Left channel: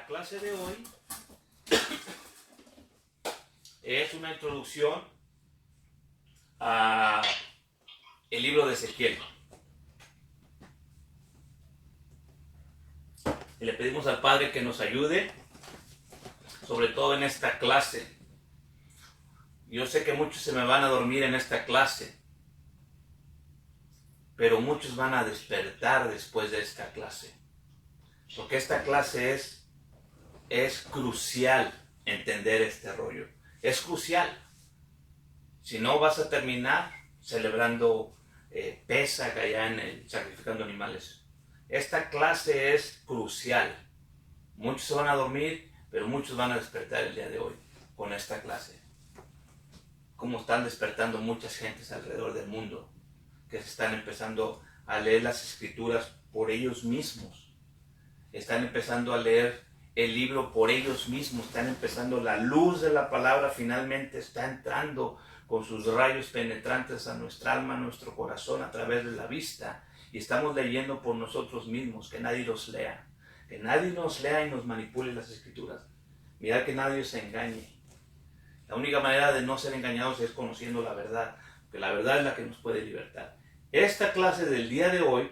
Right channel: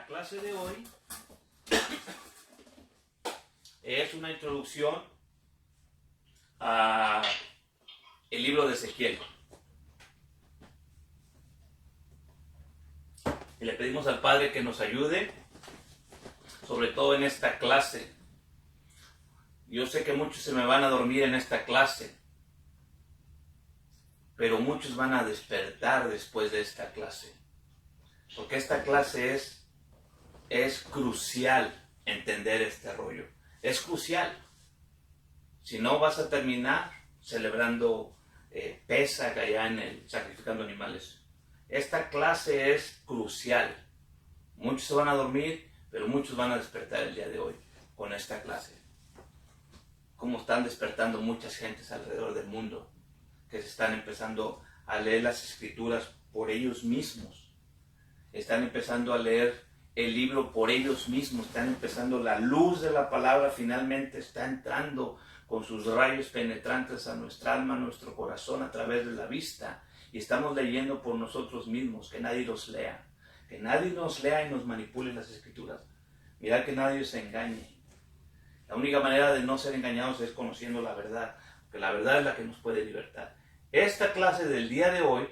La clase de hoy es una introducción a el libro de Ezequiel. Y le pedimos al Padre que nos ayude, sobre todo en esta clase. Yo sé que muchos se me van a dormir en esta clase, pero muchos van a despertar después de esta clase. Porque esta clase es crucial entender este rollo. Es crucial. Si no, vas a terminar celebrando Pesaj allá sacrificando animales. Esta clase es crucial. Muchos se van a dormir, pero muchos van a despertar el día de hoy con esta clase. Como están despertando muchas gentes alrededor del mundo, que se están empezando a leer las escrituras por ellos mismos. Están empezando a leer el libro por ellos mismos. Están empezando, la luz de la palabra finalmente está entrando con sus rayos penetrantes a nuestra alma, a nuestro corazón, a través de la vista. Y estamos leyendo por nosotros mismos, que nadie los lea. Que nadie nos lea y nos manipule las escrituras. Mirad que nadie se engañe. La única manera de no ser engañados es conociendo la verdad, porque la verdad es la que nos puede libertar. Esta clase del día de hoy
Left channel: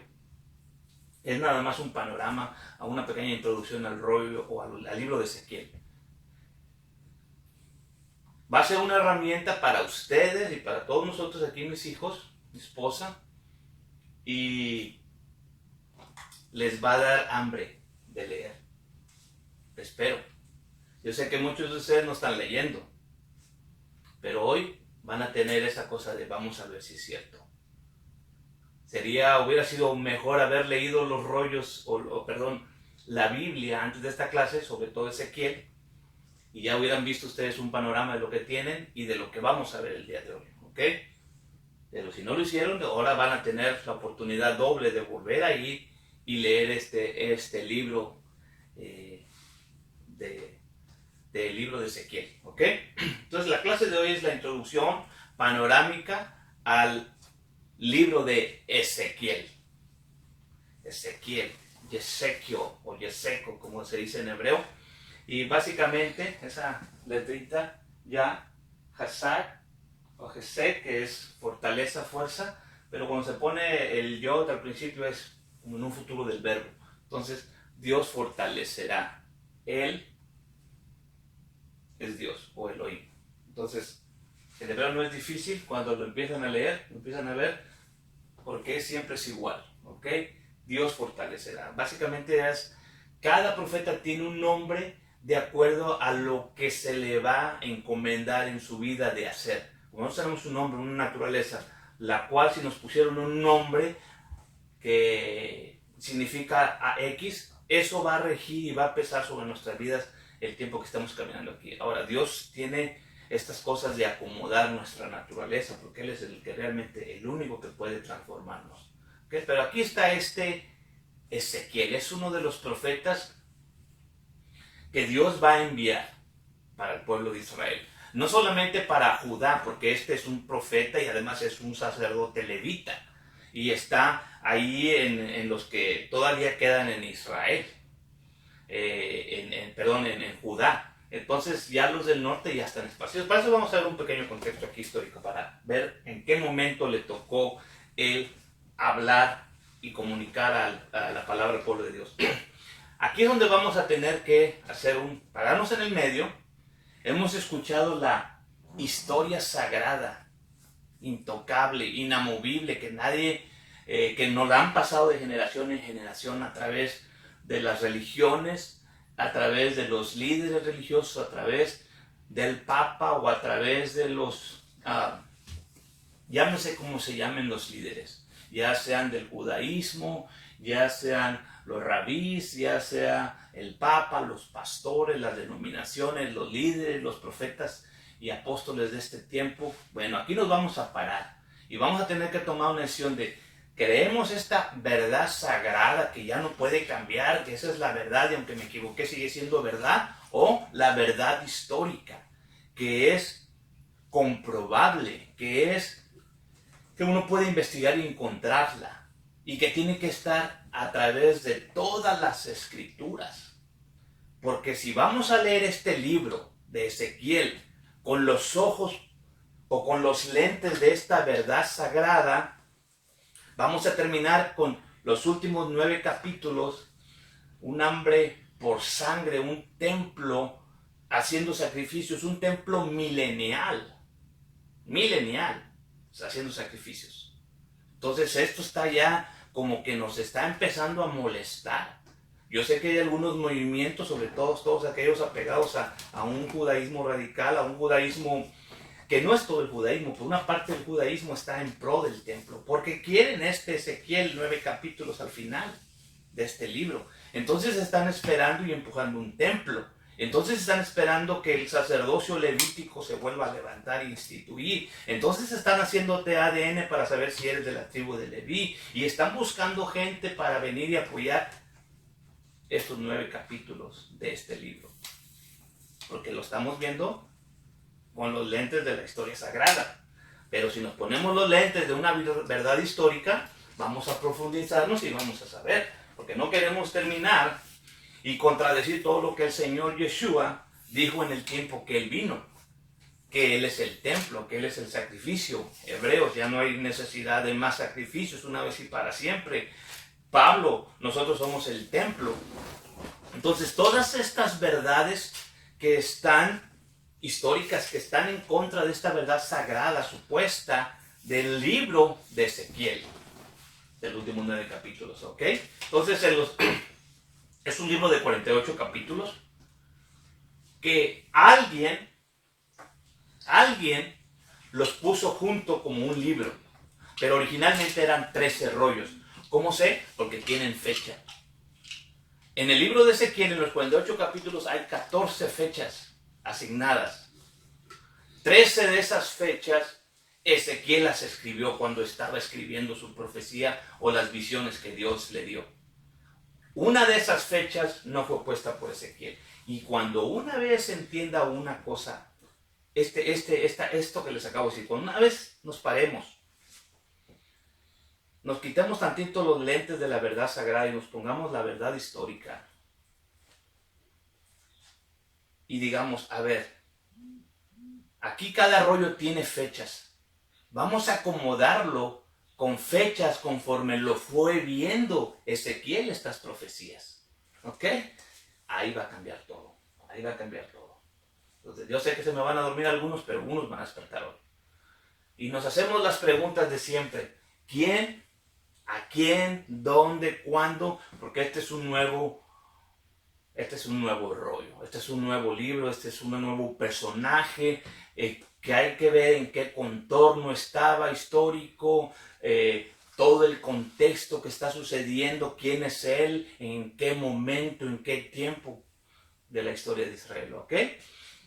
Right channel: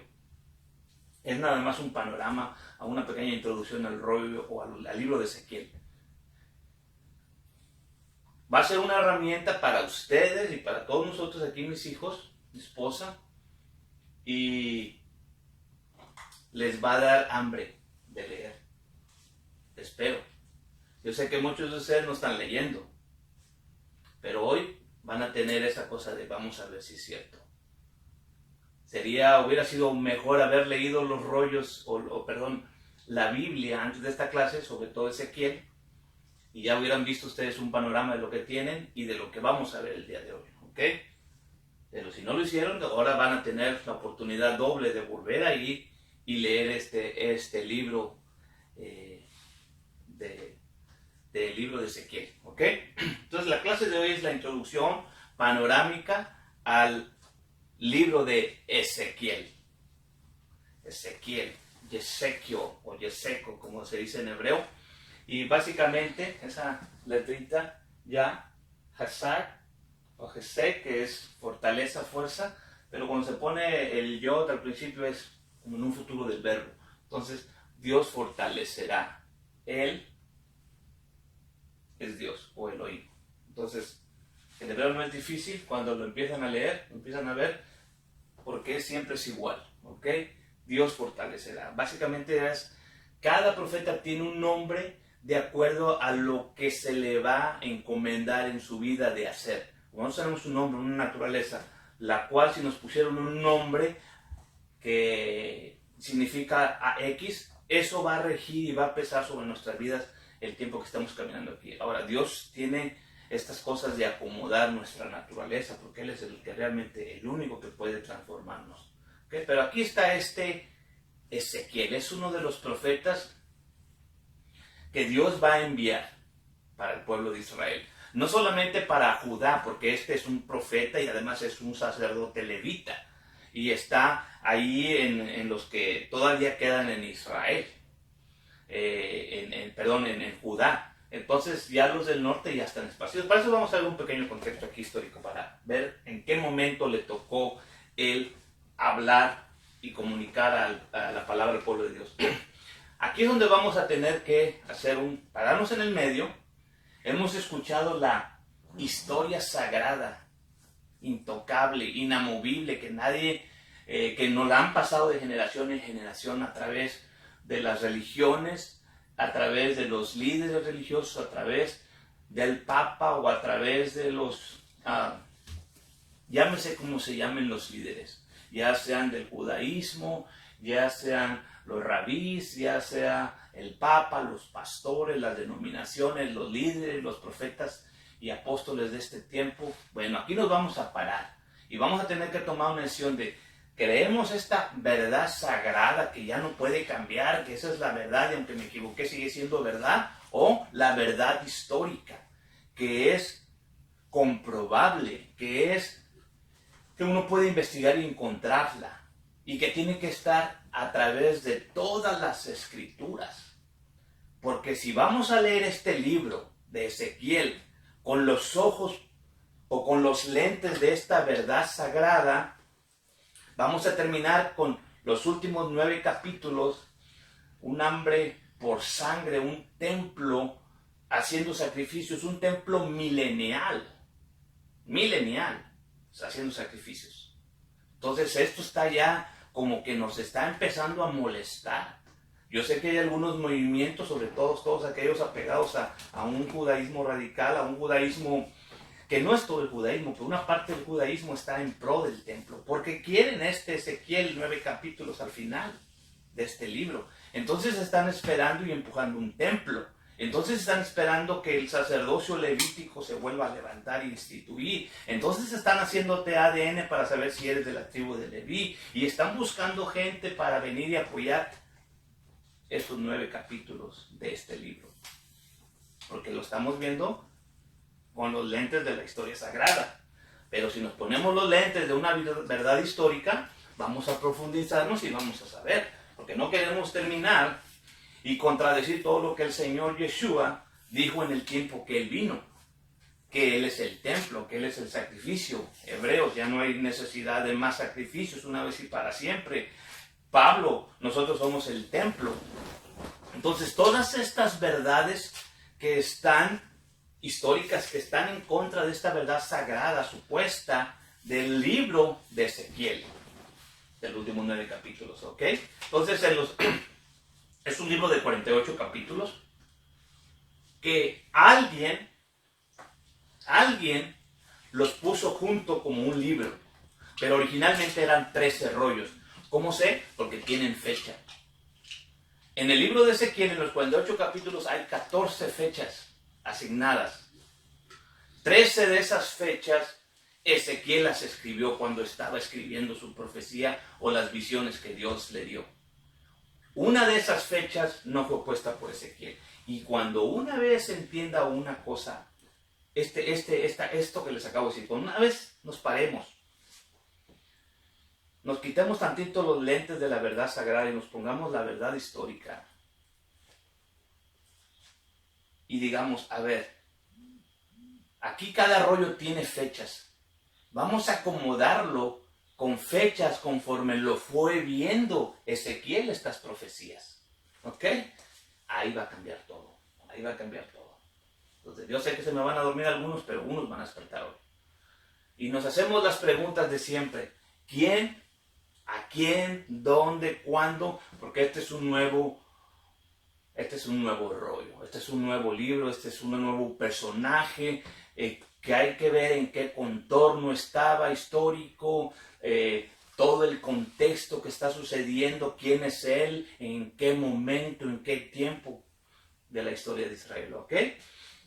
es nada más un panorama, a una pequeña introducción al rollo o al libro de Ezequiel. Va a ser una herramienta para ustedes y para todos nosotros aquí, mis hijos, mi esposa, y les va a dar hambre de leer. Espero. Yo sé que muchos de ustedes no están leyendo, pero hoy van a tener esa cosa de vamos a ver si es cierto. Hubiera sido mejor haber leído los rollos, la Biblia antes de esta clase, sobre todo Ezequiel, y ya hubieran visto ustedes un panorama de lo que tienen y de lo que vamos a ver el día de hoy, ¿ok? Pero si no lo hicieron, ahora van a tener la oportunidad doble de volver ahí y leer este libro del libro de Ezequiel, ¿ok? Entonces la clase de hoy es la introducción panorámica al libro de Ezequiel. Ezequiel, Yesequio o Yeseco, como se dice en hebreo. Y básicamente esa letrita ya, Hasar o Jesek, que es fortaleza, fuerza, pero cuando se pone el yod al principio es como en un futuro del verbo. Entonces, Dios fortalecerá. Él es Dios o Elohim. Entonces, el hebreo no es difícil cuando lo empiezan a leer, lo empiezan a ver, porque siempre es igual, ¿ok? Dios fortalecerá. Básicamente cada profeta tiene un nombre de acuerdo a lo que se le va a encomendar en su vida de hacer. Nosotros tenemos un nombre, una naturaleza, la cual si nos pusieron un nombre que significa X, eso va a regir y va a pesar sobre nuestras vidas el tiempo que estamos caminando aquí. Ahora, Dios tiene estas cosas de acomodar nuestra naturaleza, porque Él es el único que puede transformarnos. ¿Okay? Pero aquí está Ezequiel, es uno de los profetas que Dios va a enviar para el pueblo de Israel. No solamente para Judá, porque este es un profeta y además es un sacerdote levita, y está ahí en los que todavía quedan en Israel, en Judá. Entonces ya los del norte ya están esparcidos. Para eso vamos a ver un pequeño contexto aquí histórico para ver en qué momento le tocó él hablar y comunicar a la palabra del pueblo de Dios. Aquí es donde vamos a tener que pararnos en el medio. Hemos escuchado la historia sagrada, intocable, inamovible, que nos la han pasado de generación en generación a través de las religiones, a través de los líderes religiosos, a través del Papa o a través de llámese como se llamen los líderes, ya sean del judaísmo, ya sean los rabís, ya sea el Papa, los pastores, las denominaciones, los líderes, los profetas y apóstoles de este tiempo. Bueno, aquí nos vamos a parar y vamos a tener que tomar una decisión de: ¿creemos esta verdad sagrada que ya no puede cambiar, que esa es la verdad y aunque me equivoqué sigue siendo verdad? ¿O la verdad histórica, que es comprobable, que uno puede investigar y encontrarla y que tiene que estar a través de todas las escrituras? Porque si vamos a leer este libro de Ezequiel con los ojos o con los lentes de esta verdad sagrada, vamos a terminar con los últimos 9 capítulos, un hambre por sangre, un templo haciendo sacrificios, un templo milenial, haciendo sacrificios. Entonces esto está ya como que nos está empezando a molestar. Yo sé que hay algunos movimientos, sobre todo todos aquellos apegados a un judaísmo radical, a un judaísmo que no es todo el judaísmo, pero una parte del judaísmo está en pro del templo, porque quieren Ezequiel 9 capítulos al final de este libro. Entonces están esperando y empujando un templo. Entonces están esperando que el sacerdocio levítico se vuelva a levantar e instituir. Entonces están haciéndote ADN para saber si eres de la tribu de Leví. Y están buscando gente para venir y apoyar estos 9 capítulos de este libro. Porque lo estamos viendo con los lentes de la historia sagrada. Pero si nos ponemos los lentes de una verdad histórica, vamos a profundizarnos y vamos a saber. Porque no queremos terminar y contradecir todo lo que el Señor Yeshua dijo en el tiempo que Él vino. Que Él es el templo, que Él es el sacrificio. Hebreos, ya no hay necesidad de más sacrificios una vez y para siempre. Pablo, nosotros somos el templo. Entonces, todas estas verdades que están históricas, que están en contra de esta verdad sagrada, supuesta, del libro de Ezequiel, del último 9 capítulos, ¿ok? Entonces, es un libro de 48 capítulos que alguien los puso junto como un libro, pero originalmente eran 13 rollos. ¿Cómo sé? Porque tienen fecha. En el libro de Ezequiel, en los 48 capítulos, hay 14 fechas asignadas. 13 de esas fechas, Ezequiel las escribió cuando estaba escribiendo su profecía o las visiones que Dios le dio. Una de esas fechas no fue puesta por Ezequiel. Y cuando una vez entienda una cosa, esto que les acabo de decir, cuando una vez nos paremos, nos quitemos tantito los lentes de la verdad sagrada y nos pongamos la verdad histórica. Y digamos, a ver, aquí cada rollo tiene fechas. Vamos a acomodarlo con fechas conforme lo fue viendo Ezequiel estas profecías. ¿Ok? Ahí va a cambiar todo. Ahí va a cambiar todo. Entonces, yo sé que se me van a dormir algunos, pero unos van a despertar hoy. Y nos hacemos las preguntas de siempre. ¿Quién? ¿A quién? ¿Dónde? ¿Cuándo? Porque este es un nuevo rollo, este es un nuevo libro, este es un nuevo personaje que hay que ver en qué contorno estaba histórico, todo el contexto que está sucediendo, quién es él, en qué momento, en qué tiempo de la historia de Israel, ¿ok?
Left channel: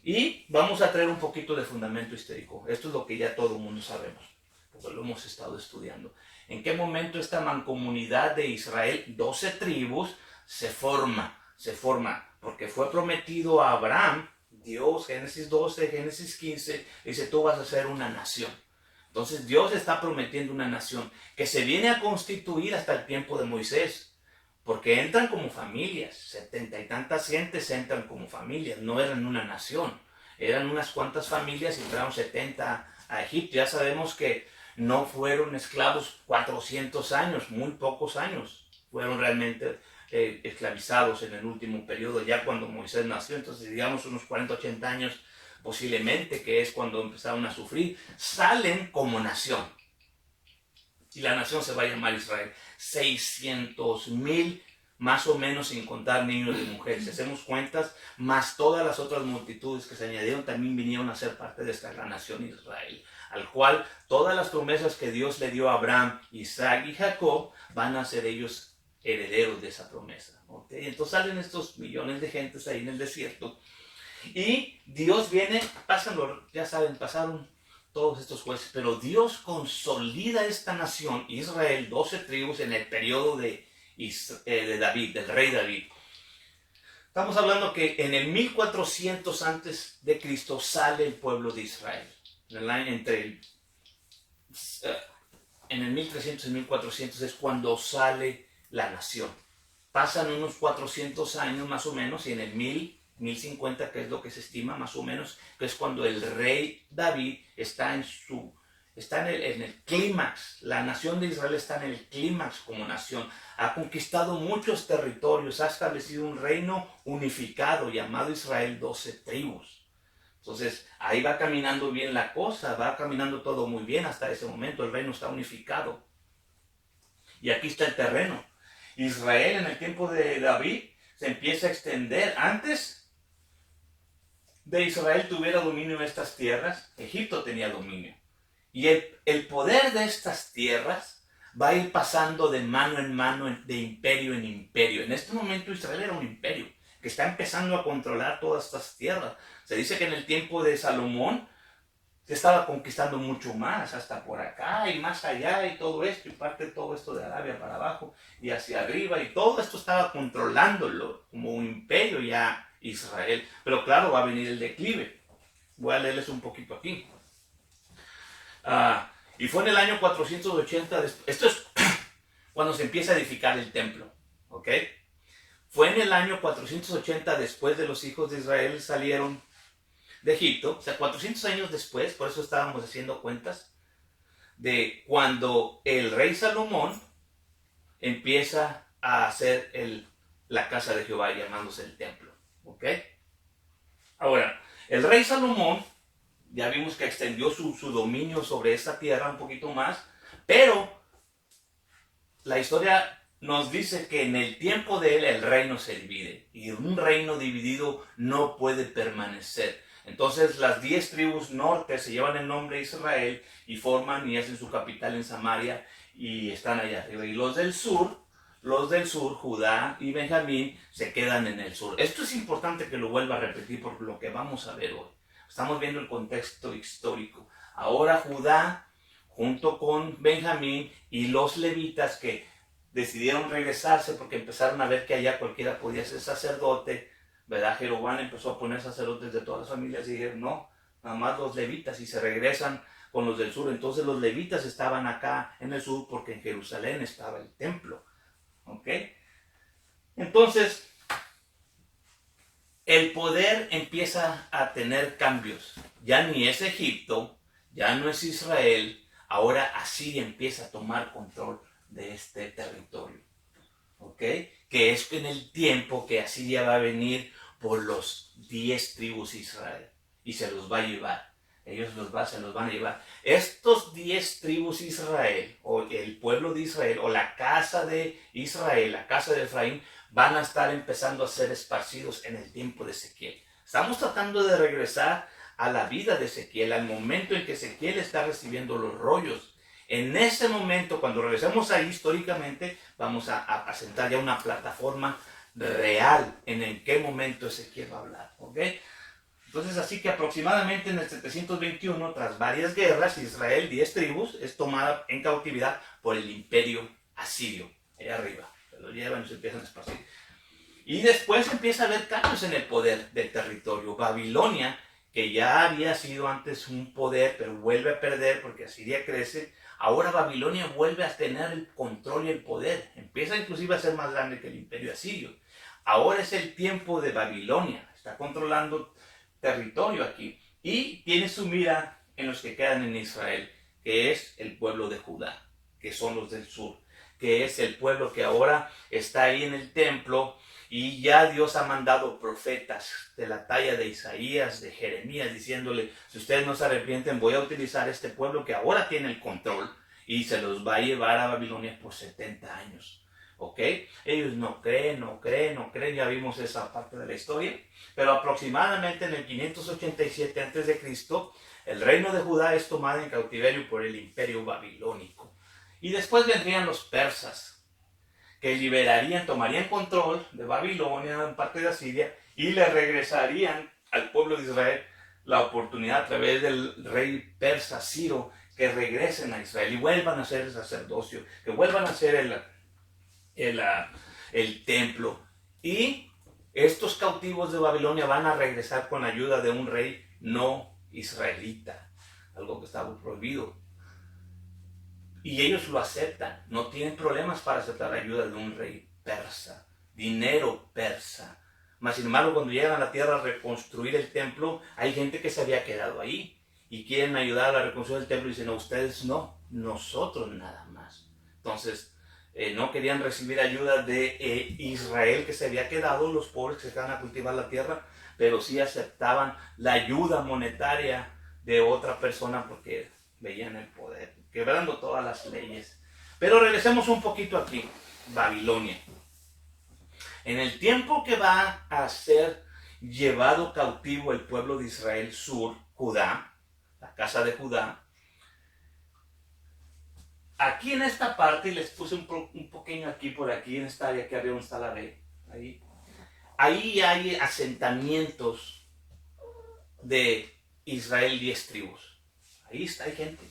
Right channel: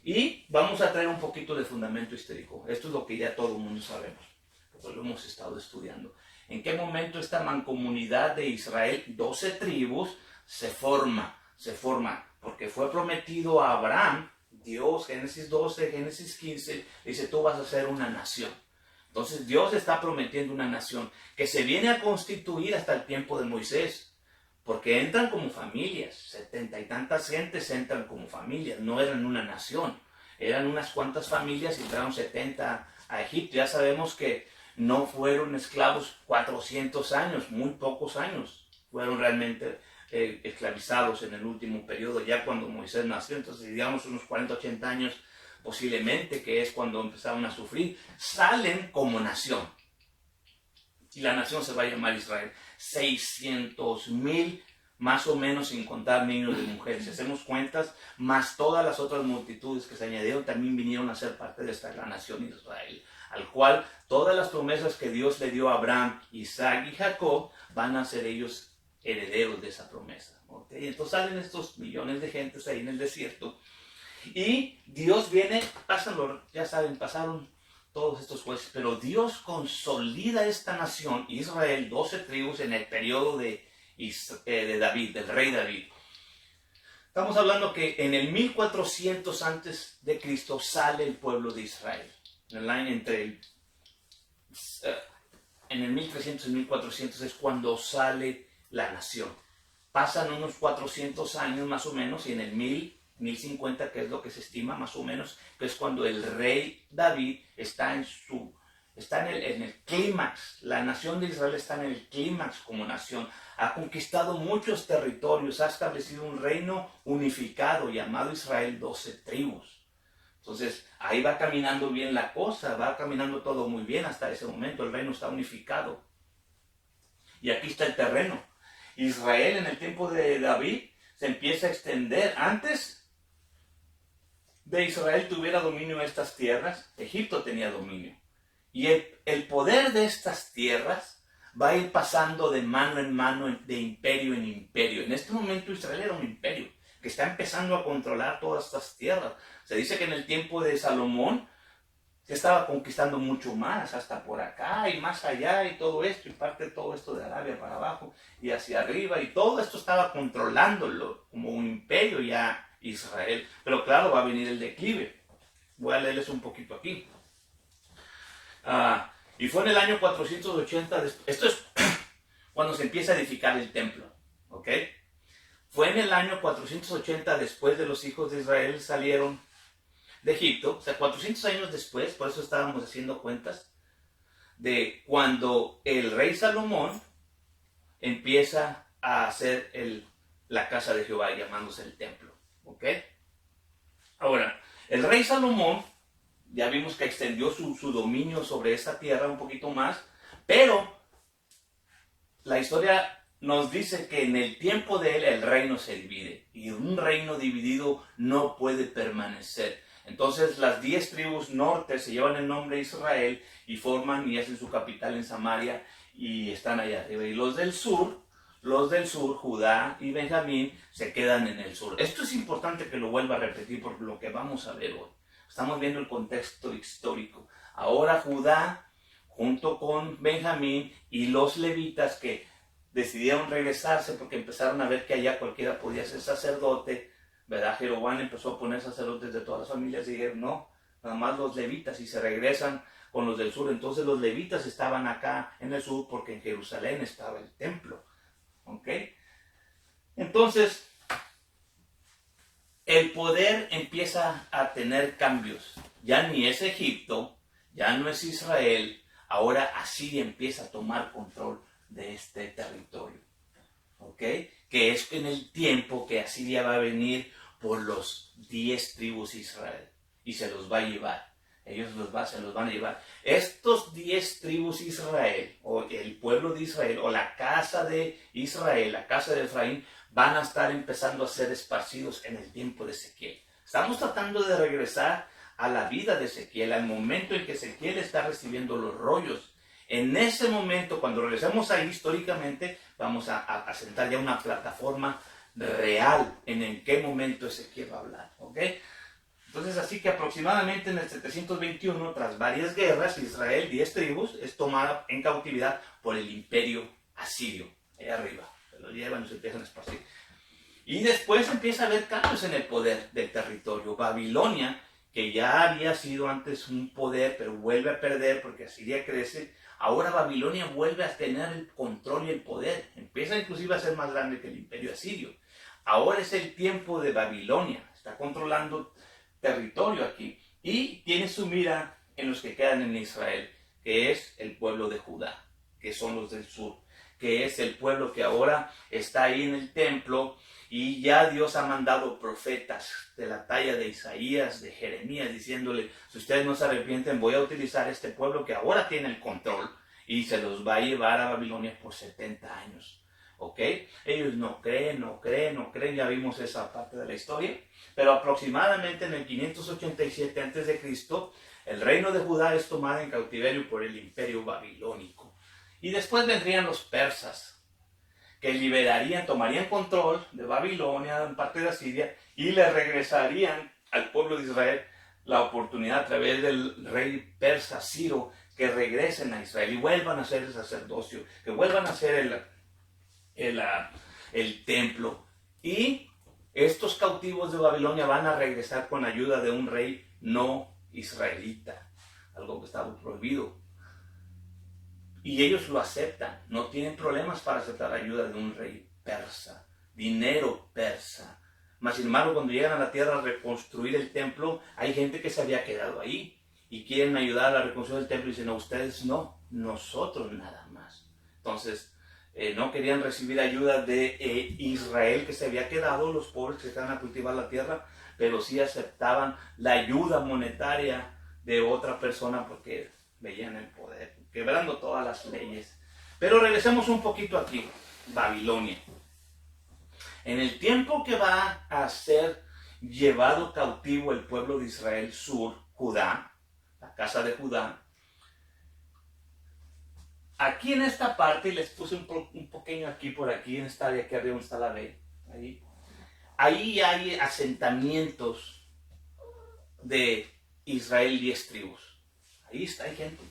Y vamos a traer un poquito de fundamento histórico. Esto es lo que ya todo el mundo sabemos, porque lo hemos estado estudiando. ¿En qué momento esta mancomunidad de Israel, 12 tribus, se forma, porque fue prometido a Abraham, Dios, Génesis 12, Génesis 15, dice, tú vas a ser una nación. Entonces Dios está prometiendo una nación que se viene a constituir hasta el tiempo de Moisés, porque entran como familias, 70 y tantas gentes entran como familias, no eran una nación, eran unas cuantas familias y entraron 70 a Egipto. Ya sabemos que no fueron esclavos 400 años, muy pocos años fueron realmente esclavizados en el último periodo, ya cuando Moisés nació. Entonces digamos unos 40, 80 años posiblemente, que es cuando empezaron a sufrir, salen como nación. Y la nación se va a llamar Israel. 600,000 más o menos, sin contar niños y mujeres. Si hacemos cuentas, más todas las otras multitudes que se añadieron, también vinieron a ser parte de esta gran nación Israel, al cual todas las promesas que Dios le dio a Abraham, Isaac y Jacob, van a ser ellos herederos de esa promesa. ¿Okay? Entonces salen estos millones de gentes ahí en el desierto, y Dios viene, ya saben, pasaron todos estos jueces, pero Dios consolida esta nación, Israel, 12 tribus, en el periodo de David, del rey David. Estamos hablando que en el 1400 antes de Cristo sale el pueblo de Israel. En el 1300 y 1400 es cuando sale la nación. pasan unos 400 años más o menos, y en el 1050, que es lo que se estima más o menos, que es cuando el rey David está en el clímax. La nación de Israel está en el clímax como nación. Ha conquistado muchos territorios, ha establecido un reino unificado llamado Israel, 12 tribus. Entonces, ahí va caminando bien la cosa, va caminando todo muy bien hasta ese momento. El reino está unificado. Y aquí está el terreno. Israel en el tiempo de David se empieza a extender. Antes de Israel tuviera dominio en estas tierras, Egipto tenía dominio. Y el poder de estas tierras va a ir pasando de mano en mano, de imperio en imperio. En este momento Israel era un imperio que está empezando a controlar todas estas tierras. Se dice que en el tiempo de Salomón se estaba conquistando mucho más, hasta por acá y más allá y todo esto, y parte de todo esto de Arabia para abajo y hacia arriba, y todo esto estaba controlándolo como un imperio ya Israel. Pero claro, va a venir el declive. Voy a leerles un poquito aquí. Y fue en el año 480, esto es cuando se empieza a edificar el templo, ¿ok? Fue en el año 480 después de los hijos de Israel salieron de Egipto, o sea, 400 años después, por eso estábamos haciendo cuentas, de cuando el rey Salomón empieza a hacer la casa de Jehová, llamándose el templo, ¿ok? Ahora, el rey Salomón, ya vimos que extendió su dominio sobre esta tierra un poquito más, pero la historia nos dice que en el tiempo de él el reino se divide, y un reino dividido no puede permanecer. Entonces las 10 tribus norte se llevan el nombre de Israel y forman y hacen su capital en Samaria y están allá arriba. Y los del sur, Judá y Benjamín, se quedan en el sur. Esto es importante que lo vuelva a repetir por lo que vamos a ver hoy. Estamos viendo el contexto histórico. Ahora Judá, junto con Benjamín y los levitas que decidieron regresarse porque empezaron a ver que allá cualquiera podía ser sacerdote, ¿verdad? Jeroboam empezó a poner sacerdotes de todas las familias y dijeron, no, nada más los levitas, y se regresan con los del sur. Entonces los levitas estaban acá en el sur porque en Jerusalén estaba el templo, ¿ok? Entonces, el poder empieza a tener cambios. Ya ni es Egipto, ya no es Israel, ahora Asiria empieza a tomar control de este territorio, ¿ok? Que es en el tiempo que Asiria va a venir por los 10 tribus de Israel y se los va a llevar. Ellos se los van a llevar. Estos 10 tribus de Israel, o el pueblo de Israel, o la casa de Israel, la casa de Efraín, van a estar empezando a ser esparcidos en el tiempo de Ezequiel. Estamos tratando de regresar a la vida de Ezequiel, al momento en que Ezequiel está recibiendo los rollos. En ese momento, cuando regresemos ahí históricamente, vamos a sentar ya una plataforma real en qué momento Ezequiel va a hablar, ¿ok? Entonces, así que aproximadamente en el 721, tras varias guerras, Israel, 10 tribus, es tomada en cautividad por el imperio asirio, allá arriba. Se lo llevan y se empiezan a esparcir. Y después empieza a haber cambios en el poder del territorio. Babilonia, que ya había sido antes un poder, pero vuelve a perder porque Asiria crece. Ahora Babilonia vuelve a tener el control y el poder. Empieza inclusive a ser más grande que el imperio asirio. Ahora es el tiempo de Babilonia. Está controlando territorio aquí. Y tiene su mira en los que quedan en Israel, que es el pueblo de Judá, que son los del sur, que es el pueblo que ahora está ahí en el templo. Y ya Dios ha mandado profetas de la talla de Isaías, de Jeremías, diciéndole, si ustedes no se arrepienten, voy a utilizar este pueblo que ahora tiene el control y se los va a llevar a Babilonia por 70 años. ¿Ok? Ellos no creen, ya vimos esa parte de la historia. Pero aproximadamente en el 587 a.C., el reino de Judá es tomado en cautiverio por el imperio babilónico. Y después vendrían los persas, que tomarían control de Babilonia, en parte de Asiria, y le regresarían al pueblo de Israel la oportunidad a través del rey persa Ciro, que regresen a Israel y vuelvan a hacer el sacerdocio, que vuelvan a hacer el templo. Y estos cautivos de Babilonia van a regresar con ayuda de un rey no israelita, algo que estaba prohibido. Y ellos lo aceptan, no tienen problemas para aceptar la ayuda de un rey persa. dinero persa. Mas sin embargo, cuando llegan a la tierra a reconstruir el templo, hay gente que se había quedado ahí y quieren ayudar a la reconstrucción del templo y dicen, no, ustedes no, nosotros nada más. Entonces, no querían recibir ayuda de Israel que se había quedado, los pobres que se quedan a cultivar la tierra, pero sí aceptaban la ayuda monetaria de otra persona porque veían el poder, quebrando todas las leyes. Pero regresemos un poquito aquí, Babilonia. En el tiempo que va a ser llevado cautivo el pueblo de Israel sur, Judá, la casa de Judá, aquí en esta parte, y les puse un pequeño aquí por aquí, en esta área que arriba donde está la B, ahí hay asentamientos de Israel 10 tribus. Ahí está, hay gente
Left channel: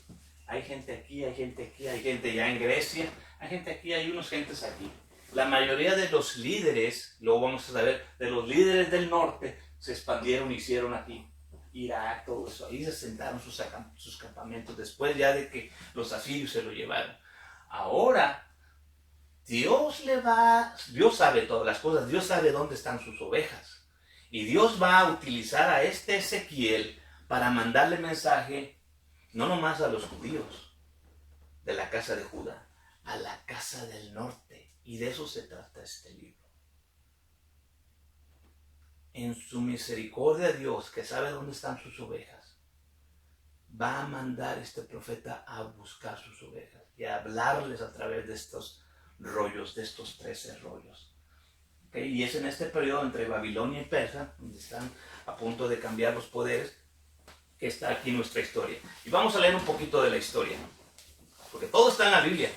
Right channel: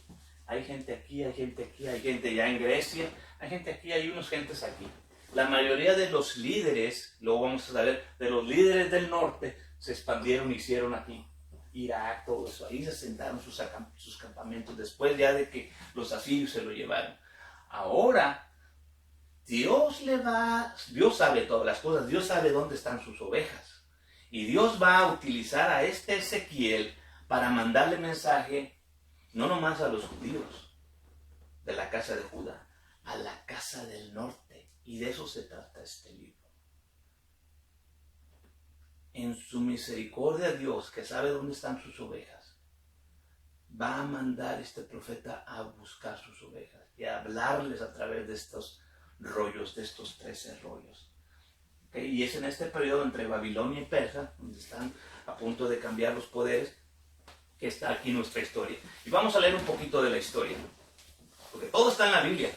aquí, hay gente aquí, hay gente ya en Grecia, hay gente aquí, hay unos gentes aquí. La mayoría de los líderes, luego vamos a saber, de los líderes del norte se expandieron y hicieron aquí Irak, todo eso. Ahí se asentaron sus campamentos después ya de que los asirios se lo llevaron. Ahora, Dios sabe todas las cosas, Dios sabe dónde están sus ovejas. Y Dios va a utilizar a este Ezequiel para mandarle mensaje, no nomás a los judíos de la casa de Judá, a la casa del norte. Y de eso se trata este libro. En su misericordia Dios, que sabe dónde están sus ovejas, va a mandar este profeta a buscar sus ovejas y a hablarles a través de estos rollos, de estos 13 rollos. ¿Okay? Y es en este periodo entre Babilonia y Persia, donde están a punto de cambiar los poderes, que está aquí nuestra historia. Y vamos a leer un poquito de la historia, porque todo está en la Biblia.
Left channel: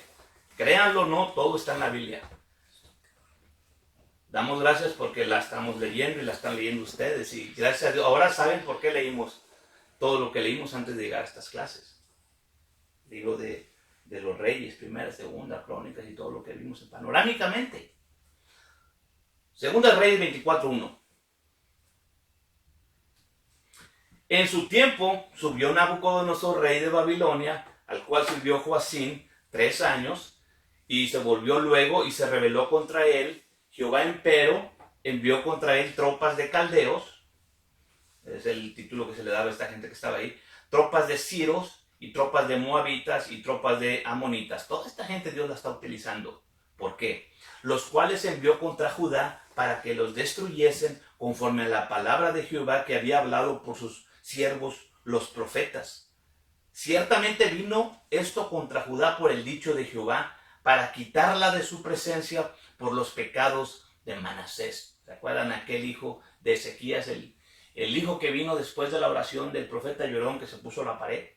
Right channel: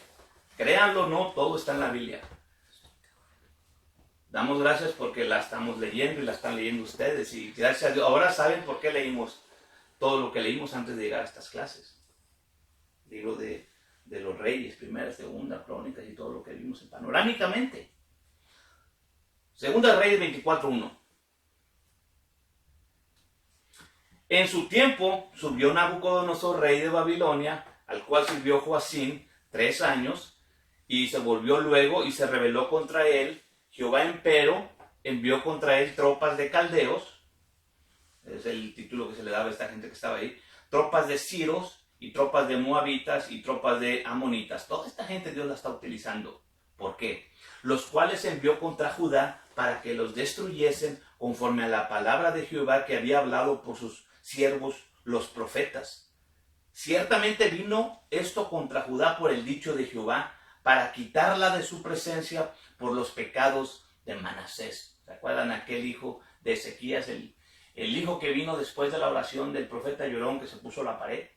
Créanlo o no, todo está en la Biblia. Damos gracias porque la estamos leyendo y la están leyendo ustedes. Y gracias a Dios, ahora saben por qué leímos todo lo que leímos antes de llegar a estas clases. Libro de los Reyes, Primera, Segunda, Crónicas y todo lo que vimos panorámicamente. Segunda Reyes 24:1. En su tiempo subió Nabucodonosor, rey de Babilonia, al cual sirvió Joacim 3 años, y se volvió luego y se rebeló contra él. Jehová empero envió contra él tropas de caldeos, es el título que se le daba a esta gente que estaba ahí, tropas de siros y tropas de moabitas y tropas de amonitas. Toda esta gente Dios la está utilizando. ¿Por qué? Los cuales envió contra Judá para que los destruyesen conforme a la palabra de Jehová que había hablado por sus siervos los profetas. Ciertamente vino esto contra Judá por el dicho de Jehová, para quitarla de su presencia por los pecados de Manasés. ¿Se acuerdan aquel hijo de Ezequías, el hijo que vino después de la oración del profeta llorón que se puso a la pared?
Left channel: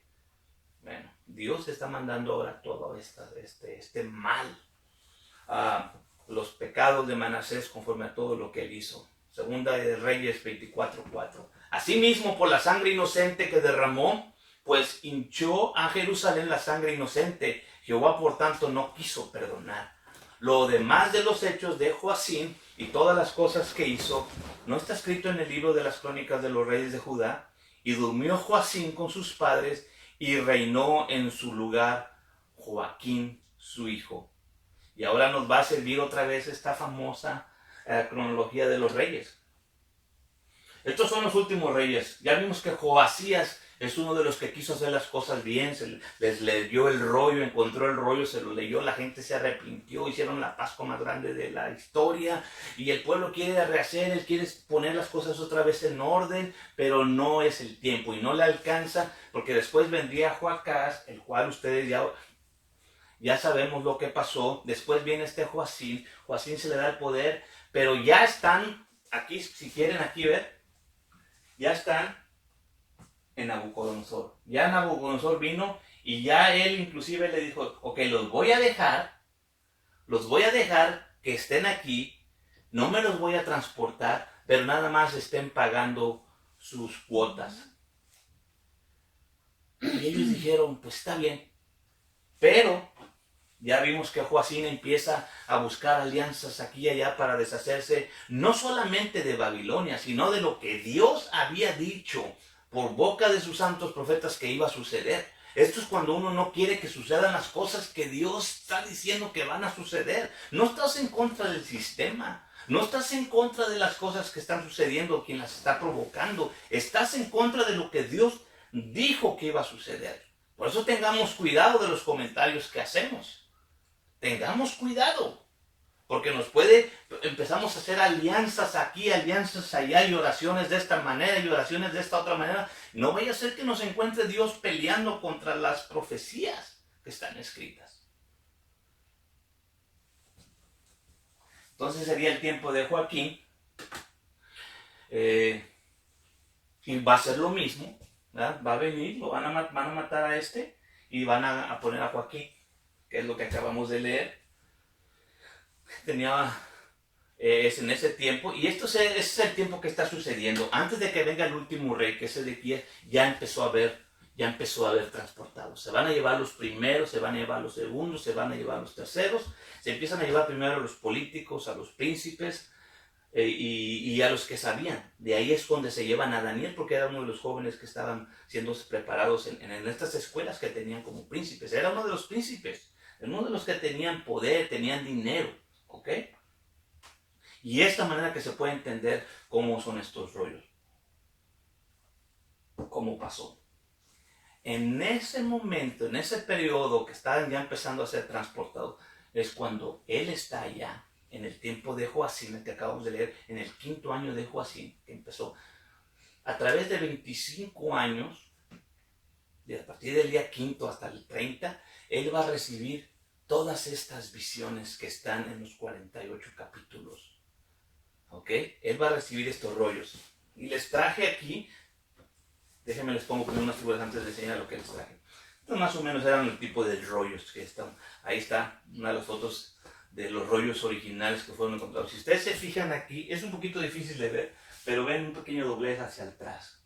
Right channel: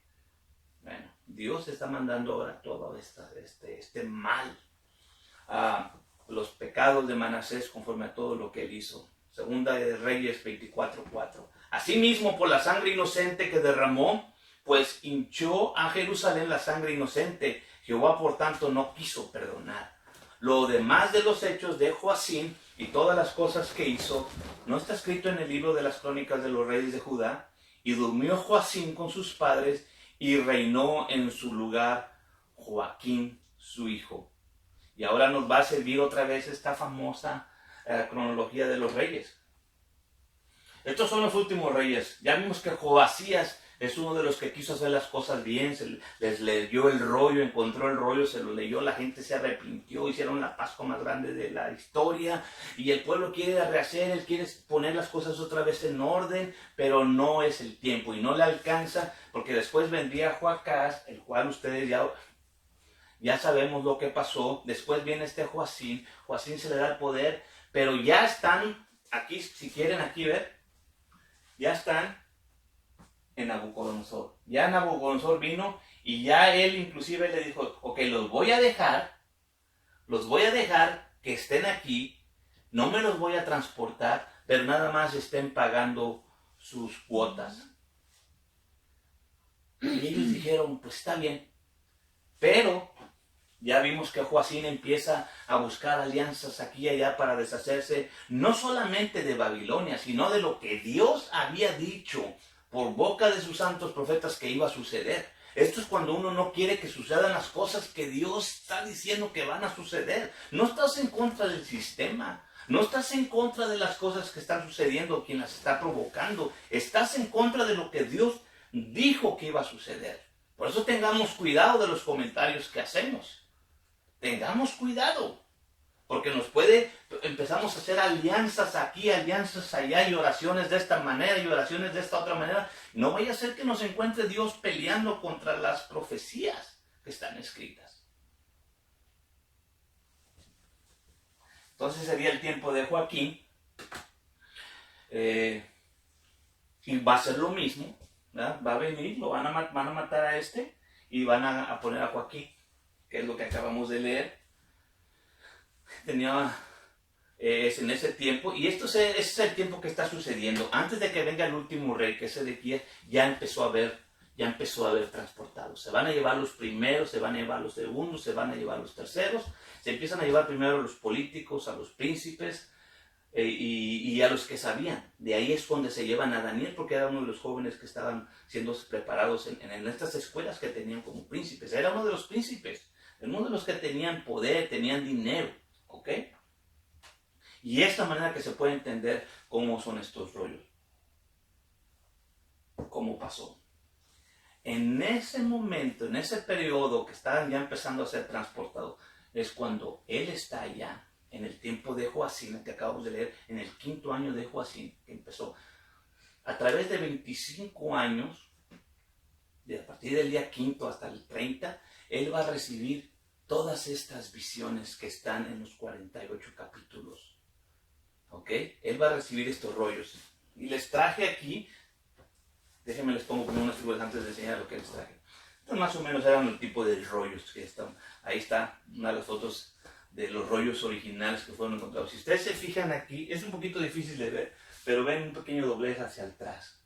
Bueno, Dios está mandando ahora todo este mal, los pecados de Manasés conforme a todo lo que él hizo. Segunda de Reyes 24:4. Asimismo, por la sangre inocente que derramó, pues hinchó a Jerusalén la sangre inocente. Jehová, por tanto, no quiso perdonar. Lo demás de los hechos de Joacim y todas las cosas que hizo, no está escrito en el libro de las crónicas de los reyes de Judá. Y durmió Joacim con sus padres y reinó en su lugar Joaquín, su hijo. Y ahora nos va a servir otra vez esta famosa cronología de los reyes. Estos son los últimos reyes. Ya vimos que Joasías es uno de los que quiso hacer las cosas bien, les leyó el rollo, encontró el rollo, se lo leyó, la gente se arrepintió, hicieron la Pascua más grande de la historia y el pueblo quiere rehacer, él quiere poner las cosas otra vez en orden, pero no es el tiempo y no le alcanza, porque después vendría Joacás, el cual ustedes ya sabemos lo que pasó. Después viene este Joacim se le da el poder, pero ya están aquí, si quieren aquí ver, ya están en Nabucodonosor. Ya Nabucodonosor vino y ya él inclusive le dijo, ok, los voy a dejar que estén aquí, no me los voy a transportar, pero nada más estén pagando sus cuotas. Y ellos dijeron, pues está bien, pero ya vimos que Joacim empieza a buscar alianzas aquí y allá para deshacerse no solamente de Babilonia, sino de lo que Dios había dicho por boca de sus santos profetas que iba a suceder. Esto es cuando uno no quiere que sucedan las cosas que Dios está diciendo que van a suceder. No estás en contra del sistema, No estás en contra de las cosas que están sucediendo, quien las está provocando. Estás en contra de lo que Dios dijo que iba a suceder. Por eso tengamos cuidado de los comentarios que hacemos. Tengamos cuidado. Porque empezamos a hacer alianzas aquí, alianzas allá, y oraciones de esta manera, y oraciones de esta otra manera. No vaya a ser que nos encuentre Dios peleando contra las profecías que están escritas. Entonces sería el tiempo de Joaquín. Y va a ser lo mismo, ¿verdad? Va a venir, van a matar a este y van a poner a Joaquín, que es lo que acabamos de leer. Es en ese tiempo, y ese es el tiempo que está sucediendo. Antes de que venga el último rey, que es Ezequías, ya empezó a haber transportados. Se van a llevar los primeros, se van a llevar los segundos, se van a llevar los terceros. Se empiezan a llevar primero a los políticos, a los príncipes y a los que sabían. De ahí es donde se llevan a Daniel, porque era uno de los jóvenes que estaban siendo preparados en estas escuelas que tenían como príncipes. Era uno de los príncipes, uno de los que tenían poder, tenían dinero. ¿Ok? Y es la manera que se puede entender cómo son estos rollos. ¿Cómo pasó? En ese momento, en ese periodo que estaban ya empezando a ser transportados, es cuando él está allá, en el tiempo de Joacim, que acabamos de leer, en el 5º año de Joacim, que empezó. A través de 25 años, a partir del día 5 hasta el 30, él va a recibir todas estas visiones que están en los 48 capítulos. ¿Ok? Él va a recibir estos rollos. Y les traje aquí, déjenme les pongo unas figuras antes de enseñar lo que les traje. Estos más o menos eran el tipo de rollos que están. Ahí está una de las fotos de los rollos originales que fueron encontrados. Si ustedes se fijan aquí, es un poquito difícil de ver, pero ven un pequeño doblez hacia atrás.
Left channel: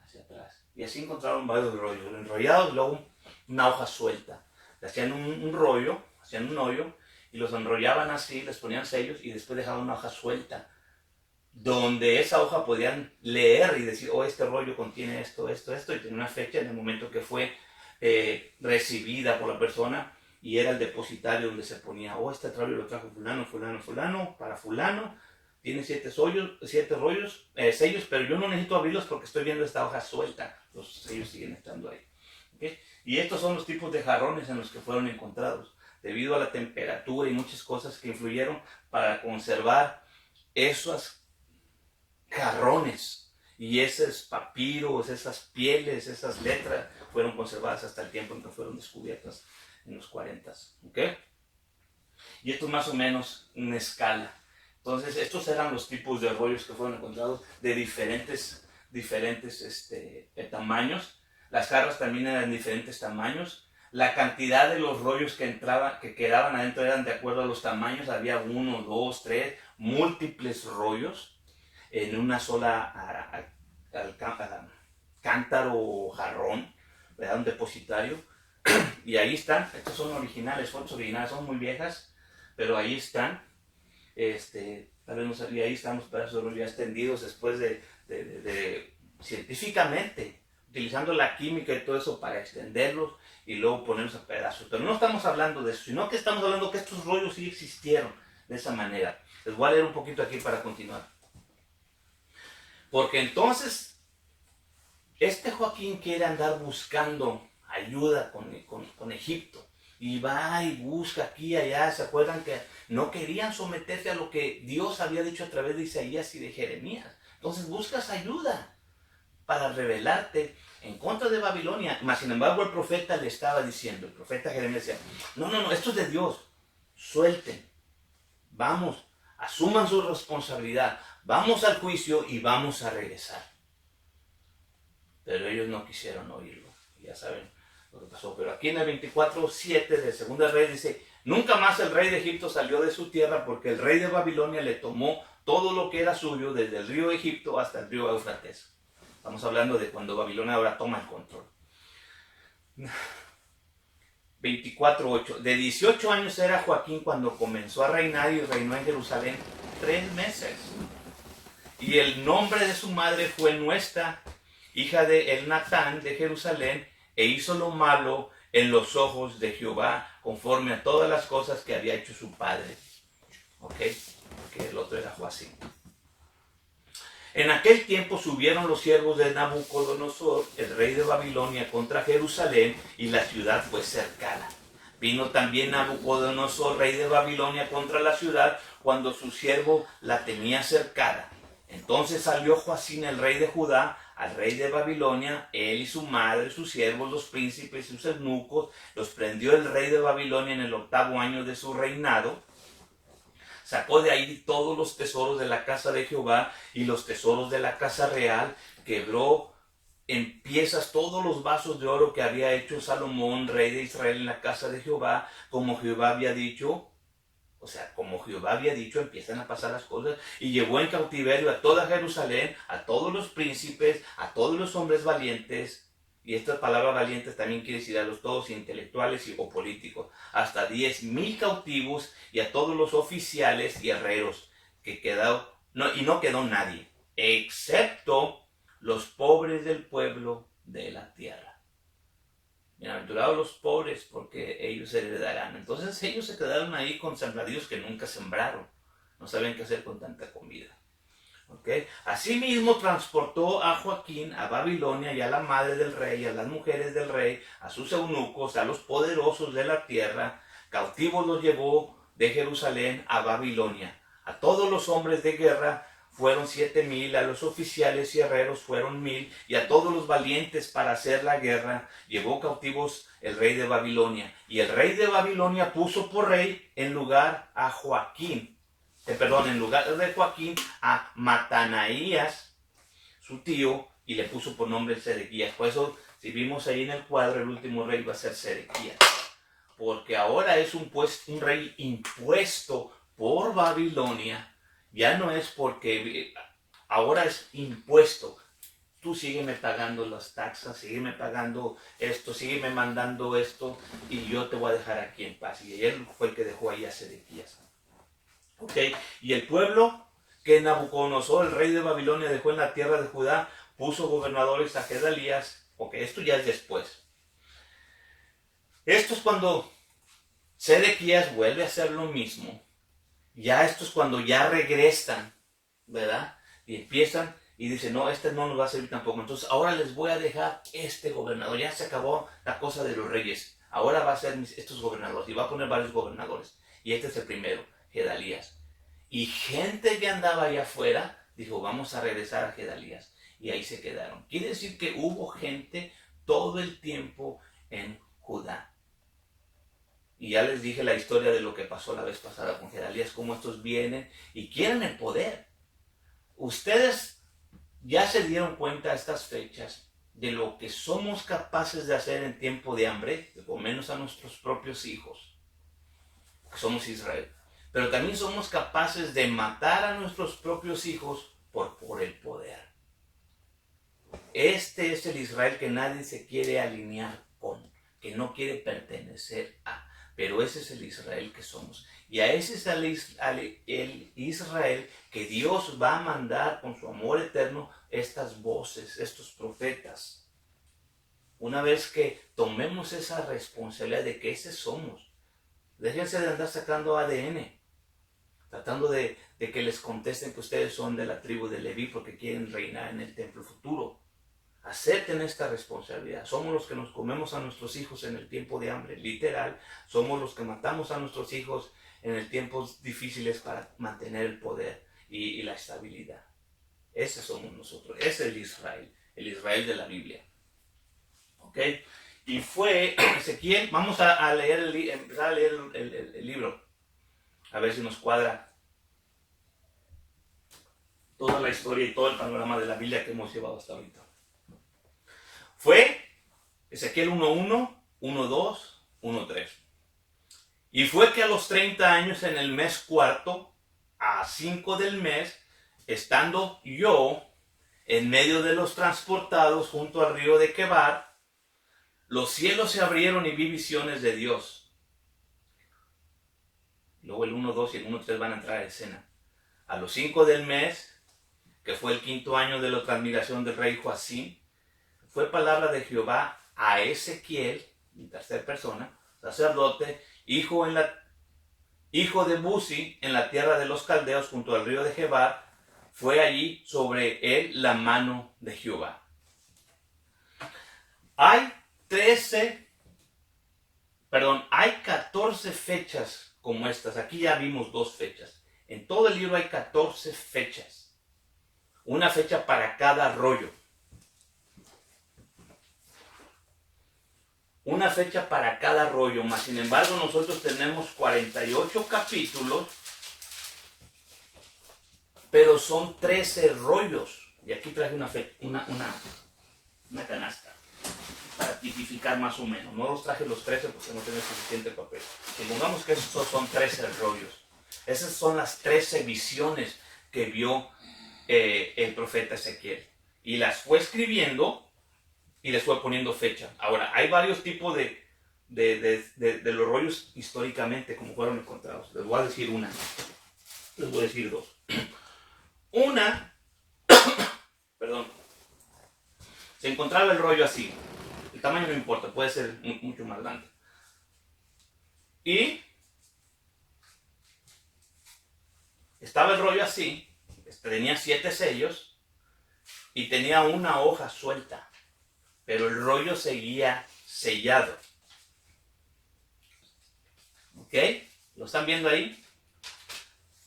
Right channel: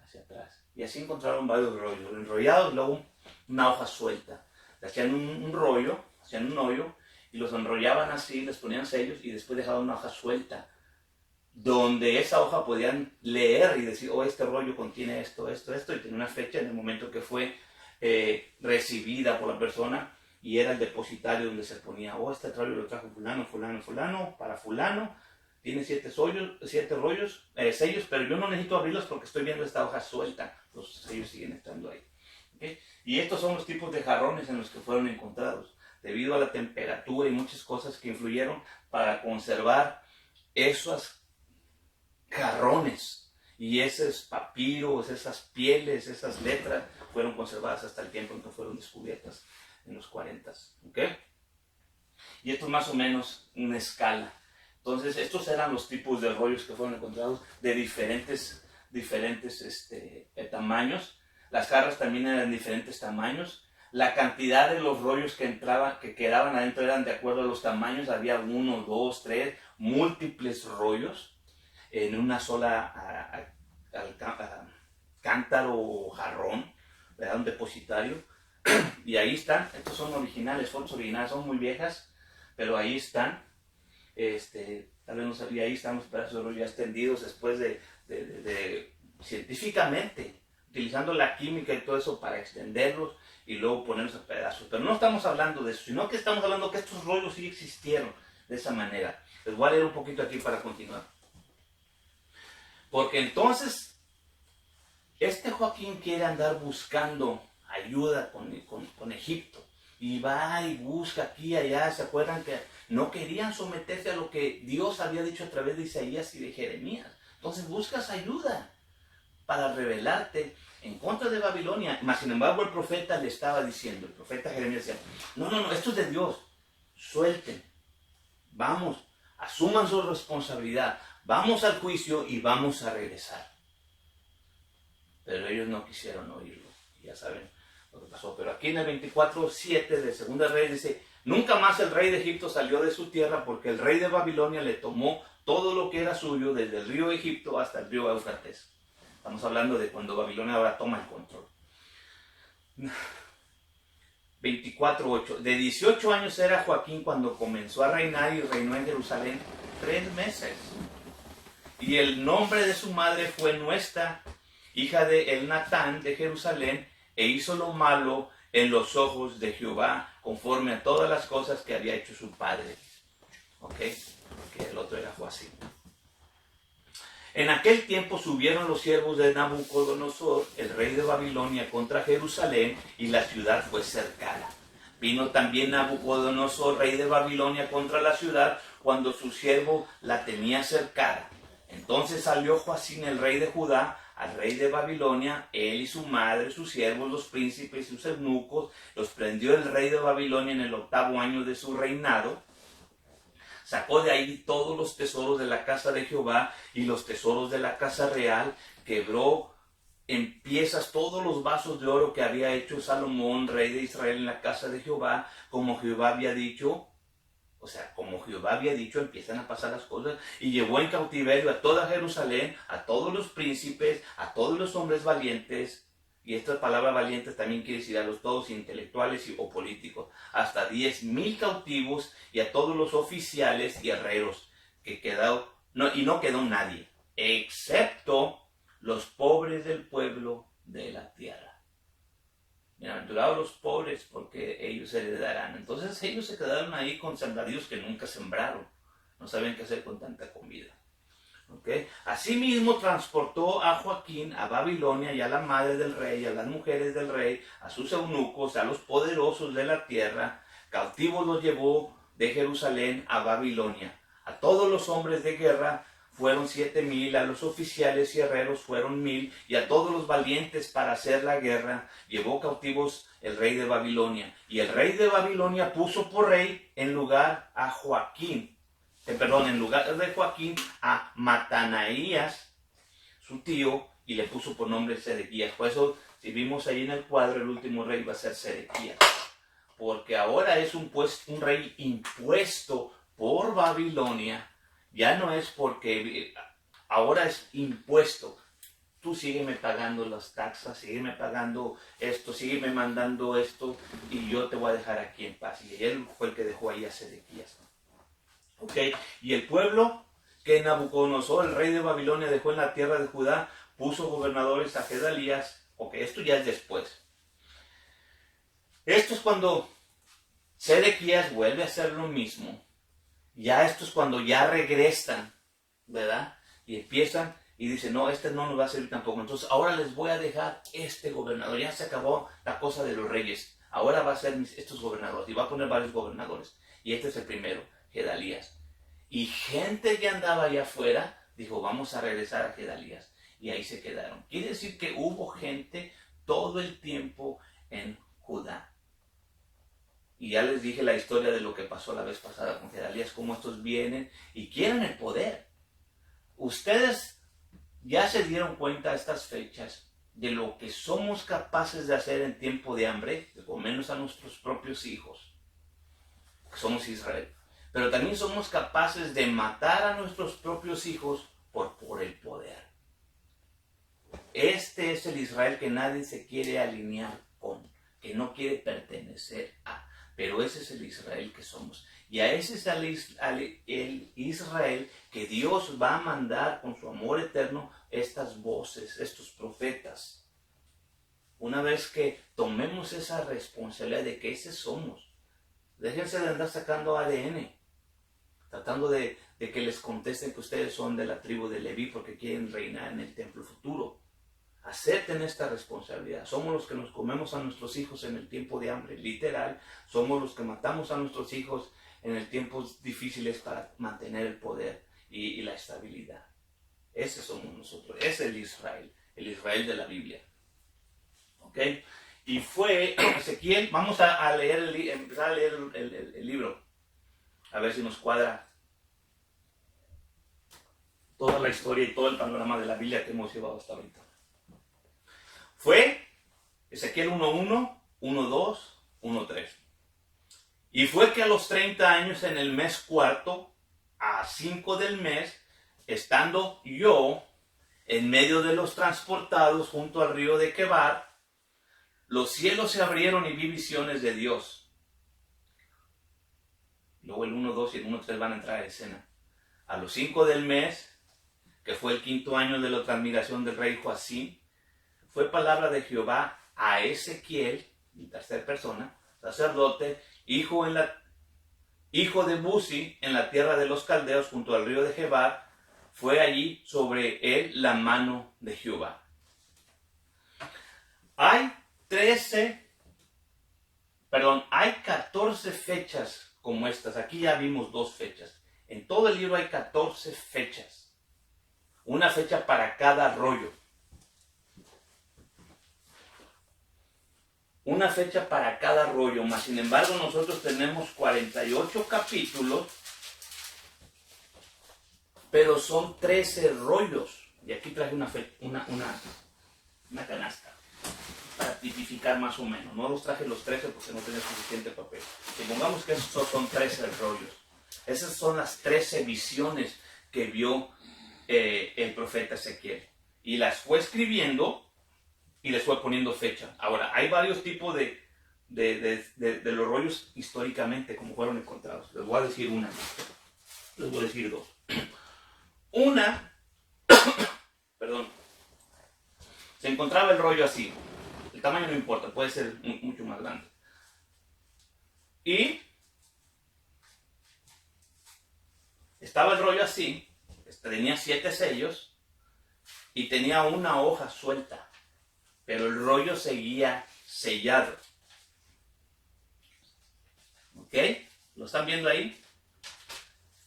Hacia atrás. Y así encontraron varios rollos, enrollados, luego una hoja suelta. Hacían un rollo, hacían un hoyo y los enrollaban así, les ponían sellos y después dejaban una hoja suelta donde esa hoja podían leer y decir, oh, este rollo contiene esto, esto, esto, y tenía una fecha en el momento que fue recibida por la persona, y era el depositario donde se ponía, oh, este rollo lo trajo fulano, fulano, fulano, para fulano, tiene 7 rollos, sellos, pero yo no necesito abrirlos porque estoy viendo esta hoja suelta, los sellos siguen estando ahí. ¿Okay? Y estos son los tipos de jarrones en los que fueron encontrados, debido a la temperatura y muchas cosas que influyeron para conservar esos jarrones y esos papiros, esas pieles, esas letras fueron conservadas hasta el tiempo en que fueron descubiertas en los 40. ¿Okay? Y esto es más o menos una escala. Entonces estos eran los tipos de rollos que fueron encontrados de diferentes tamaños. Las jarras también eran de diferentes tamaños. La cantidad de los rollos que quedaban adentro eran de acuerdo a los tamaños. Había 1, 2, 3, múltiples rollos en una sola cántaro o jarrón, ¿verdad? Un depositario. Y ahí están. Estos son originales, fotos originales, son muy viejas, pero ahí están. Tal vez no sabía, ahí están los pedazos de rollo ya extendidos después de científicamente, utilizando la química y todo eso para extenderlos y luego ponerlos a pedazos. Pero no estamos hablando de eso, sino que estamos hablando que estos rollos sí existieron de esa manera. Les voy a leer un poquito aquí para continuar. Porque entonces, Joaquín quiere andar buscando ayuda con Egipto. Y va y busca aquí y allá. ¿Se acuerdan que no querían someterse a lo que Dios había dicho a través de Isaías y de Jeremías? Entonces buscas ayuda para rebelarte en contra de Babilonia. Mas sin embargo el profeta le estaba diciendo, el profeta Jeremías decía, no, esto es de Dios, suelten, vamos, asuman su responsabilidad, vamos al juicio y vamos a regresar. Pero ellos no quisieron oírlo, ya saben lo que pasó. Pero aquí en el 24:7 del segundo rey dice, nunca más el rey de Egipto salió de su tierra porque el rey de Babilonia le tomó todo lo que era suyo desde el río Egipto hasta el río Éufrates. Estamos hablando de cuando Babilonia ahora toma el control. 24:8. De 18 años era Joaquín cuando comenzó a reinar y reinó en Jerusalén 3 meses. Y el nombre de su madre fue Nuesta, hija de Elnatán de Jerusalén, e hizo lo malo en los ojos de Jehová, conforme a todas las cosas que había hecho su padre. ¿Ok? que el otro era Joacim. En aquel tiempo subieron los siervos de Nabucodonosor, el rey de Babilonia, contra Jerusalén, y la ciudad fue cercada. Vino también Nabucodonosor, rey de Babilonia, contra la ciudad, cuando su siervo la tenía cercada. Entonces salió Joacim, el rey de Judá, al rey de Babilonia, él y su madre, sus siervos, los príncipes y sus eunucos. Los prendió el rey de Babilonia en el 8º año de su reinado. Sacó de ahí todos los tesoros de la casa de Jehová y los tesoros de la casa real. Quebró en piezas todos los vasos de oro que había hecho Salomón, rey de Israel, en la casa de Jehová, como Jehová había dicho. O sea, como Jehová había dicho, empiezan a pasar las cosas. Y llevó en cautiverio a toda Jerusalén, a todos los príncipes, a todos los hombres valientes. Y esta palabra valientes también quiere decir a los todos intelectuales o políticos. Hasta 10,000 cautivos, y a todos los oficiales y herreros que quedó. Y no quedó nadie, excepto los pobres del pueblo de la tierra. Bienaventurados los pobres, porque ellos heredarán. Entonces ellos se quedaron ahí con sembradíos que nunca sembraron. No saben qué hacer con tanta comida. ¿Okay? Asimismo transportó a Joacim a Babilonia, y a la madre del rey, a las mujeres del rey, a sus eunucos, a los poderosos de la tierra. Cautivos los llevó de Jerusalén a Babilonia. A todos los hombres de guerra fueron 7,000, a los oficiales y herreros fueron 1,000, y a todos los valientes para hacer la guerra llevó cautivos el rey de Babilonia. Y el rey de Babilonia puso por rey en lugar a Joacim, en lugar de Joacim, a Matanaías, su tío, y le puso por nombre Sedequías. Por eso, si vimos ahí en el cuadro, el último rey va a ser Sedequías, porque ahora es un rey impuesto por Babilonia. Ya no es porque ahora es impuesto. Tú sígueme pagando las taxas, sígueme pagando esto, sígueme mandando esto, y yo te voy a dejar aquí en paz. Y él fue el que dejó ahí a Sedequías. Okay. Y el pueblo que Nabucodonosor, el rey de Babilonia, dejó en la tierra de Judá, puso gobernadores a Gedalías. Ok, esto ya es después. Esto es cuando Sedequías vuelve a hacer lo mismo. Ya esto es cuando ya regresan, ¿verdad? Y empiezan y dicen, no, este no nos va a servir tampoco. Entonces ahora les voy a dejar este gobernador. Ya se acabó la cosa de los reyes. Ahora va a ser estos gobernadores. Y va a poner varios gobernadores. Y este es el primero, Gedalías. Y gente que andaba allá afuera dijo, vamos a regresar a Gedalías. Y ahí se quedaron. Quiere decir que hubo gente todo el tiempo en Judá. Y ya les dije la historia de lo que pasó la vez pasada con Gedalías, cómo estos vienen y quieren el poder. Ustedes ya se dieron cuenta a estas fechas de lo que somos capaces de hacer en tiempo de hambre, de comernos a nuestros propios hijos, que somos Israel. Pero también somos capaces de matar a nuestros propios hijos por el poder. Este es el Israel que nadie se quiere alinear con, que no quiere pertenecer a. Pero ese es el Israel que somos. Y a ese es el Israel que Dios va a mandar con su amor eterno estas voces, estos profetas. Una vez que tomemos esa responsabilidad de que ese somos, déjense de andar sacando ADN, tratando de que les contesten que ustedes son de la tribu de Leví porque quieren reinar en el templo futuro. Acepten esta responsabilidad. Somos los que nos comemos a nuestros hijos en el tiempo de hambre, literal. Somos los que matamos a nuestros hijos en el tiempos difíciles para mantener el poder y la estabilidad. Ese somos nosotros. Ese es el Israel de la Biblia. ¿Ok? Y fue Ezequiel. Vamos a empezar a leer el libro. A ver si nos cuadra toda la historia y todo el panorama de la Biblia que hemos llevado hasta ahorita. Fue Ezequiel 1:1, 1:2, 1:3. Y fue que a los 30 años, en el mes cuarto, a 5 del mes, estando yo en medio de los transportados junto al río de Quebar, los cielos se abrieron y vi visiones de Dios. Luego el 1:2 y el 1:3 van a entrar a escena. A los 5 del mes, que fue el 5.º año de la transmigración del rey Joacim, fue palabra de Jehová a Ezequiel, en tercera persona, sacerdote, hijo en la hijo de Buzi, en la tierra de los caldeos, junto al río de Gebar, fue allí sobre él la mano de Jehová. Hay 14 fechas como estas. Aquí ya vimos 2 fechas. En todo el libro hay 14 fechas. Una fecha para cada rollo. Una fecha para cada rollo. Mas sin embargo nosotros tenemos 48 capítulos, pero son 13 rollos. Y aquí traje una canasta para tipificar más o menos. No los traje los 13 porque no tenía suficiente papel. Supongamos que estos son 13 rollos. Esas son las 13 visiones que vio el profeta Ezequiel. Y las fue escribiendo y les fue poniendo fecha. Ahora, hay varios tipos de los rollos históricamente como fueron encontrados. Les voy a decir una. Les voy a decir 2. Una, perdón, se encontraba el rollo así. El tamaño no importa, puede ser mucho más grande. Y estaba el rollo así, tenía 7 sellos y tenía una hoja suelta, pero el rollo seguía sellado. ¿Ok? ¿Lo están viendo ahí?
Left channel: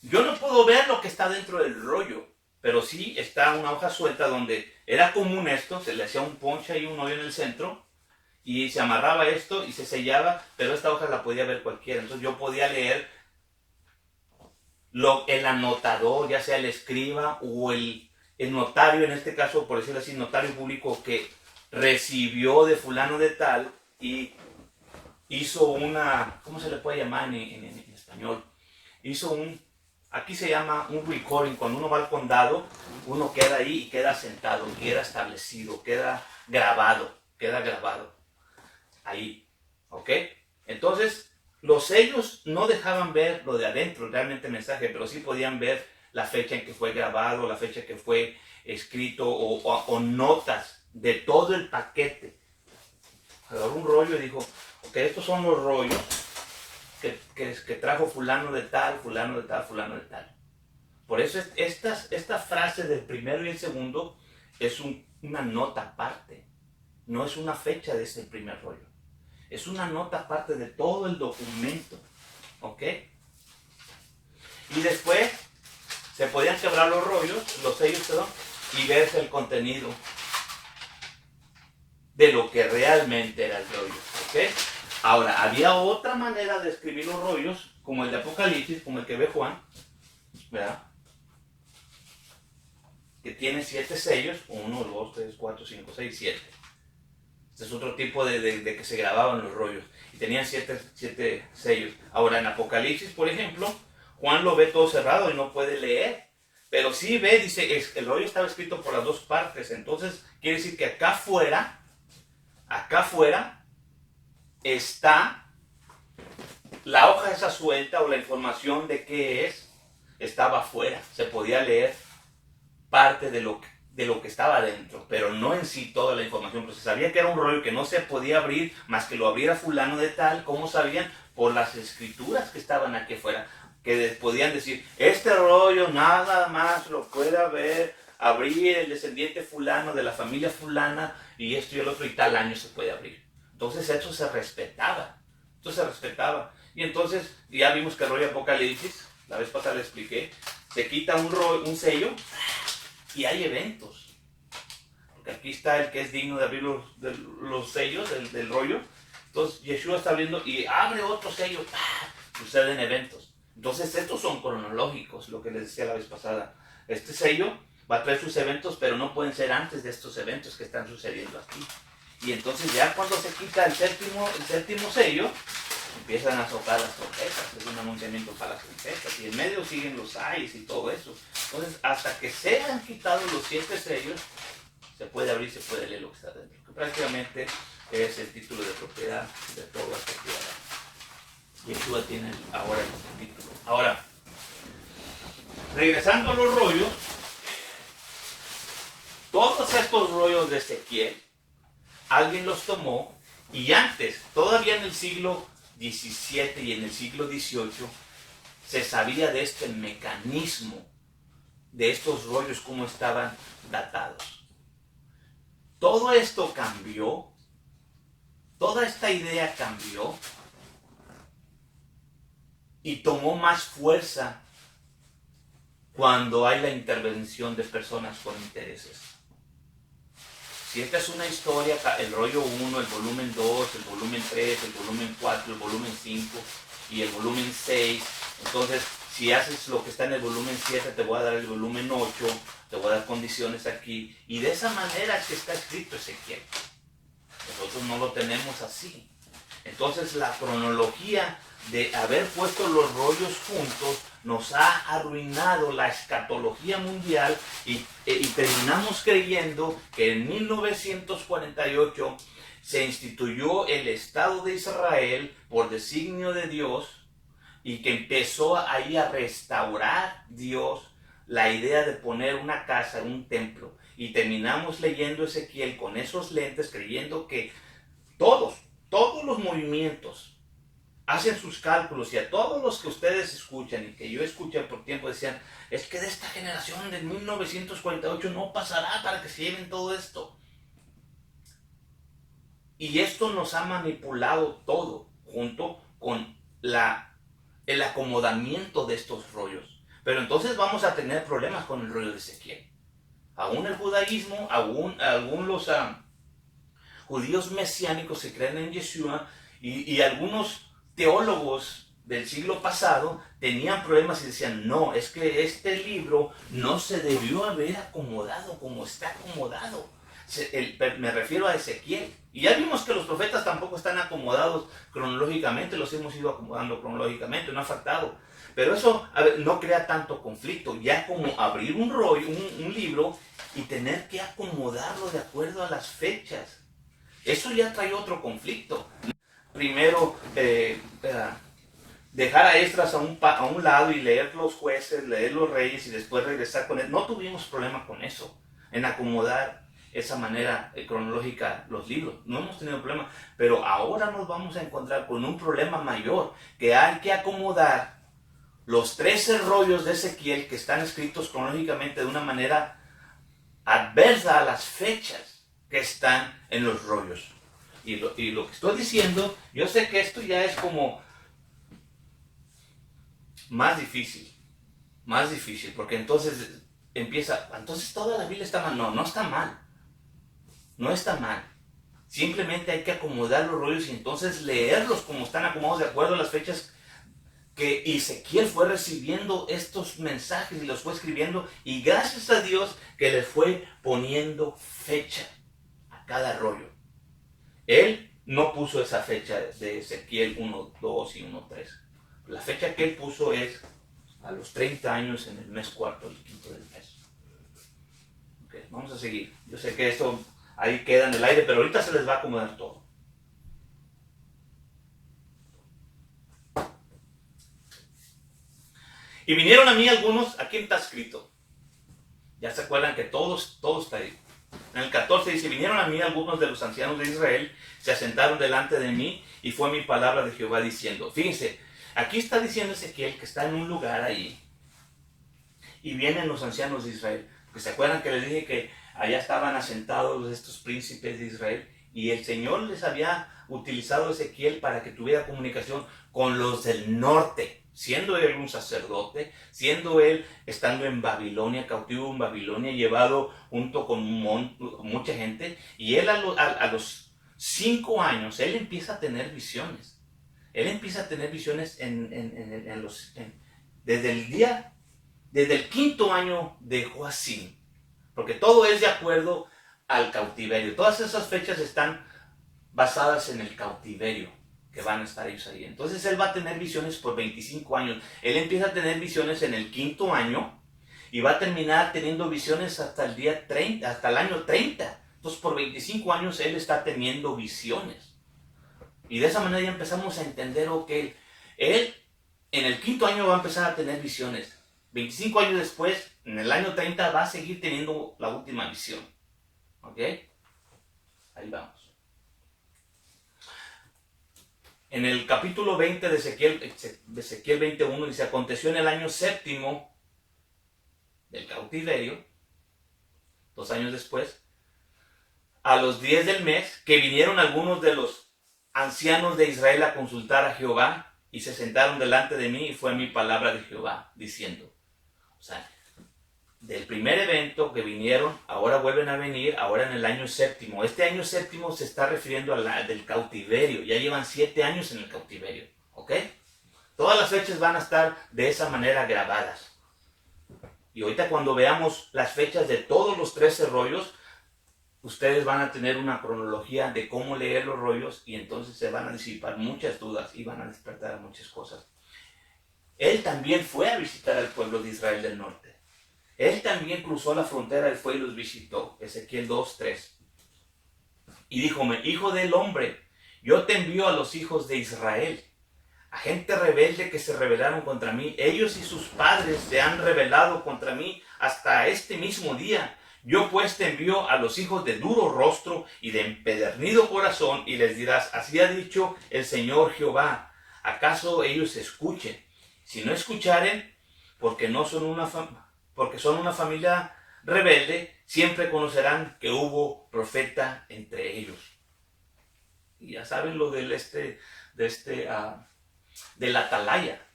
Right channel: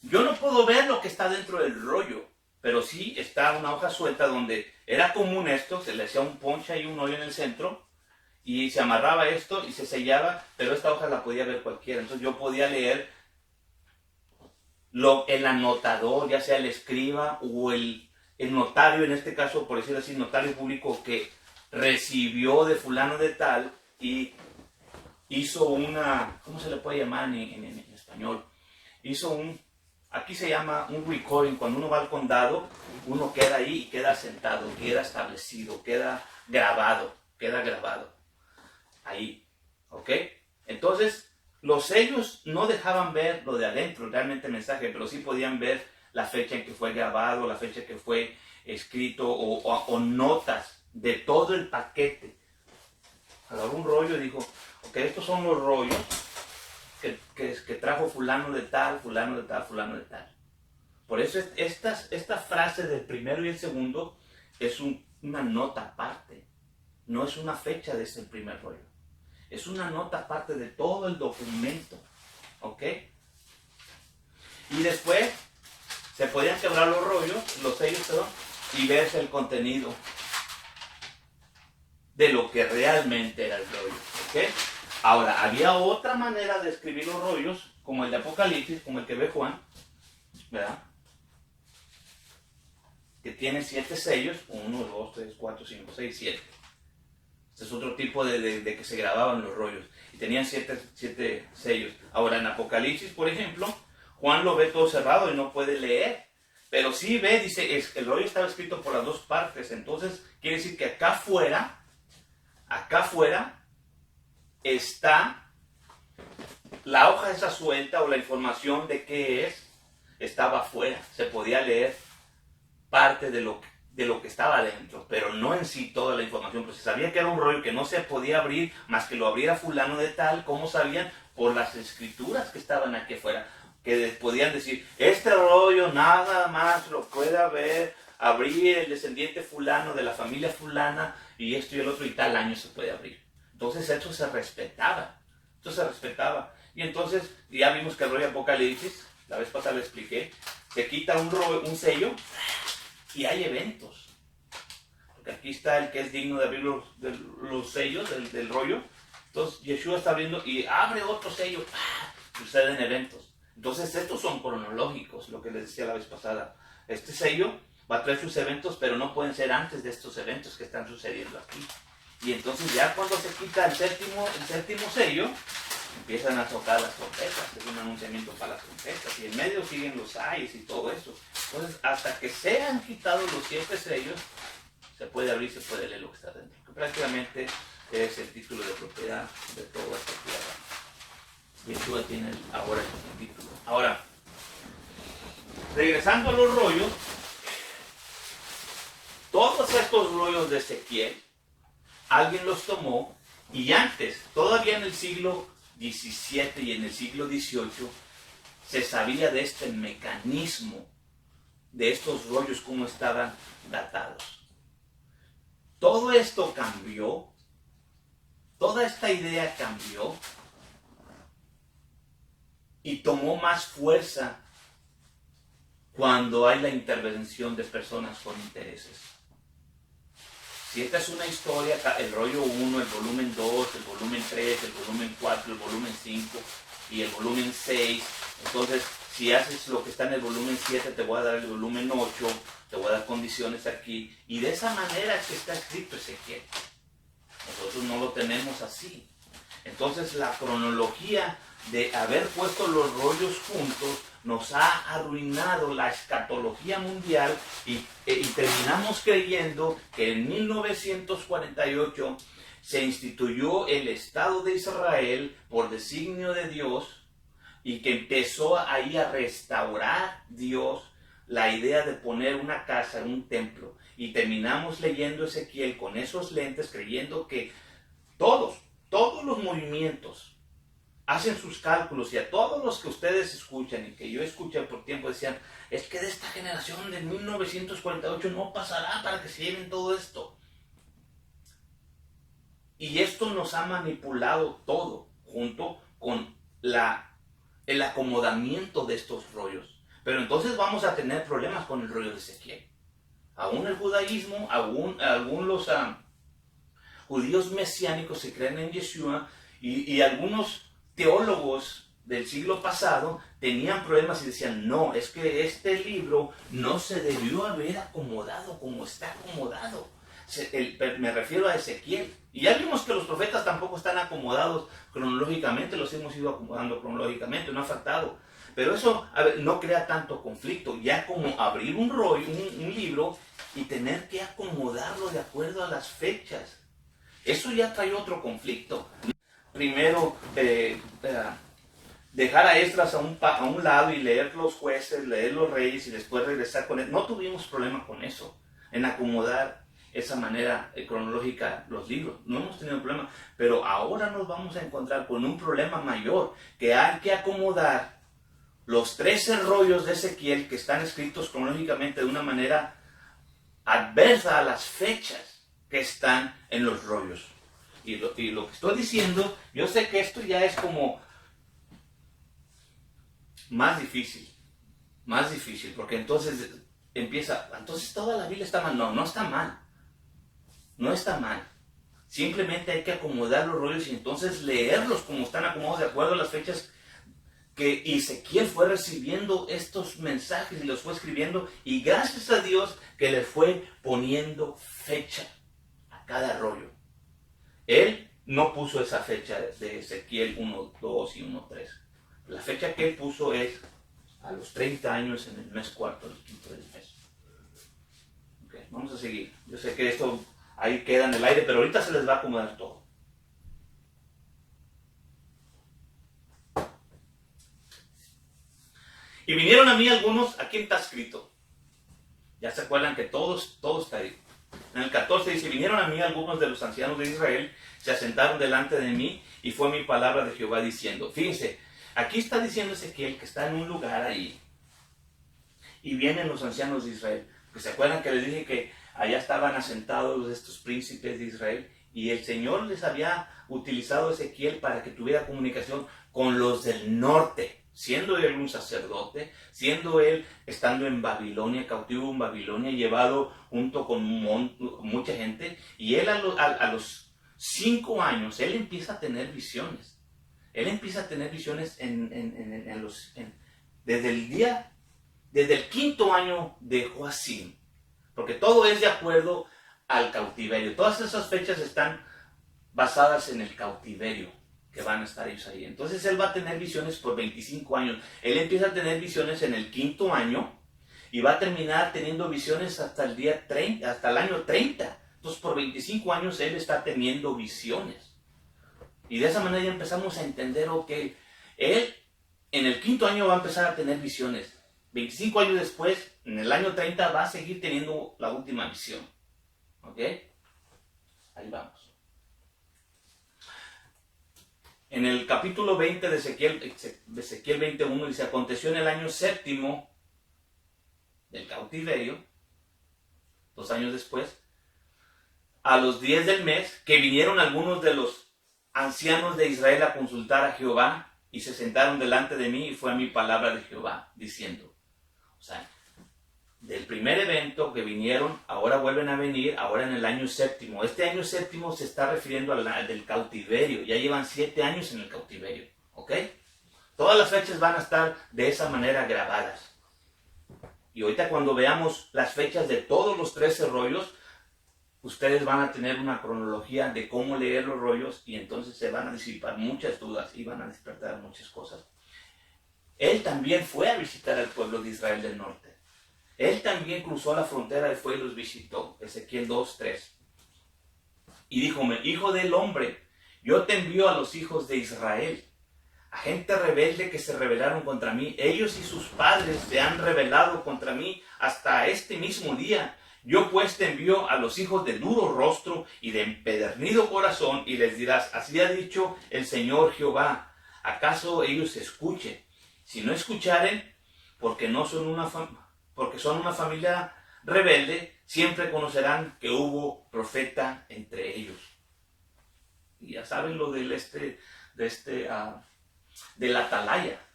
Yo no puedo ver lo que está dentro del rollo, pero sí está una hoja suelta donde era común esto, se le hacía un ponche y un hoyo en el centro y se amarraba esto y se sellaba, pero esta hoja la podía ver cualquiera. Entonces yo podía leer el anotador, ya sea el escriba o el notario, en este caso, por decirlo así, notario público que recibió de fulano de tal y hizo una, ¿cómo se le puede llamar en español? Aquí se llama un recording. Cuando uno va al condado, uno queda ahí y queda sentado, queda establecido, queda grabado ahí, ¿ok? Entonces, los sellos no dejaban ver lo de adentro, realmente el mensaje, pero sí podían ver la fecha en que fue grabado, la fecha que fue escrito o notas de todo el paquete. Agarró un rollo y dijo, ok, estos son los rollos que trajo fulano de tal, fulano de tal, fulano de tal. Por eso esta frase del primero y el segundo es una nota aparte. No es una fecha de ese primer rollo. Es una nota aparte de todo el documento. ¿Ok? Y después se podían quebrar los rollos, los sellos, perdón, y verse el contenido de lo que realmente era el rollo. ¿Ok? Ahora, había otra manera de escribir los rollos, como el de Apocalipsis, como el que ve Juan, ¿verdad? Que tiene 7 sellos, 1, 2, 3, 4, 5, 6, 7. Este es otro tipo de que se grababan los rollos. Y tenían 7 sellos. Ahora, en Apocalipsis, por ejemplo, Juan lo ve todo cerrado y no puede leer. Pero sí ve, dice, el rollo estaba escrito por las 2 partes. Entonces, quiere decir que acá afuera, está la hoja esa suelta o la información de qué es, estaba afuera. Se podía leer parte de lo que estaba adentro, pero no en sí toda la información. Pero se sabía que era un rollo que no se podía abrir más que lo abriera fulano de tal. ¿Cómo sabían? Por las escrituras que estaban aquí afuera, que podían decir, este rollo nada más lo puede abrir el descendiente fulano de la familia fulana y esto y el otro y tal año se puede abrir. Entonces eso se respetaba. Y entonces ya vimos que el rollo Apocalipsis, la vez pasada le expliqué, se quita un sello y hay eventos. Porque aquí está el que es digno de abrir los sellos del rollo. Entonces Yeshua está viendo y abre otro sello. Suceden eventos. Entonces estos son cronológicos, lo que les decía la vez pasada. Este sello va a traer sus eventos, pero no pueden ser antes de estos eventos que están sucediendo aquí. Y entonces ya cuando se quita el séptimo sello, empiezan a tocar las trompetas. Es un anunciamiento para las trompetas. Y en medio siguen los ayes y todo eso. Entonces, hasta que se han quitado los 7 sellos, se puede abrir, se puede leer lo que está dentro. Que prácticamente es el título de propiedad de toda esta tierra. Y Yeshua tiene ahora el título. Ahora, regresando a los rollos, todos estos rollos de Ezequiel, alguien los tomó y antes, todavía en el siglo XVII y en el siglo XVIII, se sabía de este mecanismo, de estos rollos, cómo estaban datados. Todo esto cambió, toda esta idea cambió y tomó más fuerza cuando hay la intervención de personas con intereses. Si esta es una historia, el rollo 1, el volumen 2, el volumen 3, el volumen 4, el volumen 5 y el volumen 6, entonces si haces lo que está en el volumen 7, te voy a dar el volumen 8, te voy a dar condiciones aquí, y de esa manera es que está escrito Ezequiel. Nosotros no lo tenemos así. Entonces la cronología de haber puesto los rollos juntos nos ha arruinado la escatología mundial y terminamos creyendo que en 1948 se instituyó el Estado de Israel por designio de Dios y que empezó ahí a restaurar Dios la idea de poner una casa, un templo, y terminamos leyendo Ezequiel con esos lentes creyendo que todos los movimientos hacen sus cálculos, y a todos los que ustedes escuchan y que yo escuché por tiempo decían, es que de esta generación de 1948 no pasará para que se lleven todo esto. Y esto nos ha manipulado todo junto con el acomodamiento de estos rollos. Pero entonces vamos a tener problemas con el rollo de Ezequiel. Aún el judaísmo, aún los judíos mesiánicos se creen en Yeshua, y algunos teólogos del siglo pasado tenían problemas y decían, no, es que este libro no se debió haber acomodado como está acomodado. Me refiero a Ezequiel. Y ya vimos que los profetas tampoco están acomodados cronológicamente, los hemos ido acomodando cronológicamente, no ha faltado. Pero eso no crea tanto conflicto, ya como abrir un rollo, un libro, y tener que acomodarlo de acuerdo a las fechas. Eso ya trae otro conflicto. Primero, dejar a Esdras a un lado y leer los jueces, leer los reyes y después regresar con él. No tuvimos problema con eso, en acomodar esa manera cronológica los libros. No hemos tenido problema, pero ahora nos vamos a encontrar con un problema mayor, que hay que acomodar los 13 rollos de Ezequiel que están escritos cronológicamente de una manera adversa a las fechas que están en los rollos. Y lo que estoy diciendo, yo sé que esto ya es como más difícil, porque entonces entonces toda la Biblia está mal. No, no está mal. No está mal. Simplemente hay que acomodar los rollos y entonces leerlos como están acomodados de acuerdo a las fechas que Ezequiel fue recibiendo estos mensajes y los fue escribiendo, y gracias a Dios que le fue poniendo fecha a cada rollo. Él no puso esa fecha de Ezequiel 1.2 y 1.3. La fecha que él puso es a los 30 años en el mes 4 del quinto del mes. Okay, vamos a seguir. Yo sé que esto ahí queda en el aire, pero ahorita se les va a acomodar todo. Y vinieron a mí algunos, aquí está escrito. Ya se acuerdan que todo está ahí. En el 14 dice, vinieron a mí algunos de los ancianos de Israel, se asentaron delante de mí, y fue mi palabra de Jehová diciendo. Fíjense, aquí está diciendo Ezequiel que está en un lugar ahí, y vienen los ancianos de Israel. Porque se acuerdan que les dije que allá estaban asentados estos príncipes de Israel, y el Señor les había utilizado a Ezequiel para que tuviera comunicación con los del norte, siendo él un sacerdote, siendo él estando en Babilonia, cautivo en Babilonia, llevado junto con mucha gente. Y él a los 5 años, él empieza a tener visiones. Él empieza a tener visiones desde el 5.º año de Joacim, porque todo es de acuerdo al cautiverio. Todas esas fechas están basadas en el cautiverio que van a estar ellos ahí. Entonces él va a tener visiones por 25 años. Él empieza a tener visiones en el 5.º año y va a terminar teniendo visiones hasta el día 30, hasta el año 30. Entonces por 25 años él está teniendo visiones. Y de esa manera ya empezamos a entender que él en el 5.º año va a empezar a tener visiones. 25 años después, en el año 30, va a seguir teniendo la última visión. ¿Ok? Ahí vamos. En el capítulo 20 de Ezequiel 21 dice, aconteció en el año séptimo del cautiverio, 2 años después, a los 10 del mes, que vinieron algunos de los ancianos de Israel a consultar a Jehová, y se sentaron delante de mí, y fue mi palabra de Jehová, diciendo, o sea, del primer evento que vinieron, ahora vuelven a venir, ahora en el año séptimo. Este año séptimo se está refiriendo al del cautiverio, ya llevan 7 años en el cautiverio, ¿ok? Todas las fechas van a estar de esa manera grabadas. Y ahorita cuando veamos las fechas de todos los 13 rollos, ustedes van a tener una cronología de cómo leer los rollos y entonces se van a disipar muchas dudas y van a despertar muchas cosas. Él también fue a visitar al pueblo de Israel del norte. Él también cruzó la frontera y fue y los visitó. Ezequiel 2:3. Y díjome, hijo del hombre, yo te envío a los hijos de Israel, a gente rebelde que se rebelaron contra mí. Ellos y sus padres se han rebelado contra mí hasta este mismo día. Yo pues te envío a los hijos de duro rostro y de empedernido corazón, y les dirás, así ha dicho el Señor Jehová, ¿acaso ellos escuchen? Si no escucharen, porque son una familia rebelde, siempre conocerán que hubo profeta entre ellos. Y ya saben lo de la atalaya.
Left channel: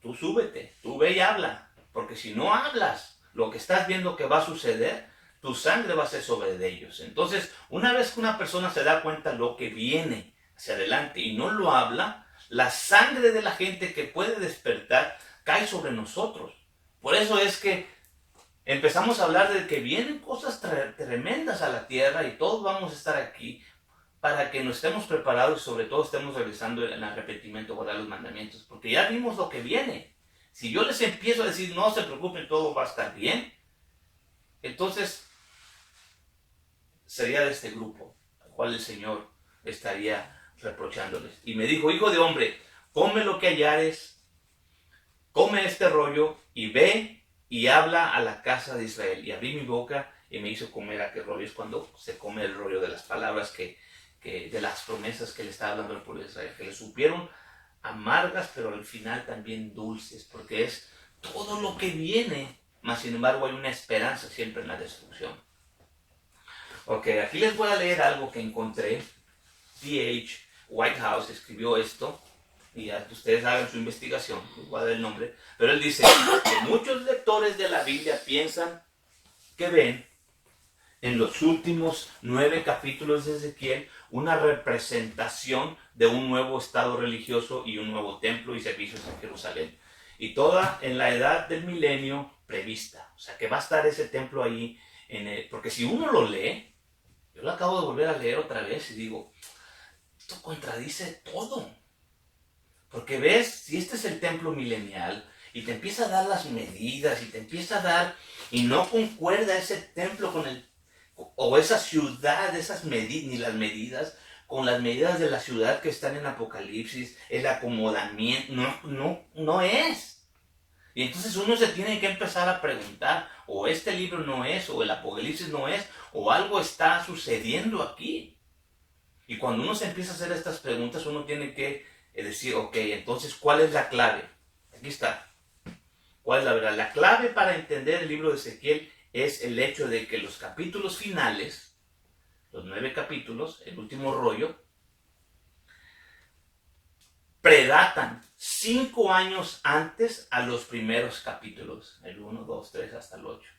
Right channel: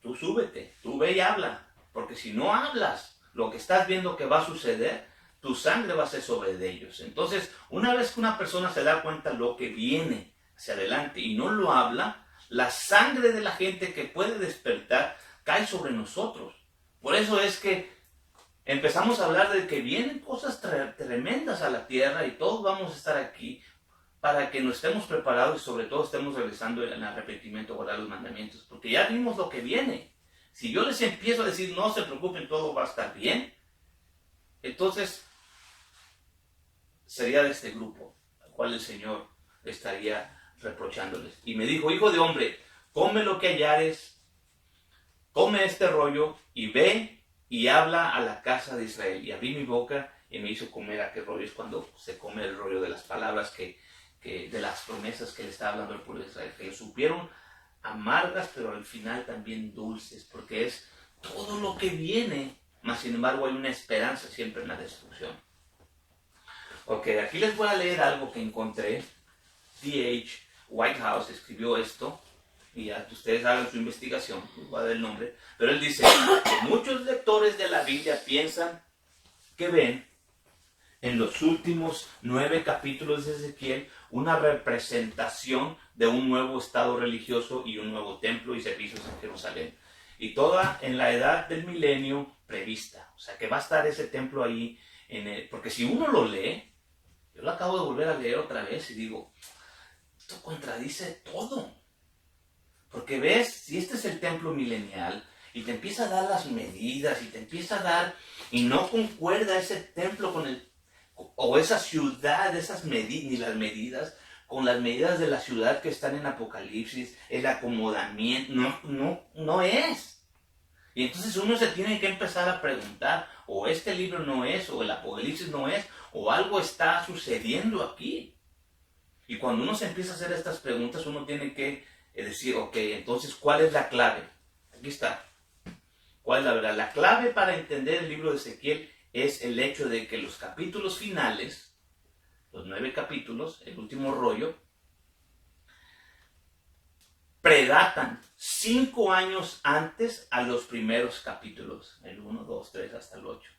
Tú súbete, tú ve y habla, porque si no hablas lo que estás viendo que va a suceder, tu sangre va a ser sobre de ellos. Entonces, una vez que una persona se da cuenta lo que viene hacia adelante y no lo habla, la sangre de la gente que puede despertar cae sobre nosotros. Por eso es que empezamos a hablar de que vienen cosas tremendas a la tierra y todos vamos a estar aquí para que nos estemos preparados y sobre todo estemos regresando en el arrepentimiento, guardar los mandamientos, porque ya vimos lo que viene. Si yo les empiezo a decir, no se preocupen, todo va a estar bien, entonces sería de este grupo, al cual el Señor estaría reprochándoles. Y me dijo, hijo de hombre, come lo que hallares, come este rollo y ve y habla a la casa de Israel. Y abrí mi boca y me hizo comer aquel rollo. Es cuando se come el rollo de las palabras de las promesas que le estaba hablando al pueblo de Israel, que le supieron amargas, pero al final también dulces, porque es todo lo que viene, mas sin embargo hay una esperanza siempre en la destrucción. Ok, aquí les voy a leer algo que encontré. D.H. Whitehouse escribió esto, y ya ustedes hagan su investigación, les voy a dar el nombre, pero él dice que muchos lectores de la Biblia piensan que ven en los últimos 9 capítulos de Ezequiel una representación de un nuevo estado religioso y un nuevo templo y servicios en Jerusalén. Y toda en la edad del milenio prevista. O sea, que va a estar ese templo ahí. Porque si uno lo lee, yo lo acabo de volver a leer otra vez y digo, esto contradice todo. Porque ves, si este es el templo milenial y te empieza a dar las medidas y te empieza a dar, y no concuerda ese templo o esa ciudad, ni las medidas, con las medidas de la ciudad que están en Apocalipsis, el acomodamiento, no es. Y entonces uno se tiene que empezar a preguntar, o este libro no es, o el Apocalipsis no es, o algo está sucediendo aquí. Y cuando uno se empieza a hacer estas preguntas, uno tiene que decir, ok, entonces, ¿cuál es la clave? Aquí está. ¿Cuál es la verdad? La clave para entender el libro de Ezequiel es el hecho de que los capítulos finales, los 9 capítulos, el último rollo, predatan 5 años antes a los primeros capítulos, el 1, 2, 3 hasta el 8.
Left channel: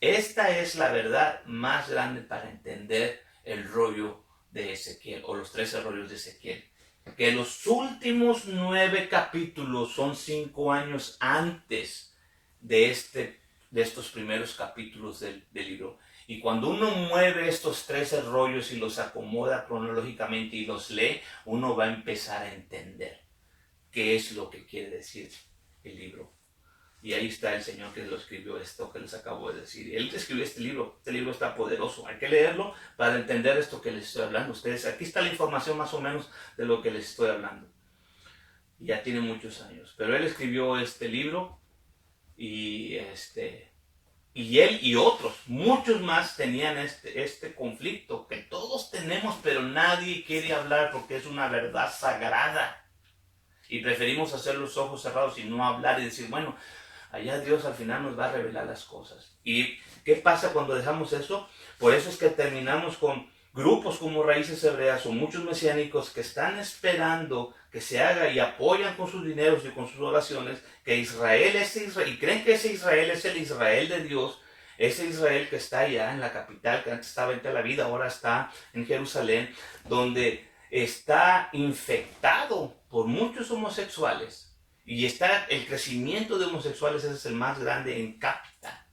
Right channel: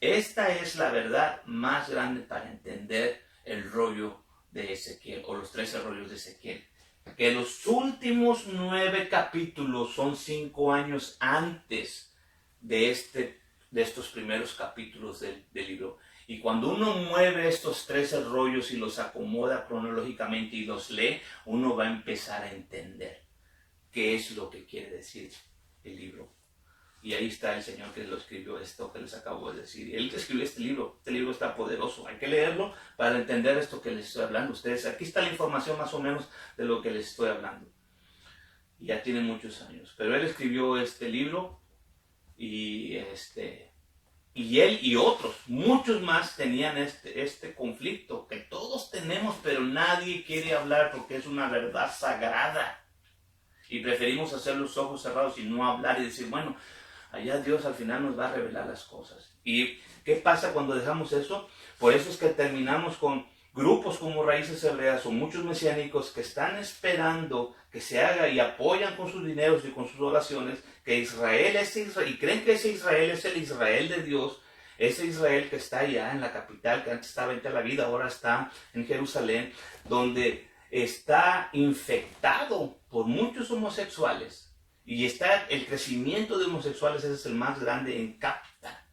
Esta es la verdad más grande para entender el rollo de Ezequiel, o los 13 rollos de Ezequiel. Que los últimos 9 capítulos son 5 años antes de estos primeros capítulos del libro. Y cuando uno mueve estos 13 rollos y los acomoda cronológicamente y los lee, uno va a empezar a entender qué es lo que quiere decir el libro. Y ahí está el Señor que lo escribió, esto que les acabo de decir. Él escribió este libro está poderoso. Hay que leerlo para entender esto que les estoy hablando. Ustedes, aquí está la información más o menos de lo que les estoy hablando. Ya tiene muchos años, pero él escribió este libro y Y él y otros, muchos más tenían este conflicto que todos tenemos, pero nadie quiere hablar porque es una verdad sagrada. Y preferimos hacer los ojos cerrados y no hablar y decir, bueno, allá Dios al final nos va a revelar las cosas. ¿Y qué pasa cuando dejamos eso? Por eso es que terminamos con grupos como Raíces Hebreas o muchos mesiánicos que están esperando que se haga y apoyan con sus dineros y con sus oraciones que Israel es Israel, y creen que ese Israel es el Israel de Dios, ese Israel que está allá en la capital, que antes estaba en Tel Aviv, ahora está en Jerusalén, donde está infectado por muchos homosexuales y está el crecimiento de homosexuales, ese es el más grande en cápita.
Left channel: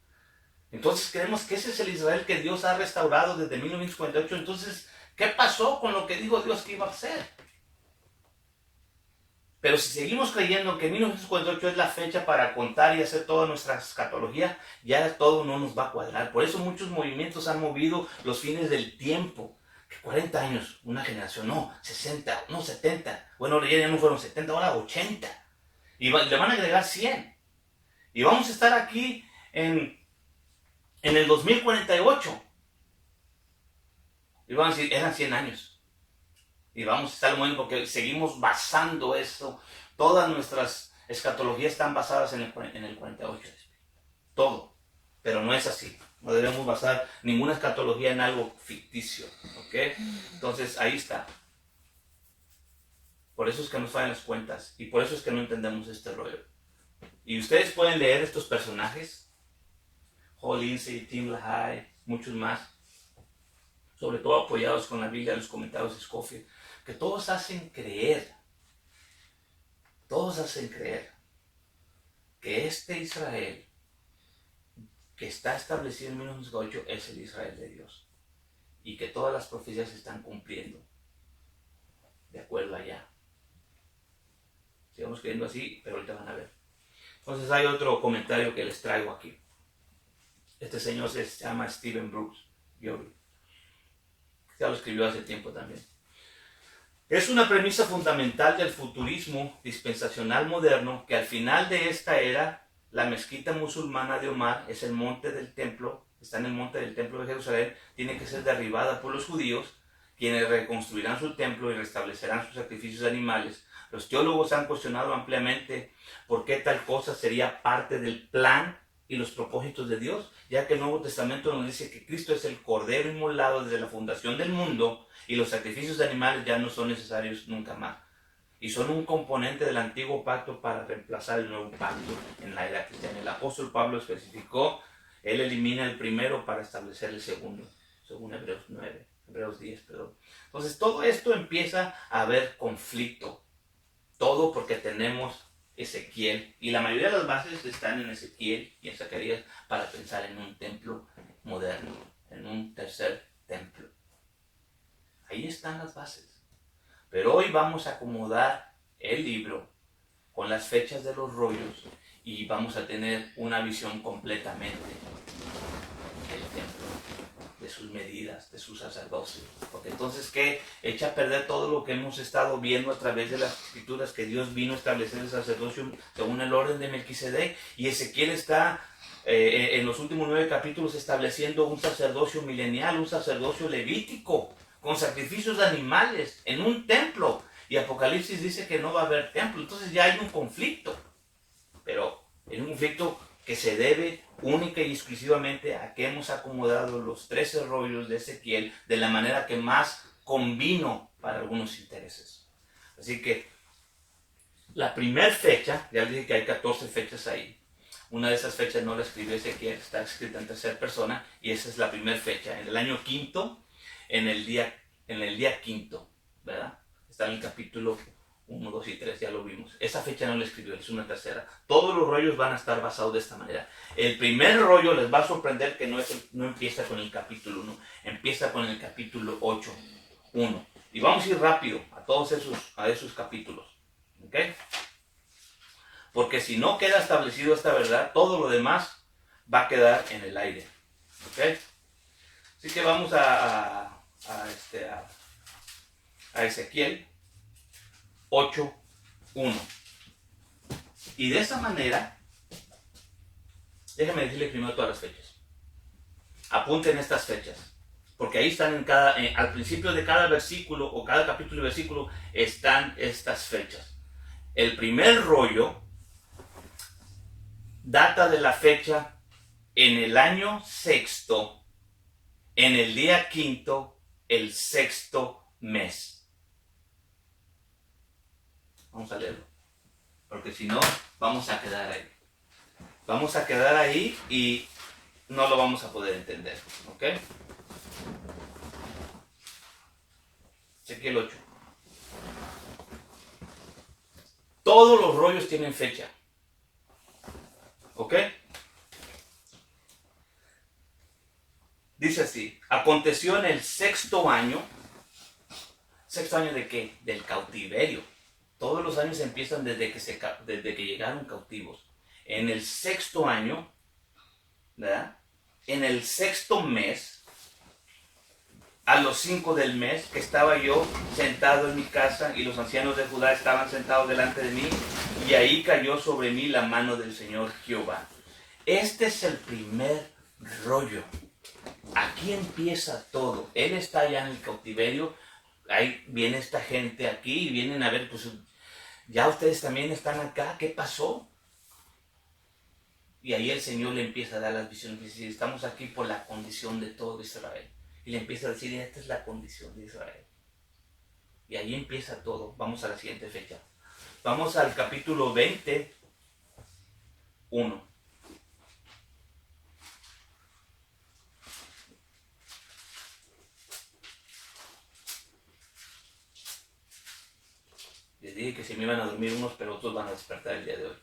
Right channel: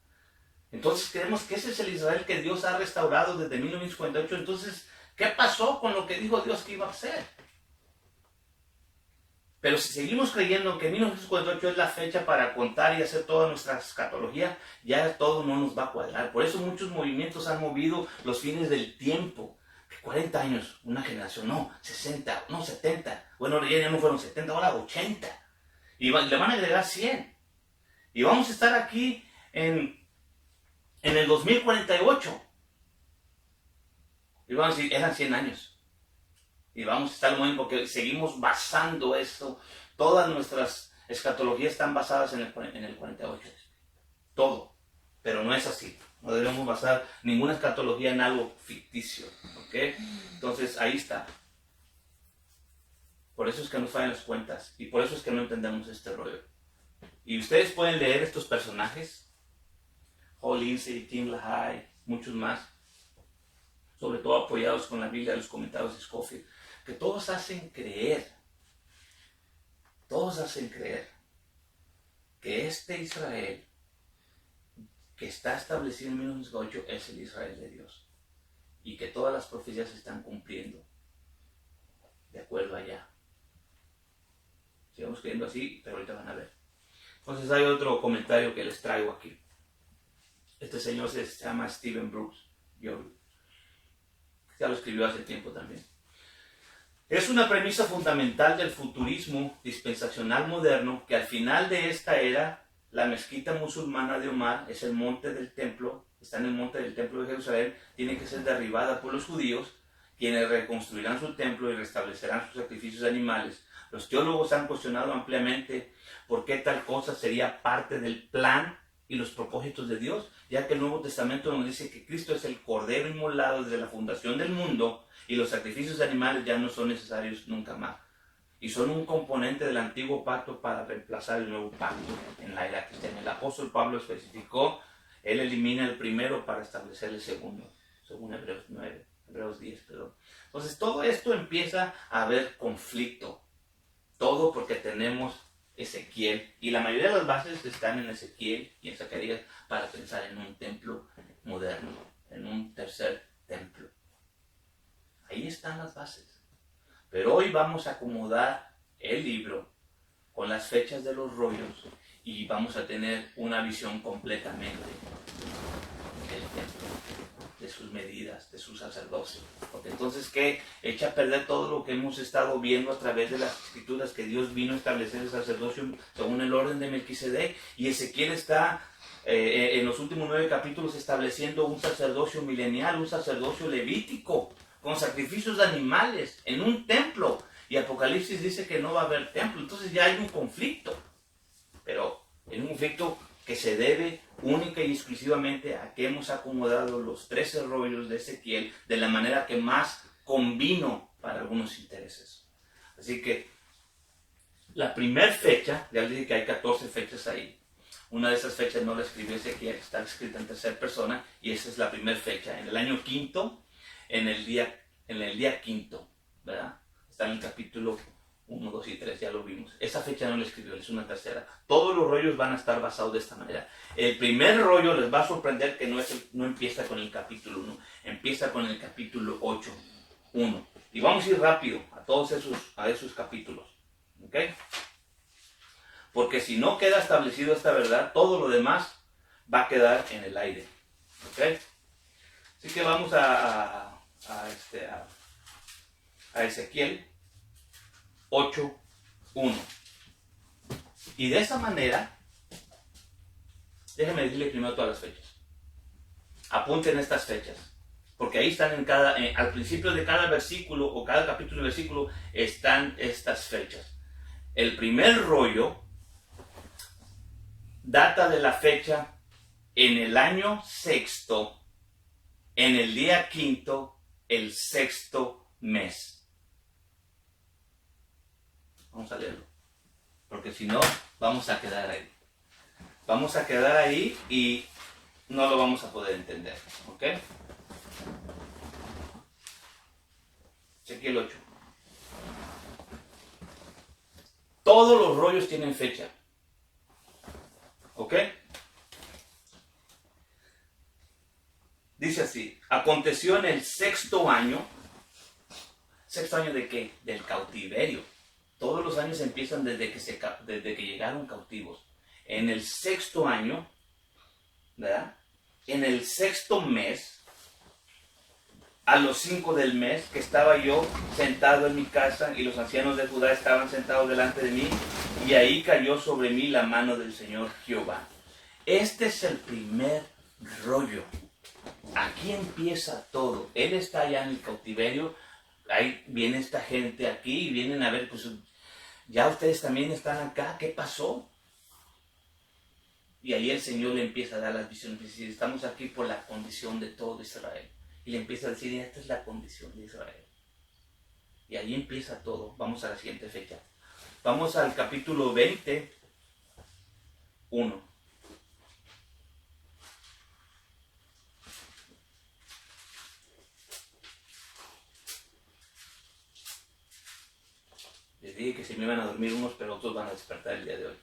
Entonces creemos que ese es el Israel que Dios ha restaurado desde 1958. Entonces, ¿qué pasó con lo que dijo Dios que iba a hacer? Pero si seguimos creyendo que 1948 es la fecha para contar y hacer toda nuestra escatología, ya todo no nos va a cuadrar. Por eso muchos movimientos han movido los fines del tiempo. 40 años, una generación, no, 60, no, 70. Bueno, ya no fueron 70, ahora 80. Y le van a agregar 100. Y vamos a estar aquí en el 2048. Y vamos a decir, eran 100 años. Y vamos a estar muy bien porque seguimos basando eso. Todas nuestras escatologías están basadas en el 48. Todo. Pero no es así. No debemos basar ninguna escatología en algo ficticio. ¿Ok? Entonces ahí está. Por eso es que nos fallan las cuentas. Y por eso es que no entendemos este rollo. Y ustedes pueden leer estos personajes. Hall Lindsey, Tim LaHaye, muchos más. Sobre todo apoyados con la Biblia, los comentarios de Scofield. Que todos hacen creer que este Israel que está establecido en 1908 es el Israel de Dios y que todas las profecías se están cumpliendo de acuerdo allá. Sigamos creyendo así, pero ahorita van a ver. Entonces hay otro comentario que les traigo aquí. Este señor se llama Stephen Brooks. Ya lo escribió hace tiempo también. Es una premisa fundamental del futurismo dispensacional moderno que al final de esta era, la mezquita musulmana de Omar es el monte del templo, está en el monte del templo de Jerusalén, tiene que ser derribada por los judíos, quienes reconstruirán su templo y restablecerán sus sacrificios animales. Los teólogos han cuestionado ampliamente por qué tal cosa sería parte del plan y los propósitos de Dios, ya que el Nuevo Testamento nos dice que Cristo es el Cordero inmolado desde la fundación del mundo, y los sacrificios de animales ya no son necesarios nunca más. Y son un componente del antiguo pacto para reemplazar el nuevo pacto en la era cristiana. El apóstol Pablo especificó, él elimina el primero para establecer el segundo, según Hebreos 10, perdón. Entonces todo esto empieza a haber conflicto. Todo porque tenemos Ezequiel. Y la mayoría de las bases están en Ezequiel y en Zacarías para pensar en un templo moderno, en un tercer templo. Ahí están las bases. Pero hoy vamos a acomodar el libro con las fechas de los rollos y vamos a tener una visión completamente del templo, de sus medidas, de su sacerdocio. Porque entonces, ¿qué? Echa a perder todo lo que hemos estado viendo a través de las escrituras, que Dios vino a establecer el sacerdocio según el orden de Melquisedec, y Ezequiel está en los últimos 9 capítulos estableciendo un sacerdocio milenial, un sacerdocio levítico, con sacrificios de animales en un templo, y Apocalipsis dice que no va a haber templo. Entonces ya hay un conflicto, pero es un conflicto que se debe única y exclusivamente a que hemos acomodado los 13 rollos de Ezequiel de la manera que más convino para algunos intereses. Así que la primera fecha, ya les dije que hay 14 fechas ahí. Una de esas fechas no la escribió Ezequiel, está escrita en tercera persona, y esa es la primera fecha, en el año quinto, en el día quinto, ¿verdad? Está en el capítulo 1, 2 y 3, ya lo vimos. Esa fecha no la escribió, es una tercera. Todos los rollos van a estar basados de esta manera. El primer rollo les va a sorprender que no empieza con el capítulo 1, empieza con el capítulo 8, 1. Y vamos a ir rápido a todos esos capítulos, ¿ok? Porque si no queda establecido esta verdad, todo lo demás va a quedar en el aire, ¿ok? Así que vamos a Ezequiel 8:1. Y de esa manera, déjame decirle primero todas las fechas. Apunten estas fechas, porque ahí están al principio de cada versículo o cada capítulo y versículo están estas fechas. El primer rollo data de la fecha en el año sexto, en el día quinto, el sexto mes. Vamos a leerlo, porque si no, vamos a quedar ahí. Vamos a quedar ahí y no lo vamos a poder entender, ¿ok? Ezequiel 8. Todos los rollos tienen fecha, ¿ok? Dice así: aconteció en el sexto año. ¿Sexto año de qué? Del cautiverio. Todos los años empiezan desde que llegaron cautivos. En el sexto año, ¿verdad? En el sexto mes, a los 5 del mes, que estaba yo sentado en mi casa y los ancianos de Judá estaban sentados delante de mí, y ahí cayó sobre mí la mano del Señor Jehová. Este es el primer rollo. Aquí empieza todo. Él está allá en el cautiverio. Ahí viene esta gente aquí y vienen a ver, pues ya ustedes también están acá. ¿Qué pasó? Y ahí el Señor le empieza a dar las visiones. Dice: estamos aquí por la condición de todo Israel. Y le empieza a decir: esta es la condición de Israel. Y ahí empieza todo. Vamos a la siguiente fecha. Vamos al capítulo 20, 1. Les dije que se me iban a dormir unos, pero otros van a despertar el día de hoy.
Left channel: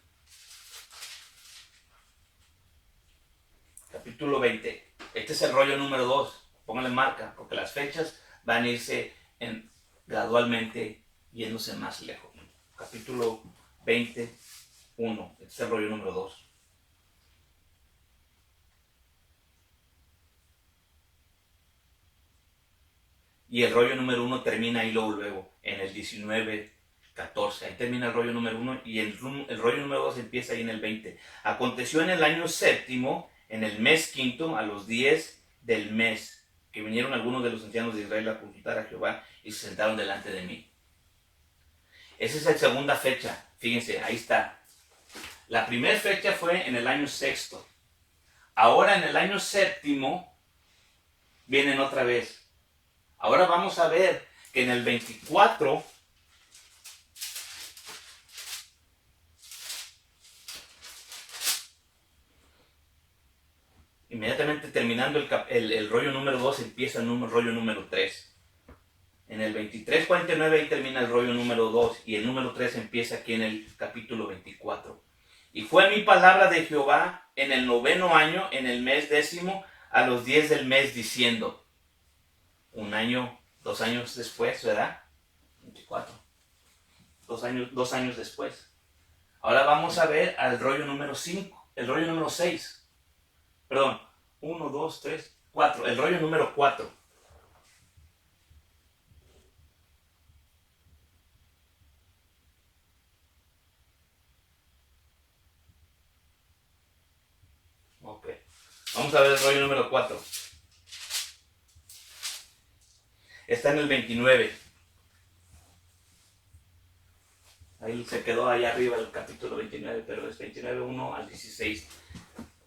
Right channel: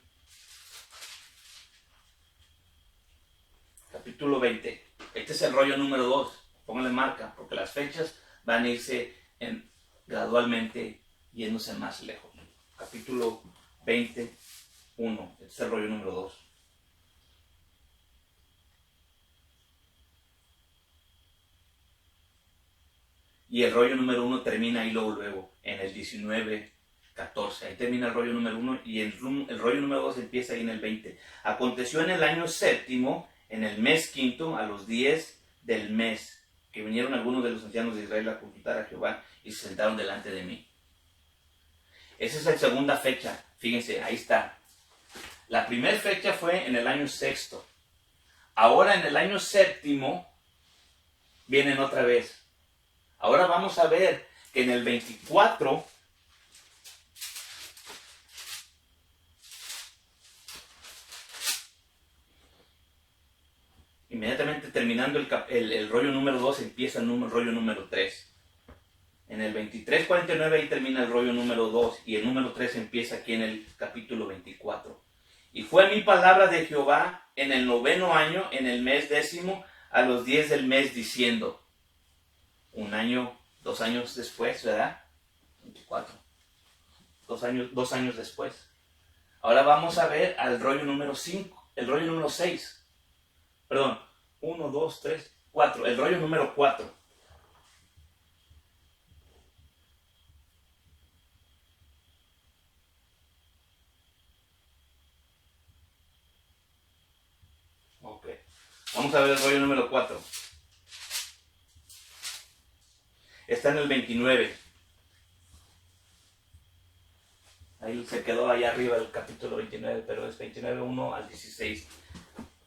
Capítulo 20. Este es el rollo número 2. Pónganle marca, porque las fechas van a irse gradualmente yéndose más lejos. Capítulo 20, 1. Este es el rollo número 2. Y el rollo número 1 termina ahí luego, en el 19, 14. Ahí termina el rollo número 1 y el rollo número 2 empieza ahí en el 20. Aconteció en el año séptimo, en el mes quinto, a los 10 del mes, que vinieron algunos de los ancianos de Israel a consultar a Jehová y se sentaron delante de mí. Esa es la segunda fecha. Fíjense, ahí está. La primera fecha fue en el año sexto. Ahora en el año séptimo vienen otra vez. Ahora vamos a ver que en el 24 inmediatamente terminando el rollo número 2 empieza el rollo número 3. En el 23:49 ahí termina el rollo número 2 y el número 3 empieza aquí en el capítulo 24. Y fue mi palabra de Jehová en el 9º año, en el mes 10º, a los 10 del mes, diciendo. Un año, 2 años después, ¿verdad? 24. 2 años después. Ahora vamos a ver al rollo número 5, el rollo número 6. Perdón, 1, 2, 3, 4. El rollo número 4. Ok. Vamos a ver el rollo número 4. Está en el 29. Ahí se quedó allá arriba el capítulo 29, pero es 29, 1 al 16.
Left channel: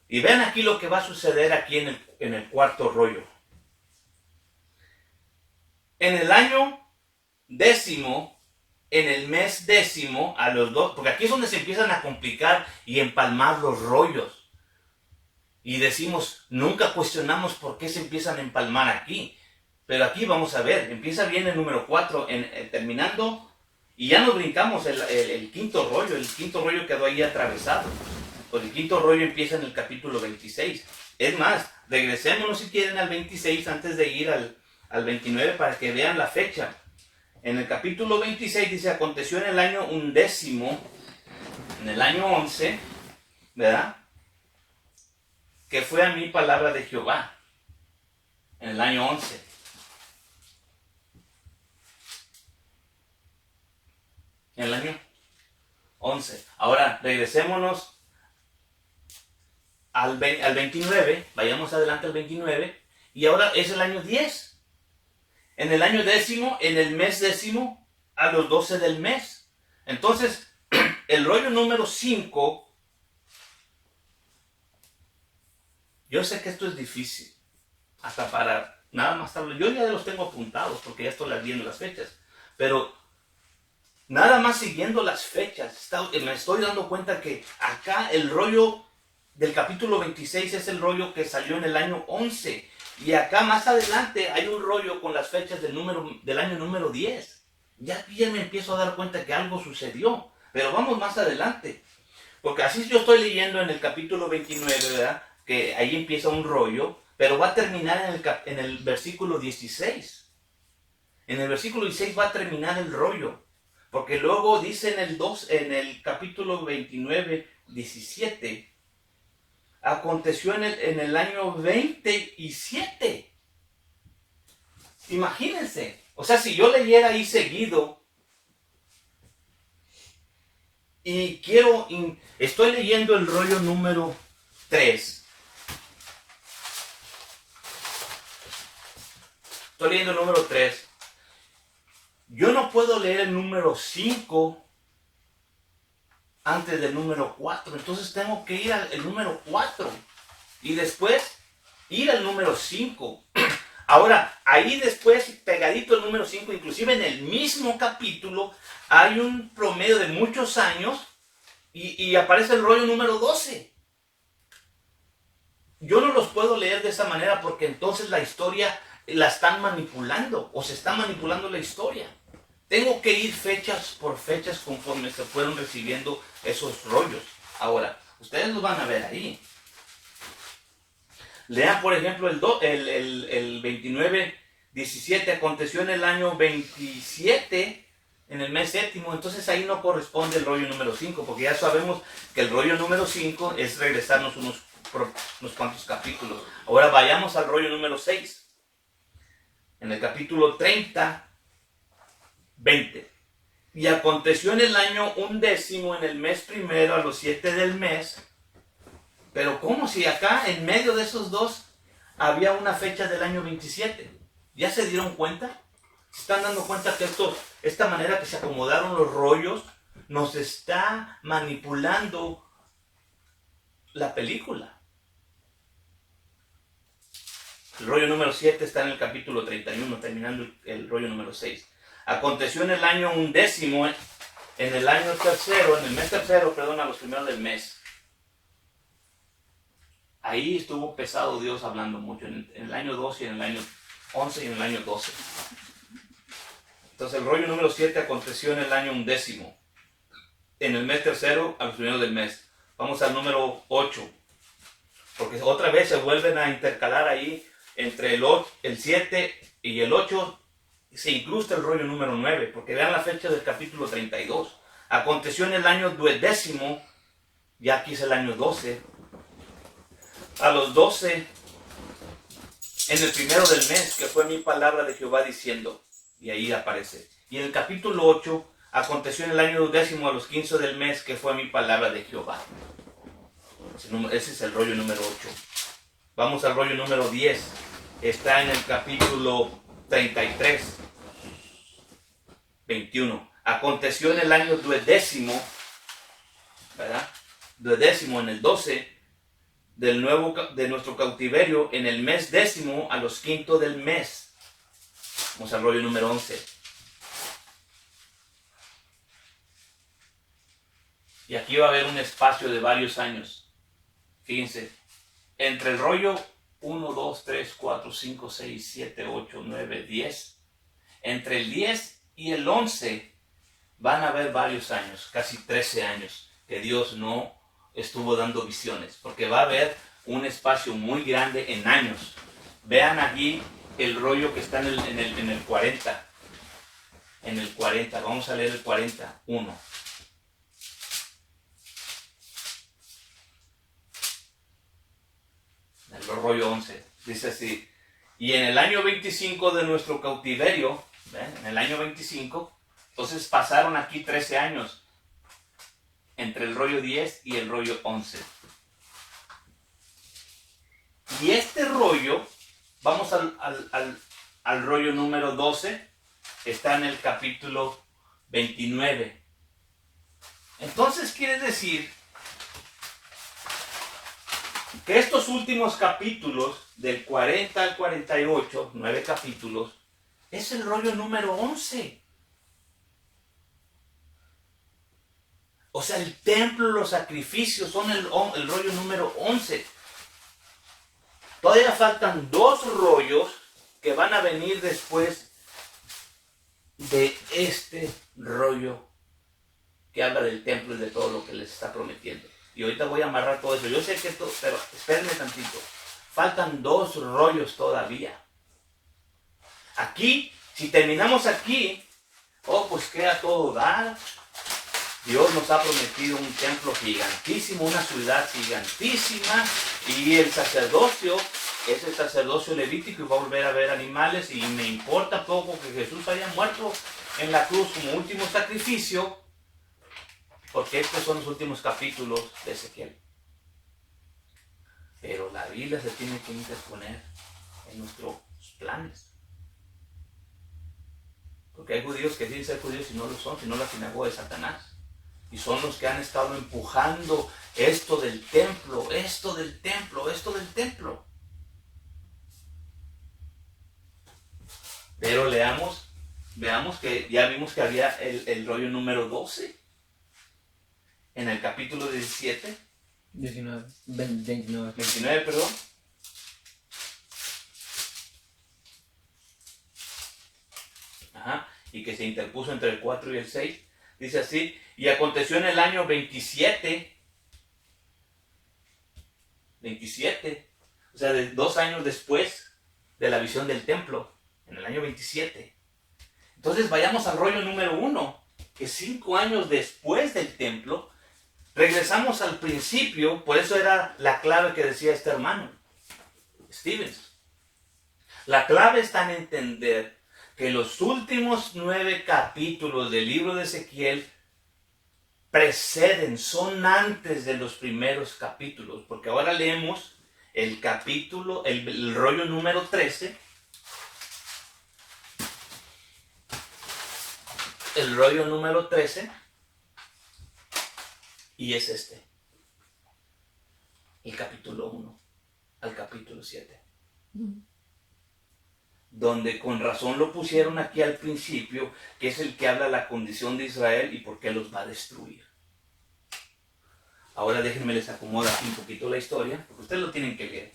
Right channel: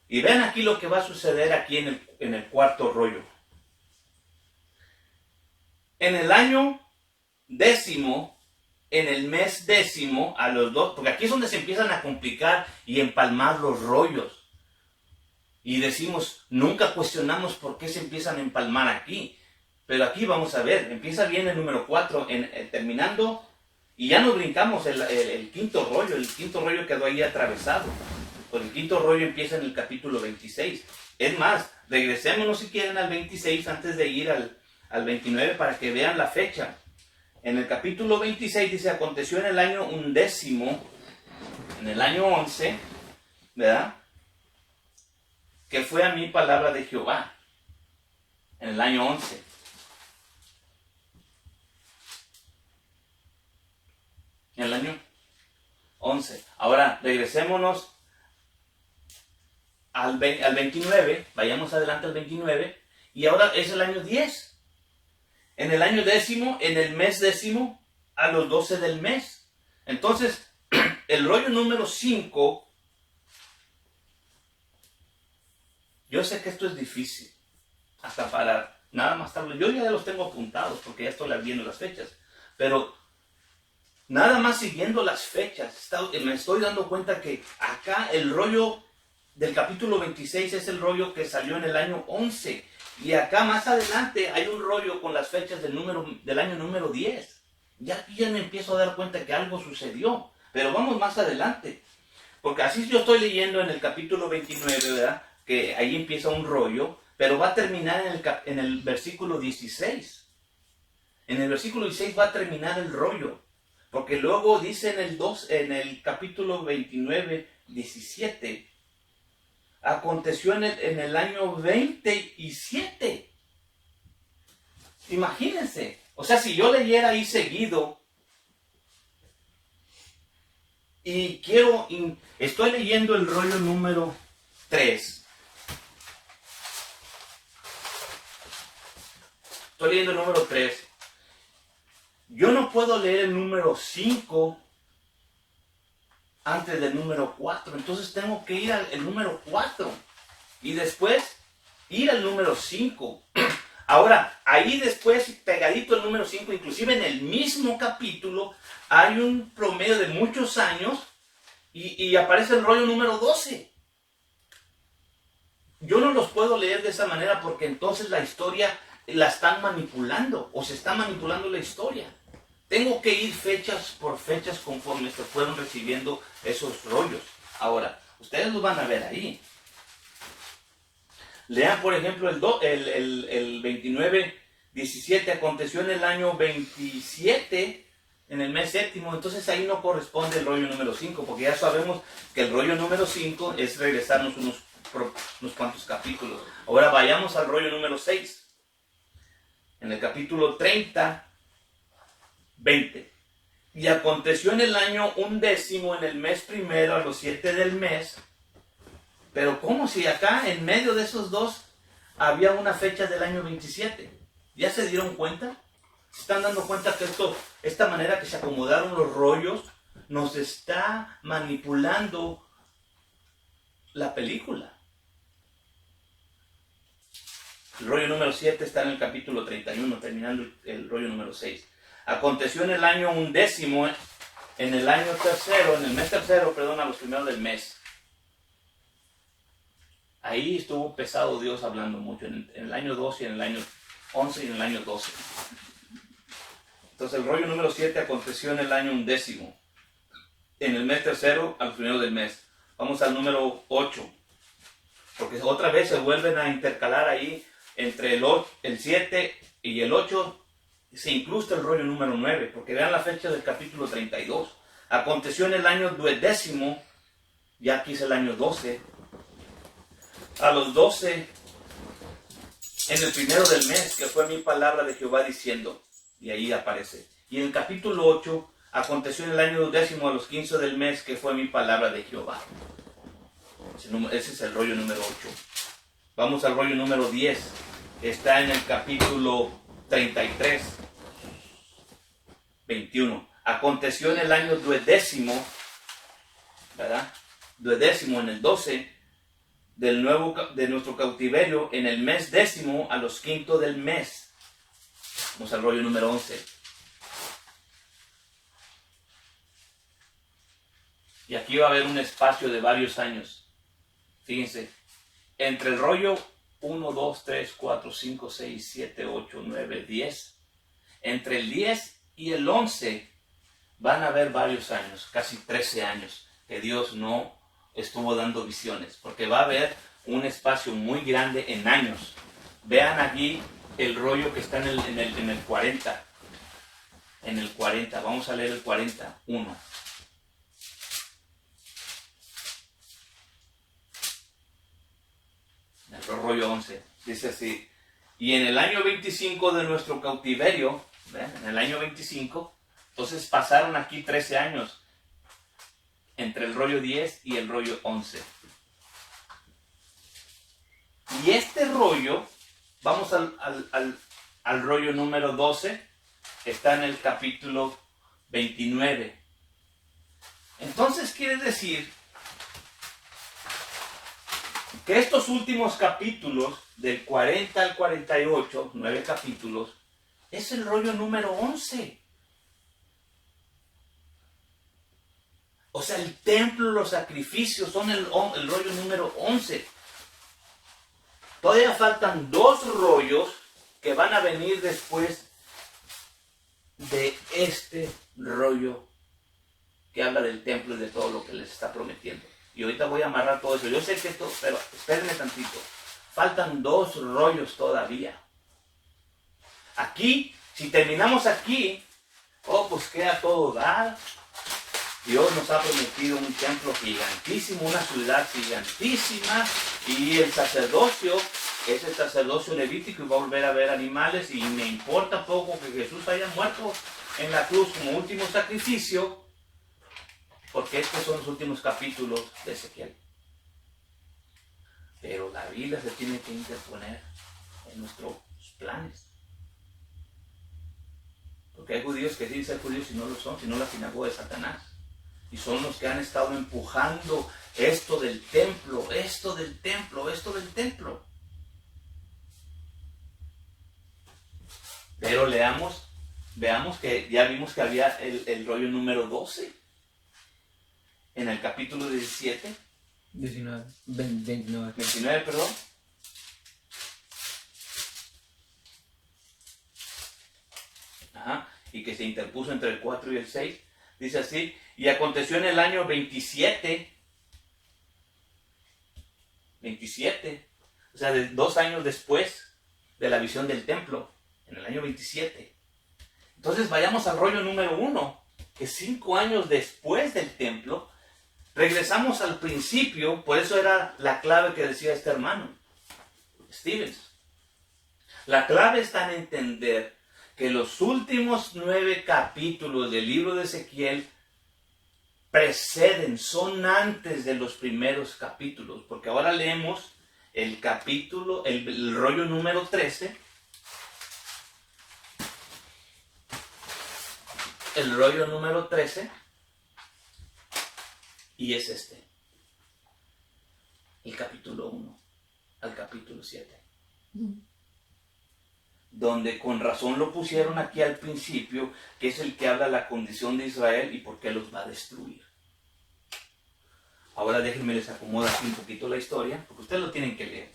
Y vean aquí lo que va a suceder aquí en el cuarto rollo. En el año 10º, en el mes 10º, a los 2, porque aquí es donde se empiezan a complicar y empalmar los rollos. Y decimos, nunca cuestionamos por qué se empiezan a empalmar aquí. Pero aquí vamos a ver, empieza bien el número 4, terminando, y ya nos brincamos el quinto rollo. El quinto rollo quedó ahí atravesado. Pues el quinto rollo empieza en el capítulo 26. Es más, regresémonos si quieren al 26 antes de ir al 29 para que vean la fecha. En el capítulo 26 dice: aconteció en el año 11, en el año 11, ¿verdad? Que fue a mí palabra de Jehová. En el año 11. En el año 11. Ahora regresémonos al 29, vayamos adelante al 29, y ahora es el año 10. En el año décimo, en el mes décimo, a los 12 del mes. Entonces, el rollo número 5, yo sé que esto es difícil, hasta para nada más tarde. Yo ya los tengo apuntados porque ya estoy viendo las fechas, pero nada más siguiendo las fechas, me estoy dando cuenta que acá el rollo del capítulo 26 es el rollo que salió en el año 11. Y acá más adelante hay un rollo con las fechas del año número 10. Ya me empiezo a dar cuenta que algo sucedió. Pero vamos más adelante. Porque así yo estoy leyendo en el capítulo 29, ¿verdad? Que ahí empieza un rollo, pero va a terminar en el versículo 16. En el versículo 16 va a terminar el rollo. Porque luego dice en el capítulo 29, 17, aconteció en el año 27. Imagínense. O sea, si yo leyera ahí seguido y estoy leyendo el rollo número 3. Estoy leyendo el número 3. Yo no puedo leer el número 5 antes del número 4. Entonces tengo que ir al número 4 y después ir al número 5. Ahora, ahí después, pegadito el número 5, inclusive en el mismo capítulo, hay un promedio de muchos años y aparece el rollo número 12. Yo no los puedo leer de esa manera porque entonces la historia la están manipulando o se está manipulando la historia. Tengo que ir fechas por fechas conforme se fueron recibiendo esos rollos. Ahora, ustedes los van a ver ahí. Lean, por ejemplo, el 29, 17, aconteció en el año 27, en el mes séptimo. Entonces ahí no corresponde el rollo número 5, porque ya sabemos que el rollo número 5 es regresarnos unos cuantos capítulos. Ahora vayamos al rollo número 6. En el capítulo 30, 20. Y aconteció en el año 11, en el mes primero, a los 7 del mes. Pero ¿cómo si acá en medio de esos dos había una fecha del año 27? ¿Ya se dieron cuenta? ¿Se están dando cuenta que esta manera que se acomodaron los rollos nos está manipulando la película? El rollo número 7 está en el capítulo 31, terminando el rollo número 6. Aconteció en el año 11, en el año tercero, en el mes tercero, perdón, a los primeros del mes. Ahí estuvo pesado Dios hablando mucho, en el año 12, en el año 11 y en el año 12. Entonces el rollo número 7 aconteció en el año 11, en el mes tercero, a los primeros del mes. Vamos al número 8, porque otra vez se vuelven a intercalar ahí entre el 7 y el 8. Se incrusta el rollo número 9, porque vean la fecha del capítulo 32. Aconteció en el año 12, ya aquí es el año 12. A los 12, en el primero del mes, que fue mi palabra de Jehová diciendo, y ahí aparece. Y en el capítulo 8, aconteció en el año 12, a los 15 del mes, que fue mi palabra de Jehová. Ese es el rollo número 8. Vamos al rollo número 10. Está en el capítulo 33, 21. Aconteció en el año 12, ¿verdad? 12, en el 12 de nuestro cautiverio, en el mes 10, a los 5 del mes. Vamos al rollo número 11. Y aquí va a haber un espacio de varios años. Fíjense, entre el rollo 1, 2, 3, 4, 5, 6, 7, 8, 9, 10. Entre el 10 y el 11 van a haber varios años, casi 13 años, que Dios no estuvo dando visiones, porque va a haber un espacio muy grande en años. Vean aquí el rollo que está en el 40. En el 40, vamos a leer el 41. El rollo 11, dice así: y en el año 25 de nuestro cautiverio, ¿ven? En el año 25, entonces pasaron aquí 13 años entre el rollo 10 y el rollo 11. Y este rollo, vamos al rollo número 12, está en el capítulo 29. Entonces quiere decir que estos últimos capítulos, del 40 al 48, 9 capítulos, es el rollo número 11. O sea, el templo, los sacrificios son el rollo número 11. Todavía faltan 2 rollos que van a venir después de este rollo que habla del templo y de todo lo que les está prometiendo. Y ahorita voy a amarrar todo eso. Yo sé que esto, pero espérenme tantito. Faltan 2 rollos todavía. Aquí, si terminamos aquí, pues queda todo dar. Dios nos ha prometido un templo gigantísimo, una ciudad gigantísima, y el sacerdocio es el sacerdocio levítico y va a volver a ver animales, y me importa poco que Jesús haya muerto en la cruz como último sacrificio, porque estos son los últimos capítulos de Ezequiel. Pero la Biblia se tiene que interponer en nuestros planes. Porque hay judíos que dicen ser judíos y no lo son, sino la sinagoga de Satanás. Y son los que han estado empujando esto del templo, esto del templo, esto del templo. Pero veamos que ya vimos que había el rollo número 12 en el capítulo 17. 29, perdón. Y que se interpuso entre el 4 y el 6. Dice así: y aconteció en el año 27, o sea, 2 años después de la visión del templo, en el año 27. Entonces vayamos al rollo número 1, que 5 años después del templo, regresamos al principio. Por eso era la clave que decía este hermano, Stevens. La clave está en entender que los últimos 9 capítulos del libro de Ezequiel preceden, son antes de los primeros capítulos, porque ahora leemos el capítulo, el rollo número 13, el rollo número 13, y es este, el capítulo 1 al capítulo 7. Donde con razón lo pusieron aquí al principio, que es el que habla de la condición de Israel y por qué los va a destruir. Ahora déjenme les acomodo aquí un poquito la historia, porque ustedes lo tienen que leer.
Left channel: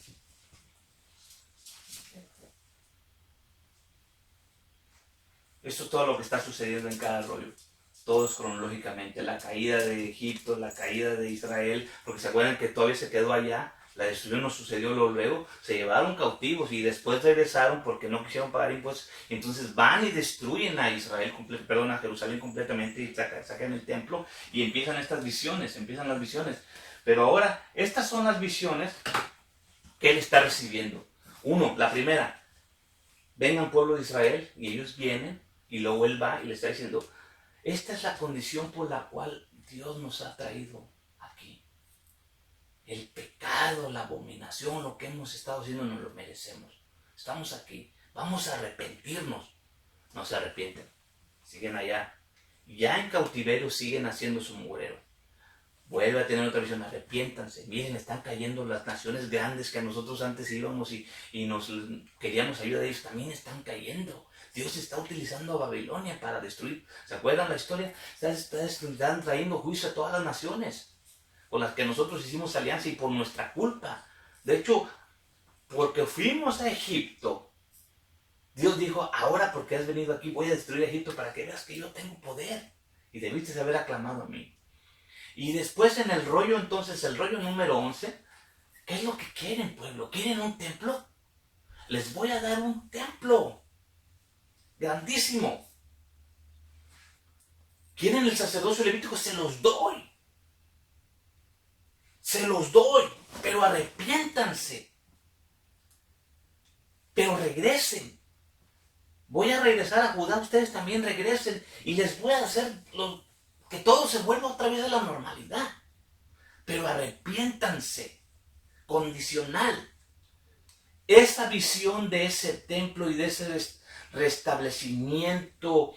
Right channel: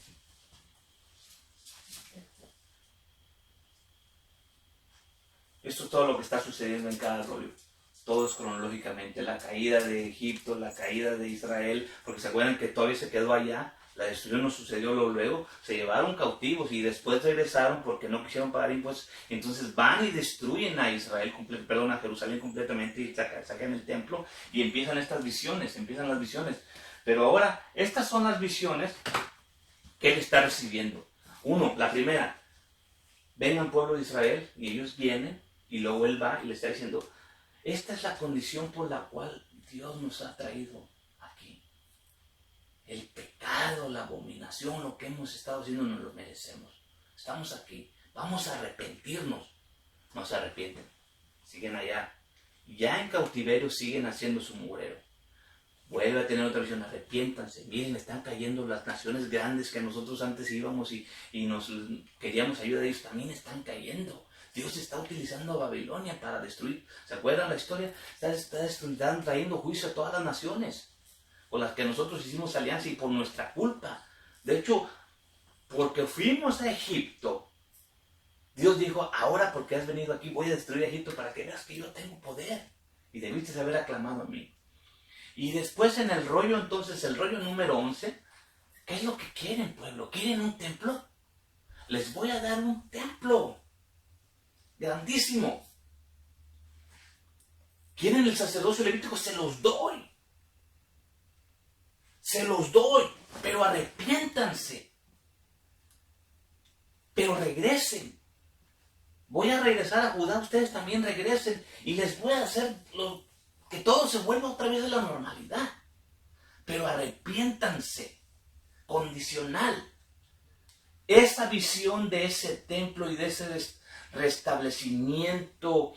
Esto es todo lo que está sucediendo en cada rollo. Todo es cronológicamente. La caída de Egipto, la caída de Israel, porque se acuerdan que todavía se quedó allá. La destrucción no sucedió luego, se llevaron cautivos y después regresaron porque no quisieron pagar impuestos. Entonces van y destruyen a Israel, a Jerusalén completamente, y sacan el templo y empiezan las visiones. Pero ahora, estas son las visiones que él está recibiendo. La primera: vengan pueblo de Israel, y ellos vienen, y luego él va y le está diciendo: esta es la condición por la cual Dios nos ha traído aquí. El pecado, la abominación, lo que hemos estado haciendo, nos lo merecemos. Estamos aquí, vamos a arrepentirnos. No se arrepienten, siguen allá. Ya en cautiverio siguen haciendo su mugrero. Vuelve a tener otra visión: arrepiéntanse. Miren, están cayendo las naciones grandes que nosotros antes íbamos y nos queríamos ayuda de ellos, también están cayendo. Dios está utilizando a Babilonia para destruir. ¿Se acuerdan la historia? Están trayendo juicio a todas las naciones con las que nosotros hicimos alianza, y por nuestra culpa. De hecho, porque fuimos a Egipto, Dios dijo: ahora porque has venido aquí, voy a destruir a Egipto para que veas que yo tengo poder. Y debiste haber aclamado a mí. Y después en el rollo, entonces, el rollo número 11, ¿qué es lo que quieren, pueblo? ¿Quieren un templo? Les voy a dar un templo grandísimo. ¿Quieren el sacerdocio levítico? Se los doy. Pero arrepiéntanse. Pero regresen. Voy a regresar a Judá, ustedes también regresen, y les voy a hacer que todo se vuelva otra vez a la normalidad. Pero arrepiéntanse. Condicional. esa visión de ese templo y de ese restablecimiento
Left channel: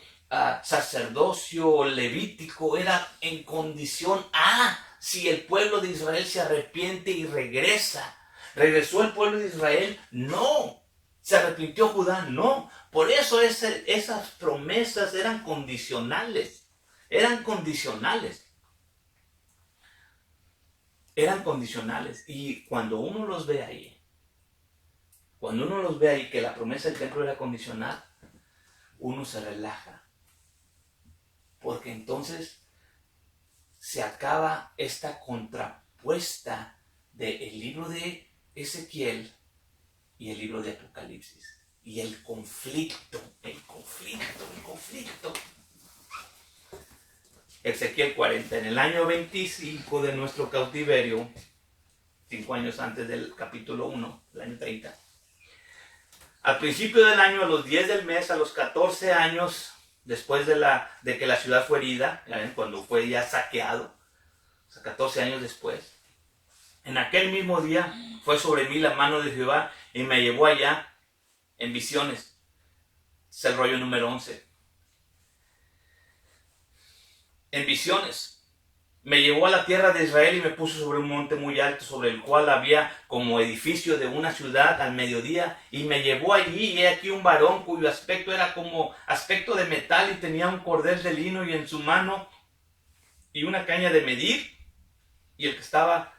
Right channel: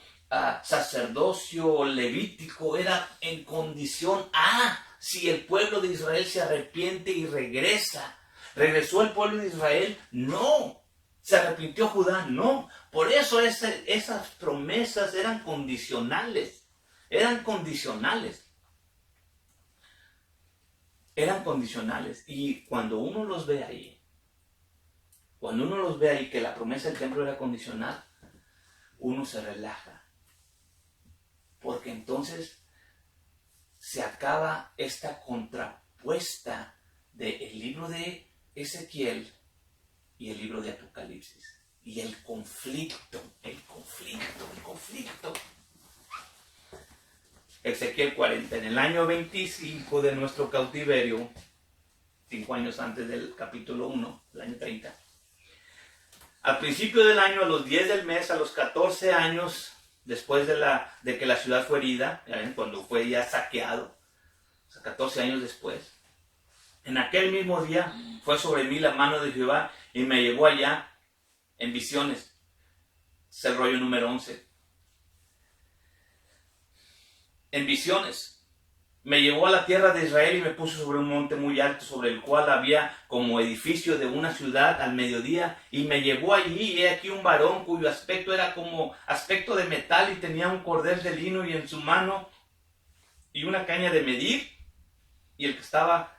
sacerdocio levítico era en condición si el pueblo de Israel se arrepiente y regresa. ¿Regresó el pueblo de Israel? No. ¿Se arrepintió Judá? No. Por eso esas promesas eran condicionales. Eran condicionales. Eran condicionales. Y cuando uno los ve ahí, que la promesa del templo era condicional, uno se relaja. Porque entonces se acaba esta contrapuesta del libro de Ezequiel y el libro de Apocalipsis. Y el conflicto. Ezequiel 40, en el año 25 de nuestro cautiverio, 5 años antes del capítulo 1, el año 30. Al principio del año, a los 10 del mes, a los 14 años, después de que la ciudad fue herida, cuando fue ya saqueado, o sea, 14 años después, en aquel mismo día fue sobre mí la mano de Jehová y me llevó allá en visiones. Es el rollo número 11. En visiones. Me llevó a la tierra de Israel y me puso sobre un monte muy alto, sobre el cual había como edificio de una ciudad al mediodía, y me llevó allí, y he aquí un varón cuyo aspecto era como aspecto de metal, y tenía un cordel de lino y en su mano y una caña de medir, y el que estaba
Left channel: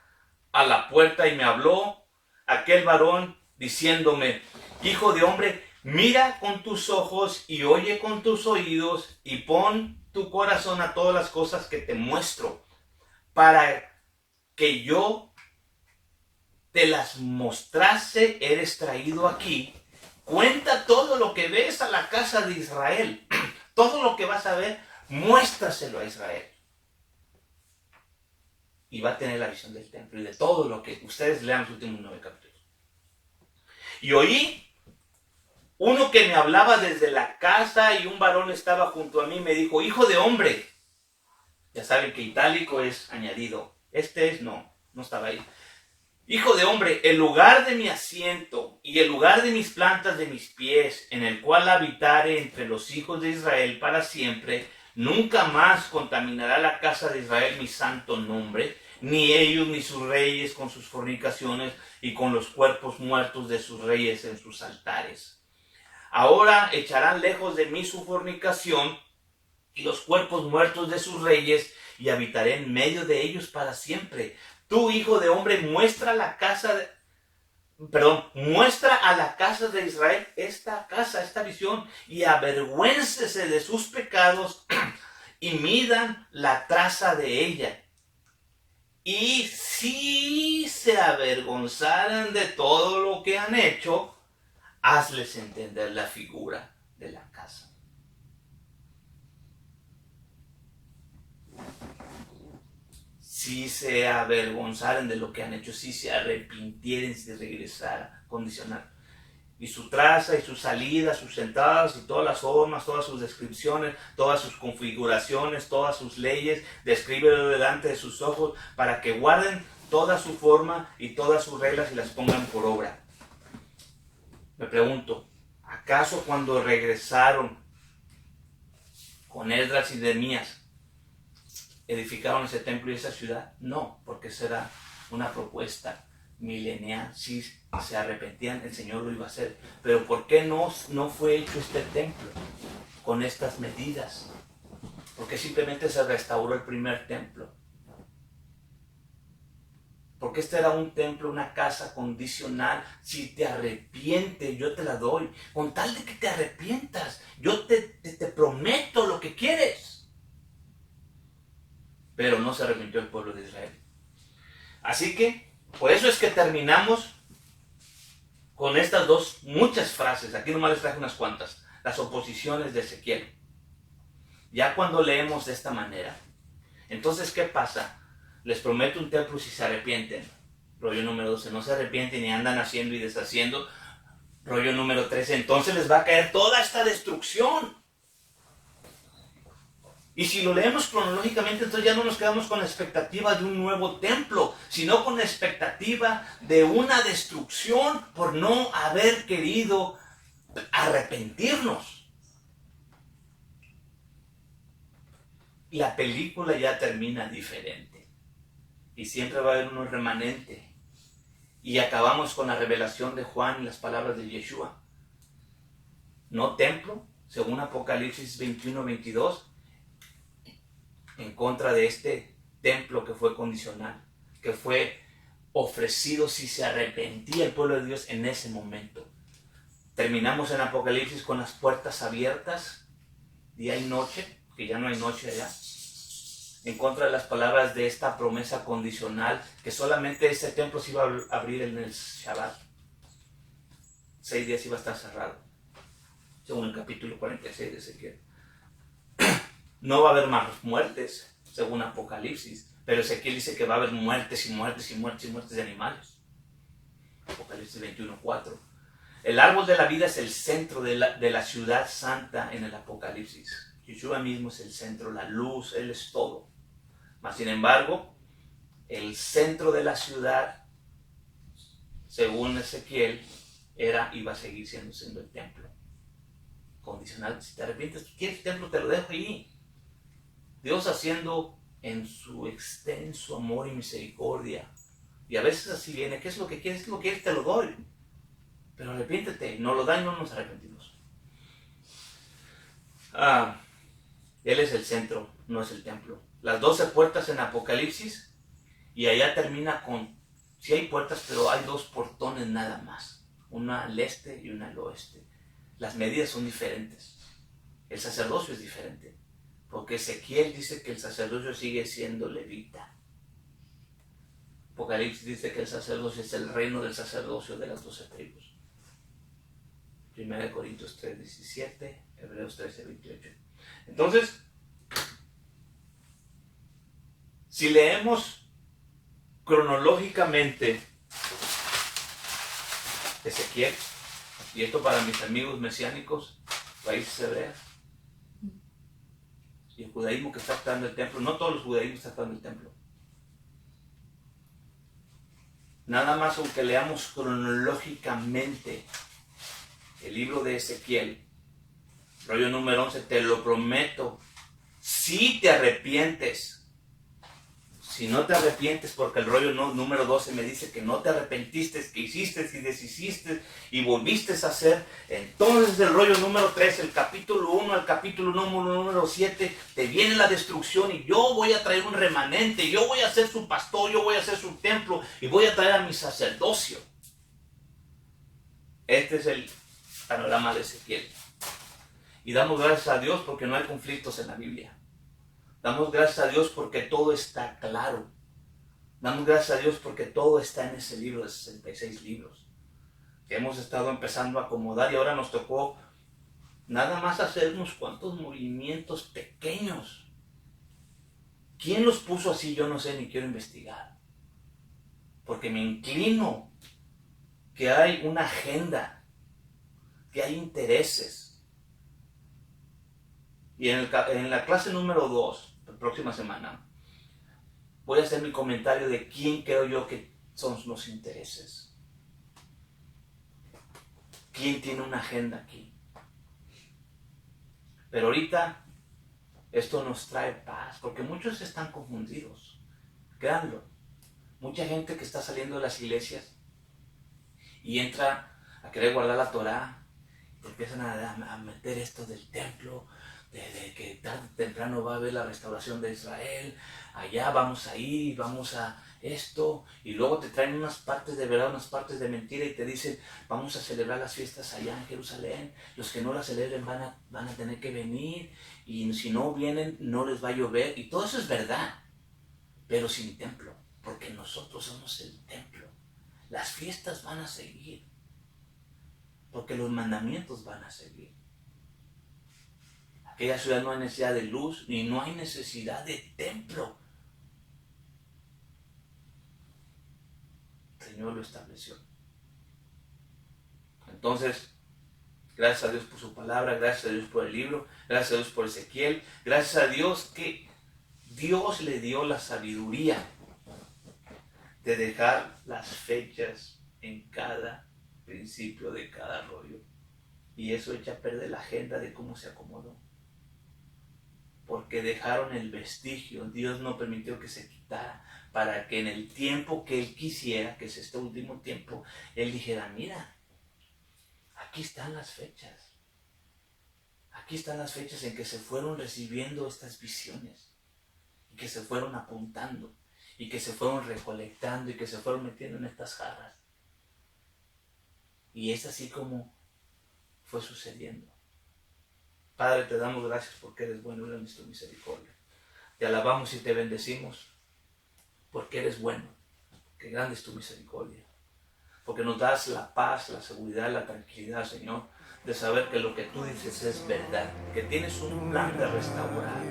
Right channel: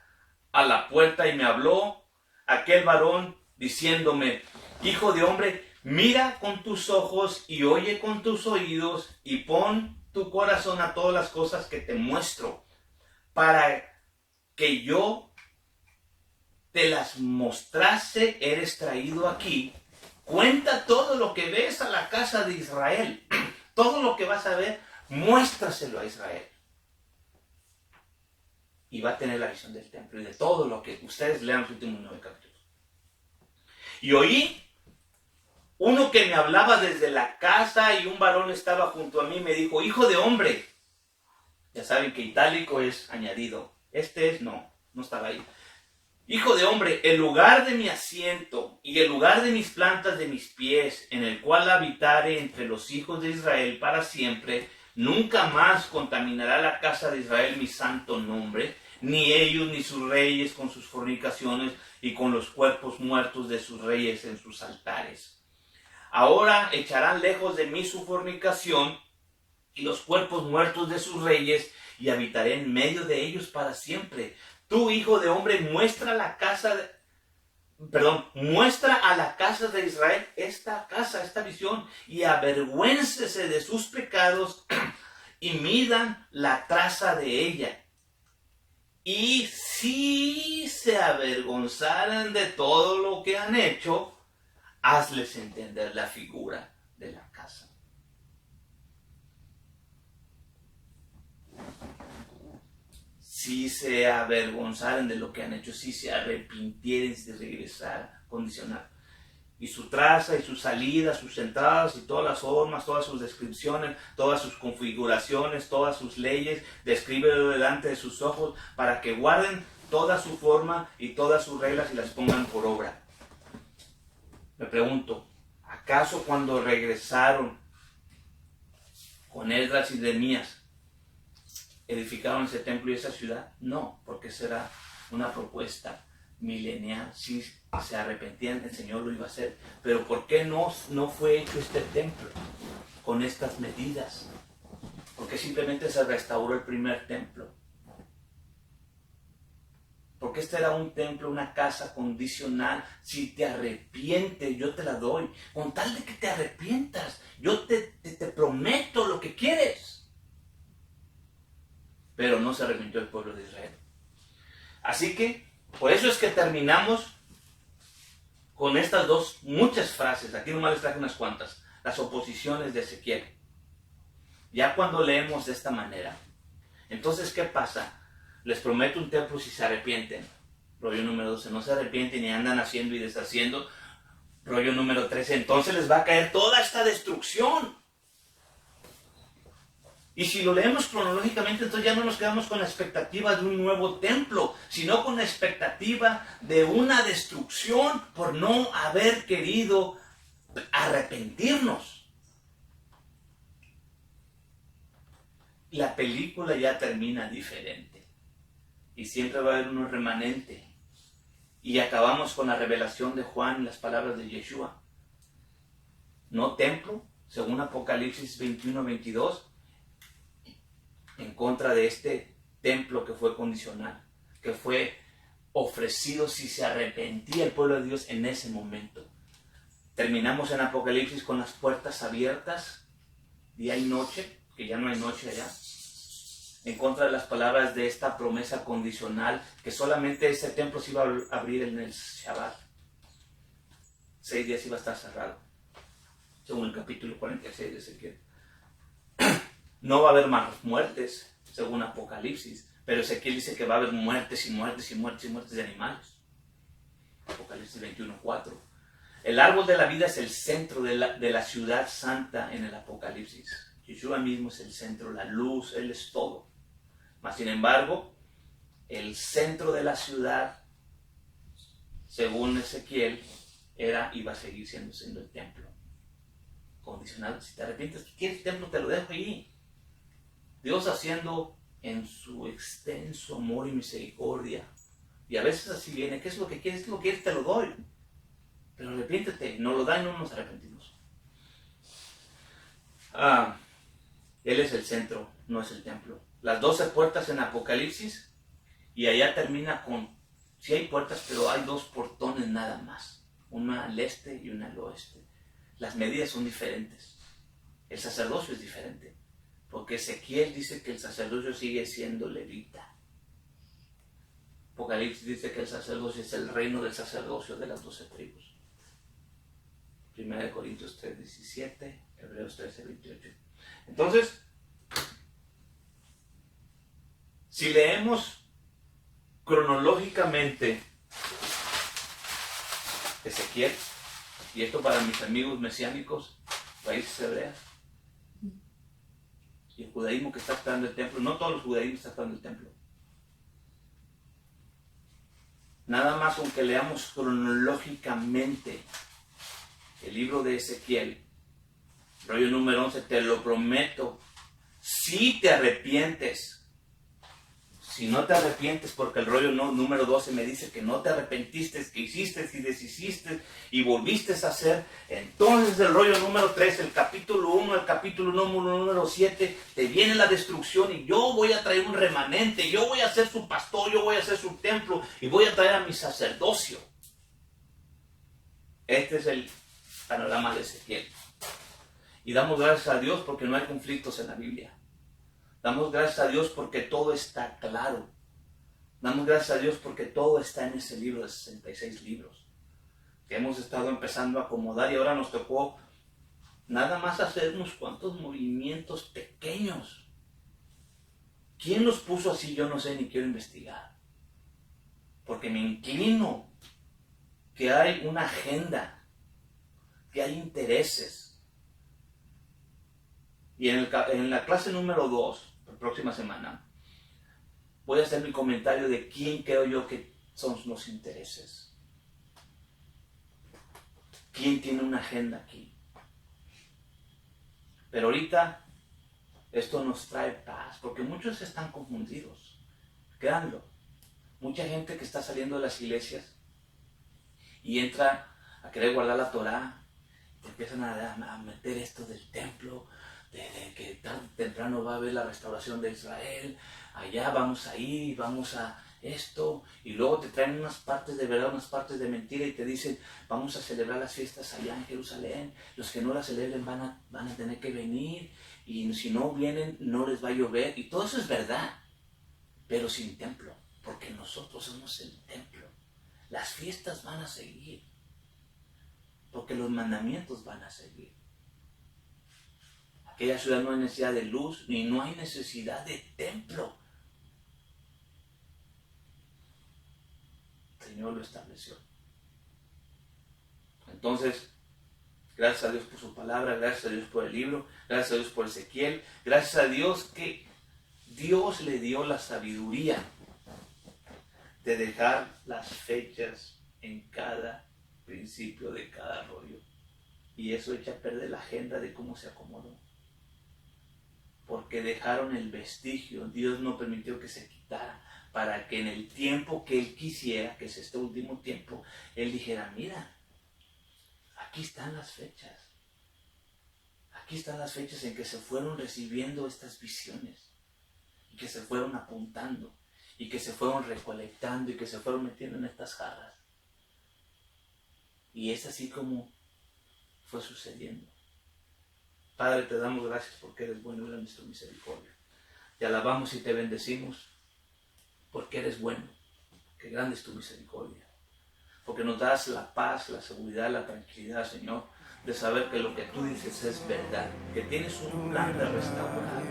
a la puerta, y me habló aquel varón diciéndome: hijo de hombre, mira con tus ojos y oye con tus oídos, y pon tu corazón a todas las cosas que te muestro, para que yo te las mostrase. Eres traído aquí. Cuenta todo lo que ves a la casa de Israel. Todo lo que vas a ver, muéstraselo a Israel. Y va a tener la visión del templo y de todo lo que ustedes lean los últimos 9 capítulos. Y oí uno que me hablaba desde la casa, y un varón estaba junto a mí, me dijo: hijo de hombre. Ya saben que itálico es añadido. No estaba ahí. Hijo de hombre, el lugar de mi asiento y el lugar de mis plantas de mis pies, en el cual habitare entre los hijos de Israel para siempre, nunca más contaminará la casa de Israel mi santo nombre, ni ellos ni sus reyes con sus fornicaciones y con los cuerpos muertos de sus reyes en sus altares. Ahora echarán lejos de mí su fornicación y los cuerpos muertos de sus reyes, y habitaré en medio de ellos para siempre. Tú, hijo de hombre, muestra a la casa de Israel esta visión, y avergüéncese de sus pecados, y midan la traza de ella. Y si se avergonzaran de todo lo que han hecho, hazles entender la figura de la casa. Si se avergonzaran de lo que han hecho, si se arrepintieren de regresar, condicional. Y su traza y su salida, sus entradas y todas las formas, todas sus descripciones, todas sus configuraciones, todas sus leyes, descríbelo delante de sus ojos, para que guarden toda su forma y todas sus reglas y las pongan por obra. Me pregunto, ¿acaso cuando regresaron con Esdras y Nehemías edificaron ese templo y esa ciudad? No, porque será una propuesta milenial. Si se arrepentían, el Señor lo iba a hacer. Pero ¿por qué no fue hecho este templo con estas medidas? Porque simplemente se restauró el primer templo. Porque este era un templo, una casa condicional. Si te arrepientes, yo te la doy. Con tal de que te arrepientas, yo te prometo lo que quieres. Pero no se arrepintió el pueblo de Israel. Así que, por eso es que terminamos con estas muchas frases. Aquí nomás les traje unas cuantas. Las oposiciones de Ezequiel. Ya cuando leemos de esta manera, entonces, ¿qué pasa? Les prometo un templo si se arrepienten. Rollo número 12, no se arrepienten y andan haciendo y deshaciendo. Rollo número 13, entonces les va a caer toda esta destrucción. Y si lo leemos cronológicamente, entonces ya no nos quedamos con la expectativa de un nuevo templo, sino con la expectativa de una destrucción por no haber querido arrepentirnos. La película ya termina diferente. Y siempre va a haber un remanente. Y acabamos con la revelación de Juan y las palabras de Yeshua. No templo, según Apocalipsis 21-22, en contra de este templo que fue condicional, que fue ofrecido si se arrepentía el pueblo de Dios en ese momento. Terminamos en Apocalipsis con las puertas abiertas, día y noche, que ya no hay noche allá, en contra de las palabras de esta promesa condicional, que solamente ese templo se iba a abrir en el Shabbat. 6 días iba a estar cerrado, según el capítulo 46 de Ezequiel. No va a haber más muertes, según Apocalipsis, pero Ezequiel dice que va a haber muertes y muertes y muertes y muertes de animales. Apocalipsis 21:4. El árbol de la vida es el centro de la ciudad santa en el Apocalipsis. Yeshua mismo es el centro, la luz, Él es todo. Mas sin embargo, el centro de la ciudad, según Ezequiel, iba a seguir siendo el templo. Condicional, si te arrepientes, ¿quieres templo? Te lo dejo ahí. Dios haciendo en su extenso amor y misericordia. Y a veces así viene, ¿qué es lo que quieres? ¿Qué es lo que quieres? Te lo doy. Pero arrepiéntete, no lo da y no nos arrepentimos. Él es el centro, no es el templo. Las 12 puertas en Apocalipsis, y allá termina con, sí hay puertas, pero hay 2 portones nada más. Una al este y una al oeste. Las medidas son diferentes. El sacerdocio es diferente. Porque Ezequiel dice que el sacerdocio sigue siendo levita. Apocalipsis dice que el sacerdocio es el reino del sacerdocio de las 12 tribus. 1 Corintios 3:17, Hebreos 13:28. Entonces, si leemos cronológicamente Ezequiel, y esto para mis amigos mesiánicos, raíces hebreas, y el judaísmo que está esperando el templo, no todos los judaísmos están esperando el templo. Nada más aunque leamos cronológicamente el libro de Ezequiel, rollo número 11, te lo prometo, si te arrepientes. Si no te arrepientes, porque el rollo número 12 me dice que no te arrepentiste, que hiciste y deshiciste y volviste a hacer, entonces el rollo número 3, el capítulo 1, el capítulo número 7, te viene la destrucción y yo voy a traer un remanente, yo voy a ser su pastor, yo voy a ser su templo y voy a traer a mi sacerdocio. Este es el panorama de Ezequiel. Y damos gracias a Dios porque no hay conflictos en la Biblia. Damos gracias a Dios porque todo está claro. Damos gracias a Dios porque todo está en ese libro de 66 libros que hemos estado empezando a acomodar, y ahora nos tocó nada más hacer unos cuantos movimientos pequeños. ¿Quién los puso así? Yo no sé, ni quiero investigar. Porque me inclino que hay una agenda, que hay intereses. Y en la clase número 2, la próxima semana, voy a hacer mi comentario de quién creo yo que son los intereses. ¿Quién tiene una agenda aquí? Pero ahorita esto nos trae paz, porque muchos están confundidos. Créanlo. Mucha gente que está saliendo de las iglesias y entra a querer guardar la Torá, te empiezan a meter esto del templo, de que tarde o temprano va a haber la restauración de Israel, allá vamos a ir, vamos a esto, y luego te traen unas partes de verdad, unas partes de mentira, y te dicen, vamos a celebrar las fiestas allá en Jerusalén, los que no las celebren van a tener que venir, y si no vienen no les va a llover, y todo eso es verdad, pero sin templo, porque nosotros somos el templo. Las fiestas van a seguir, porque los mandamientos van a seguir. Aquella ciudad no hay necesidad de luz, ni no hay necesidad de templo. El Señor lo estableció. Entonces, Gracias a Dios por su palabra, gracias a Dios por el libro, gracias a Dios por Ezequiel, gracias a Dios que Dios le dio la sabiduría de dejar las fechas en cada principio de cada rollo. Y eso echa a perder la agenda de cómo se acomodó. Porque dejaron el vestigio, Dios no permitió que se quitara, para que en el tiempo que Él quisiera, que es este último tiempo, Él dijera, mira, aquí están las fechas. Aquí están las fechas en que se fueron recibiendo estas visiones, y que se fueron apuntando, y que se fueron recolectando, y que se fueron metiendo en estas jarras. Y es así como fue sucediendo. Padre, te damos gracias porque eres bueno y grande es tu misericordia. Te alabamos y te bendecimos porque eres bueno, que grande es tu misericordia. Porque nos das la paz, la seguridad, la tranquilidad, Señor, de saber que lo que tú dices es verdad, que tienes un plan de restaurar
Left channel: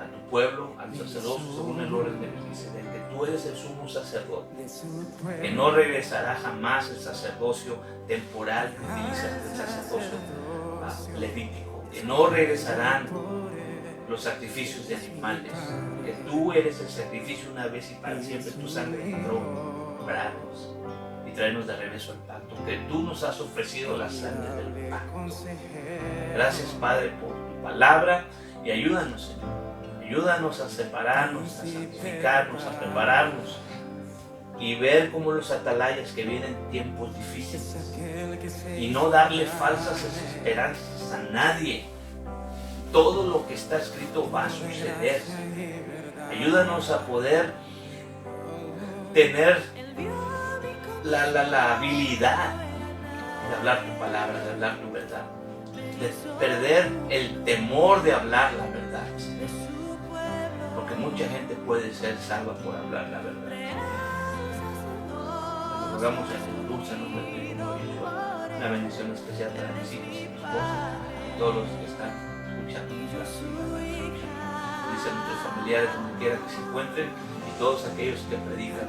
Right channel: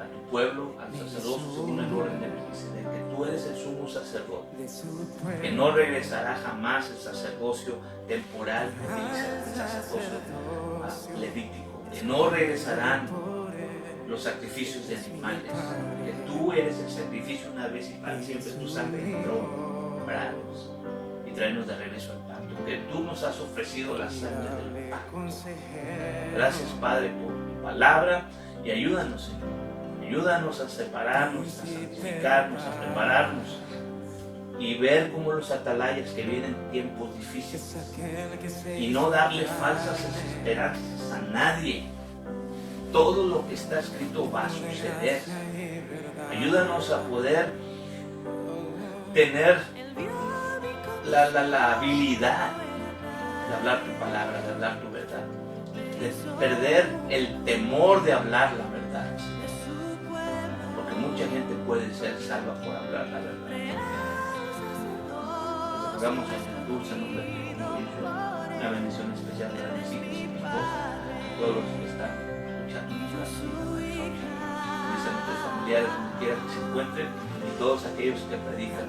a tu pueblo, al sacerdocio, según el orden de Melquisedec, que tú eres el sumo sacerdote, que no regresará jamás el sacerdocio temporal que utiliza el sacerdocio levítico, que no regresarán los sacrificios de animales, que tú eres el sacrificio una vez y para siempre, tu sangre entró comprarnos y traernos de regreso al pacto, que tú nos has ofrecido la sangre del pacto. Gracias, Padre, por tu palabra y ayúdanos, Señor. Ayúdanos a separarnos, a santificarnos, a prepararnos y ver cómo los atalayas que vienen tiempos difíciles y no darle falsas esperanzas a nadie. Todo lo que está escrito va a suceder. Ayúdanos a poder tener la habilidad de hablar tu palabra, de hablar tu verdad, de perder el temor de hablar la verdad. Porque mucha gente puede ser salva por hablar la verdad. Nos rogamos a tu dulce nombre de Cristo Jesús. Una bendición especial para mis hijos y mi esposa, a todos los que están escuchando. Dice a nuestros familiares donde quiera que se encuentren y todos aquellos que predican.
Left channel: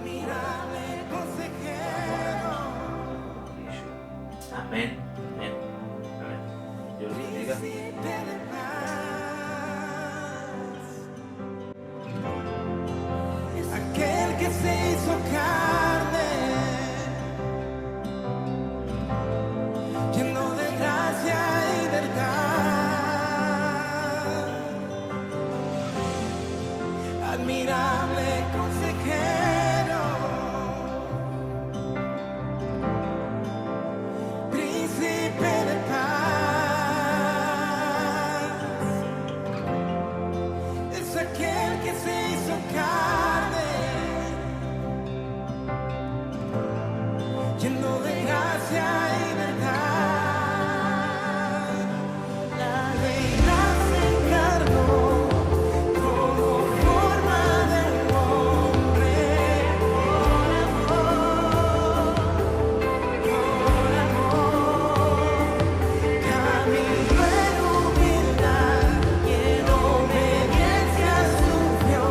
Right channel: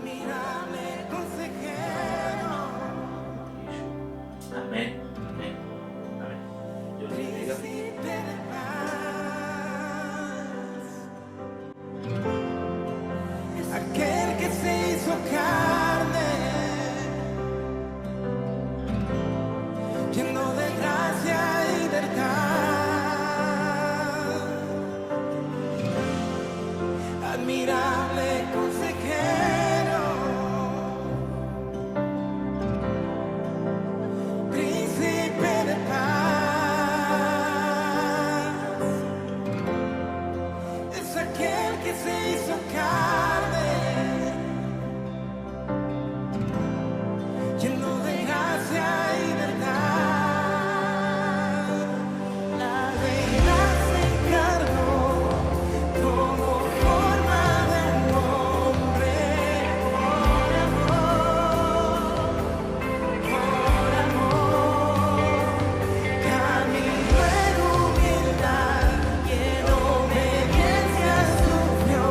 Amén. Amén. Amén. Dios les bendiga. Aquel que se hizo carne, lleno de gracia y verdad, admirable consejero, príncipe de paz, es aquel que se hizo carne, lleno de gracia y verdad. La deidad se encarnó, tomó forma de un hombre, por amor, caminó en humildad y en obediencia sufrió.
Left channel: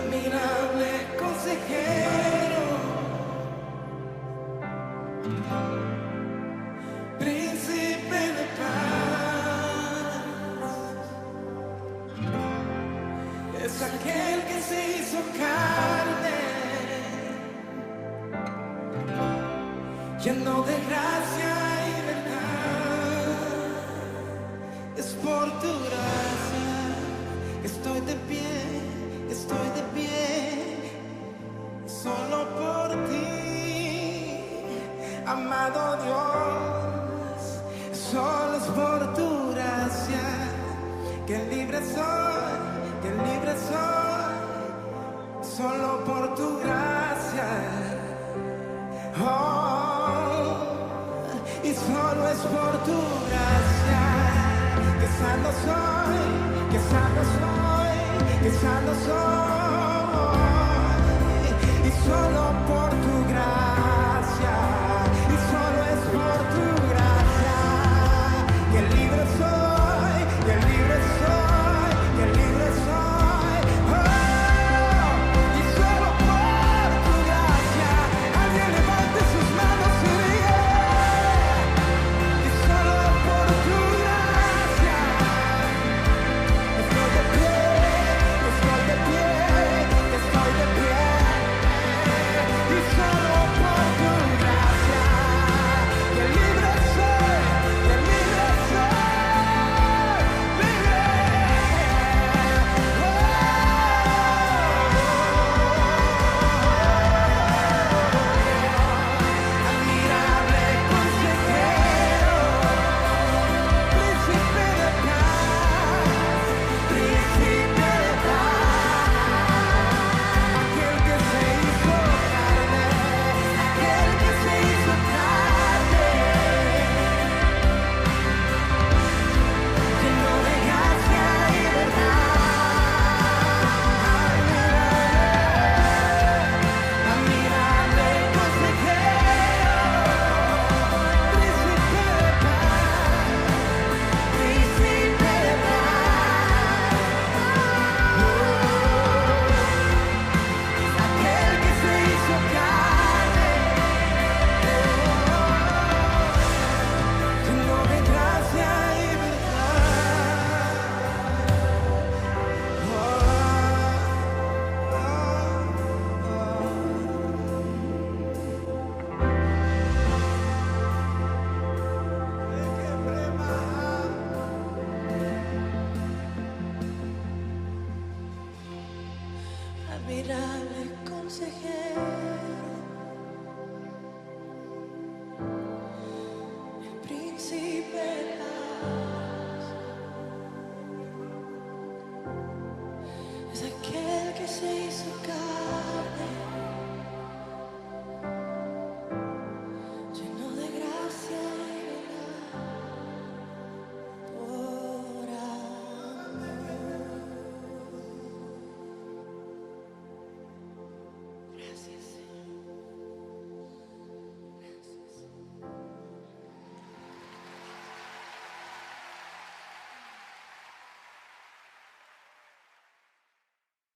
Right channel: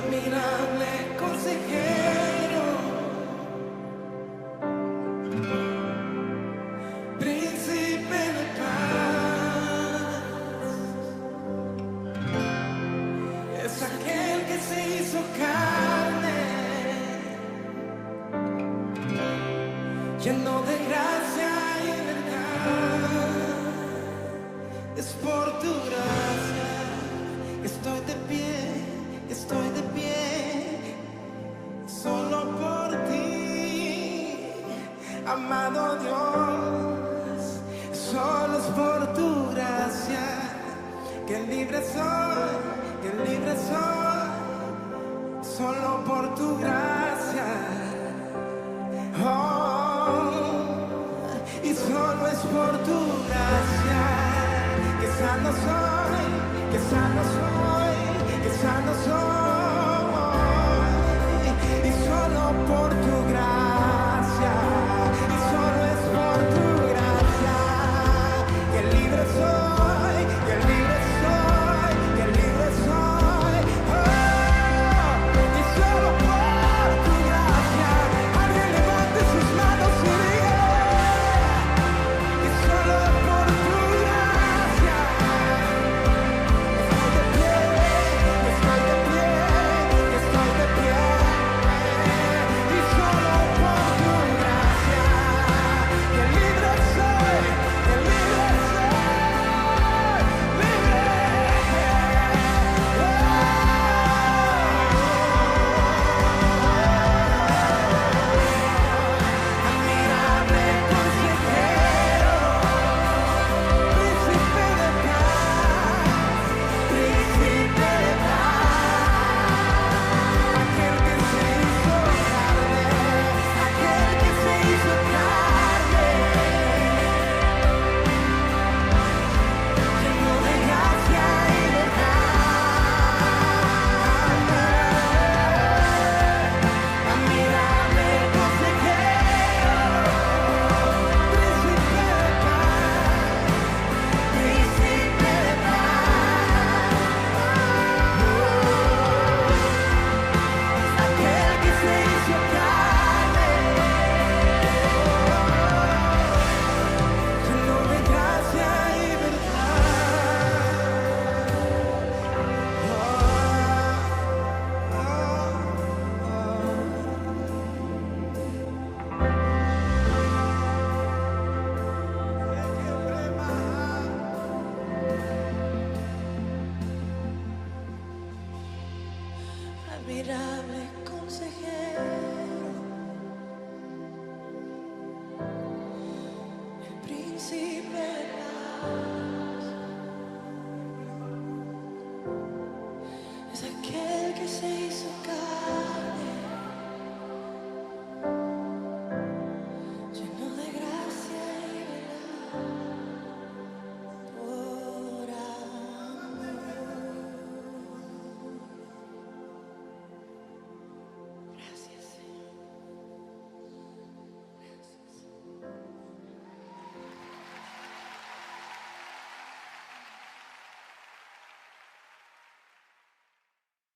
admirable consejero, príncipe de paz, es aquel que se hizo carne, lleno de gracia y verdad. Es por tu gracia que estoy de pie, que estoy de pie, solo por ti, amado Dios. Solo es por tu gracia que libre soy, que libre soy, solo por tu gracia. Oh, y solo es por tu gracia que sano soy, que sano soy, que sano soy. Y solo por tu gracia, y solo es por tu gracia que libre soy, que libre soy, que libre soy. Oh, y solo por tu gracia, alguien levante sus manos y diga, y solo por tu gracia estoy de pie, estoy de pie, estoy de pie. Y solo por tu gracia que libre soy, que libre soy, libre. Admirable consejero, príncipe de paz, príncipe de paz, aquel que se hizo carne, aquel que se hizo carne, lleno de gracia y verdad. Admirable consejero, príncipe de paz, príncipe de paz. Es aquel que se hizo carne, lleno de gracia y verdad. Admirable consejero,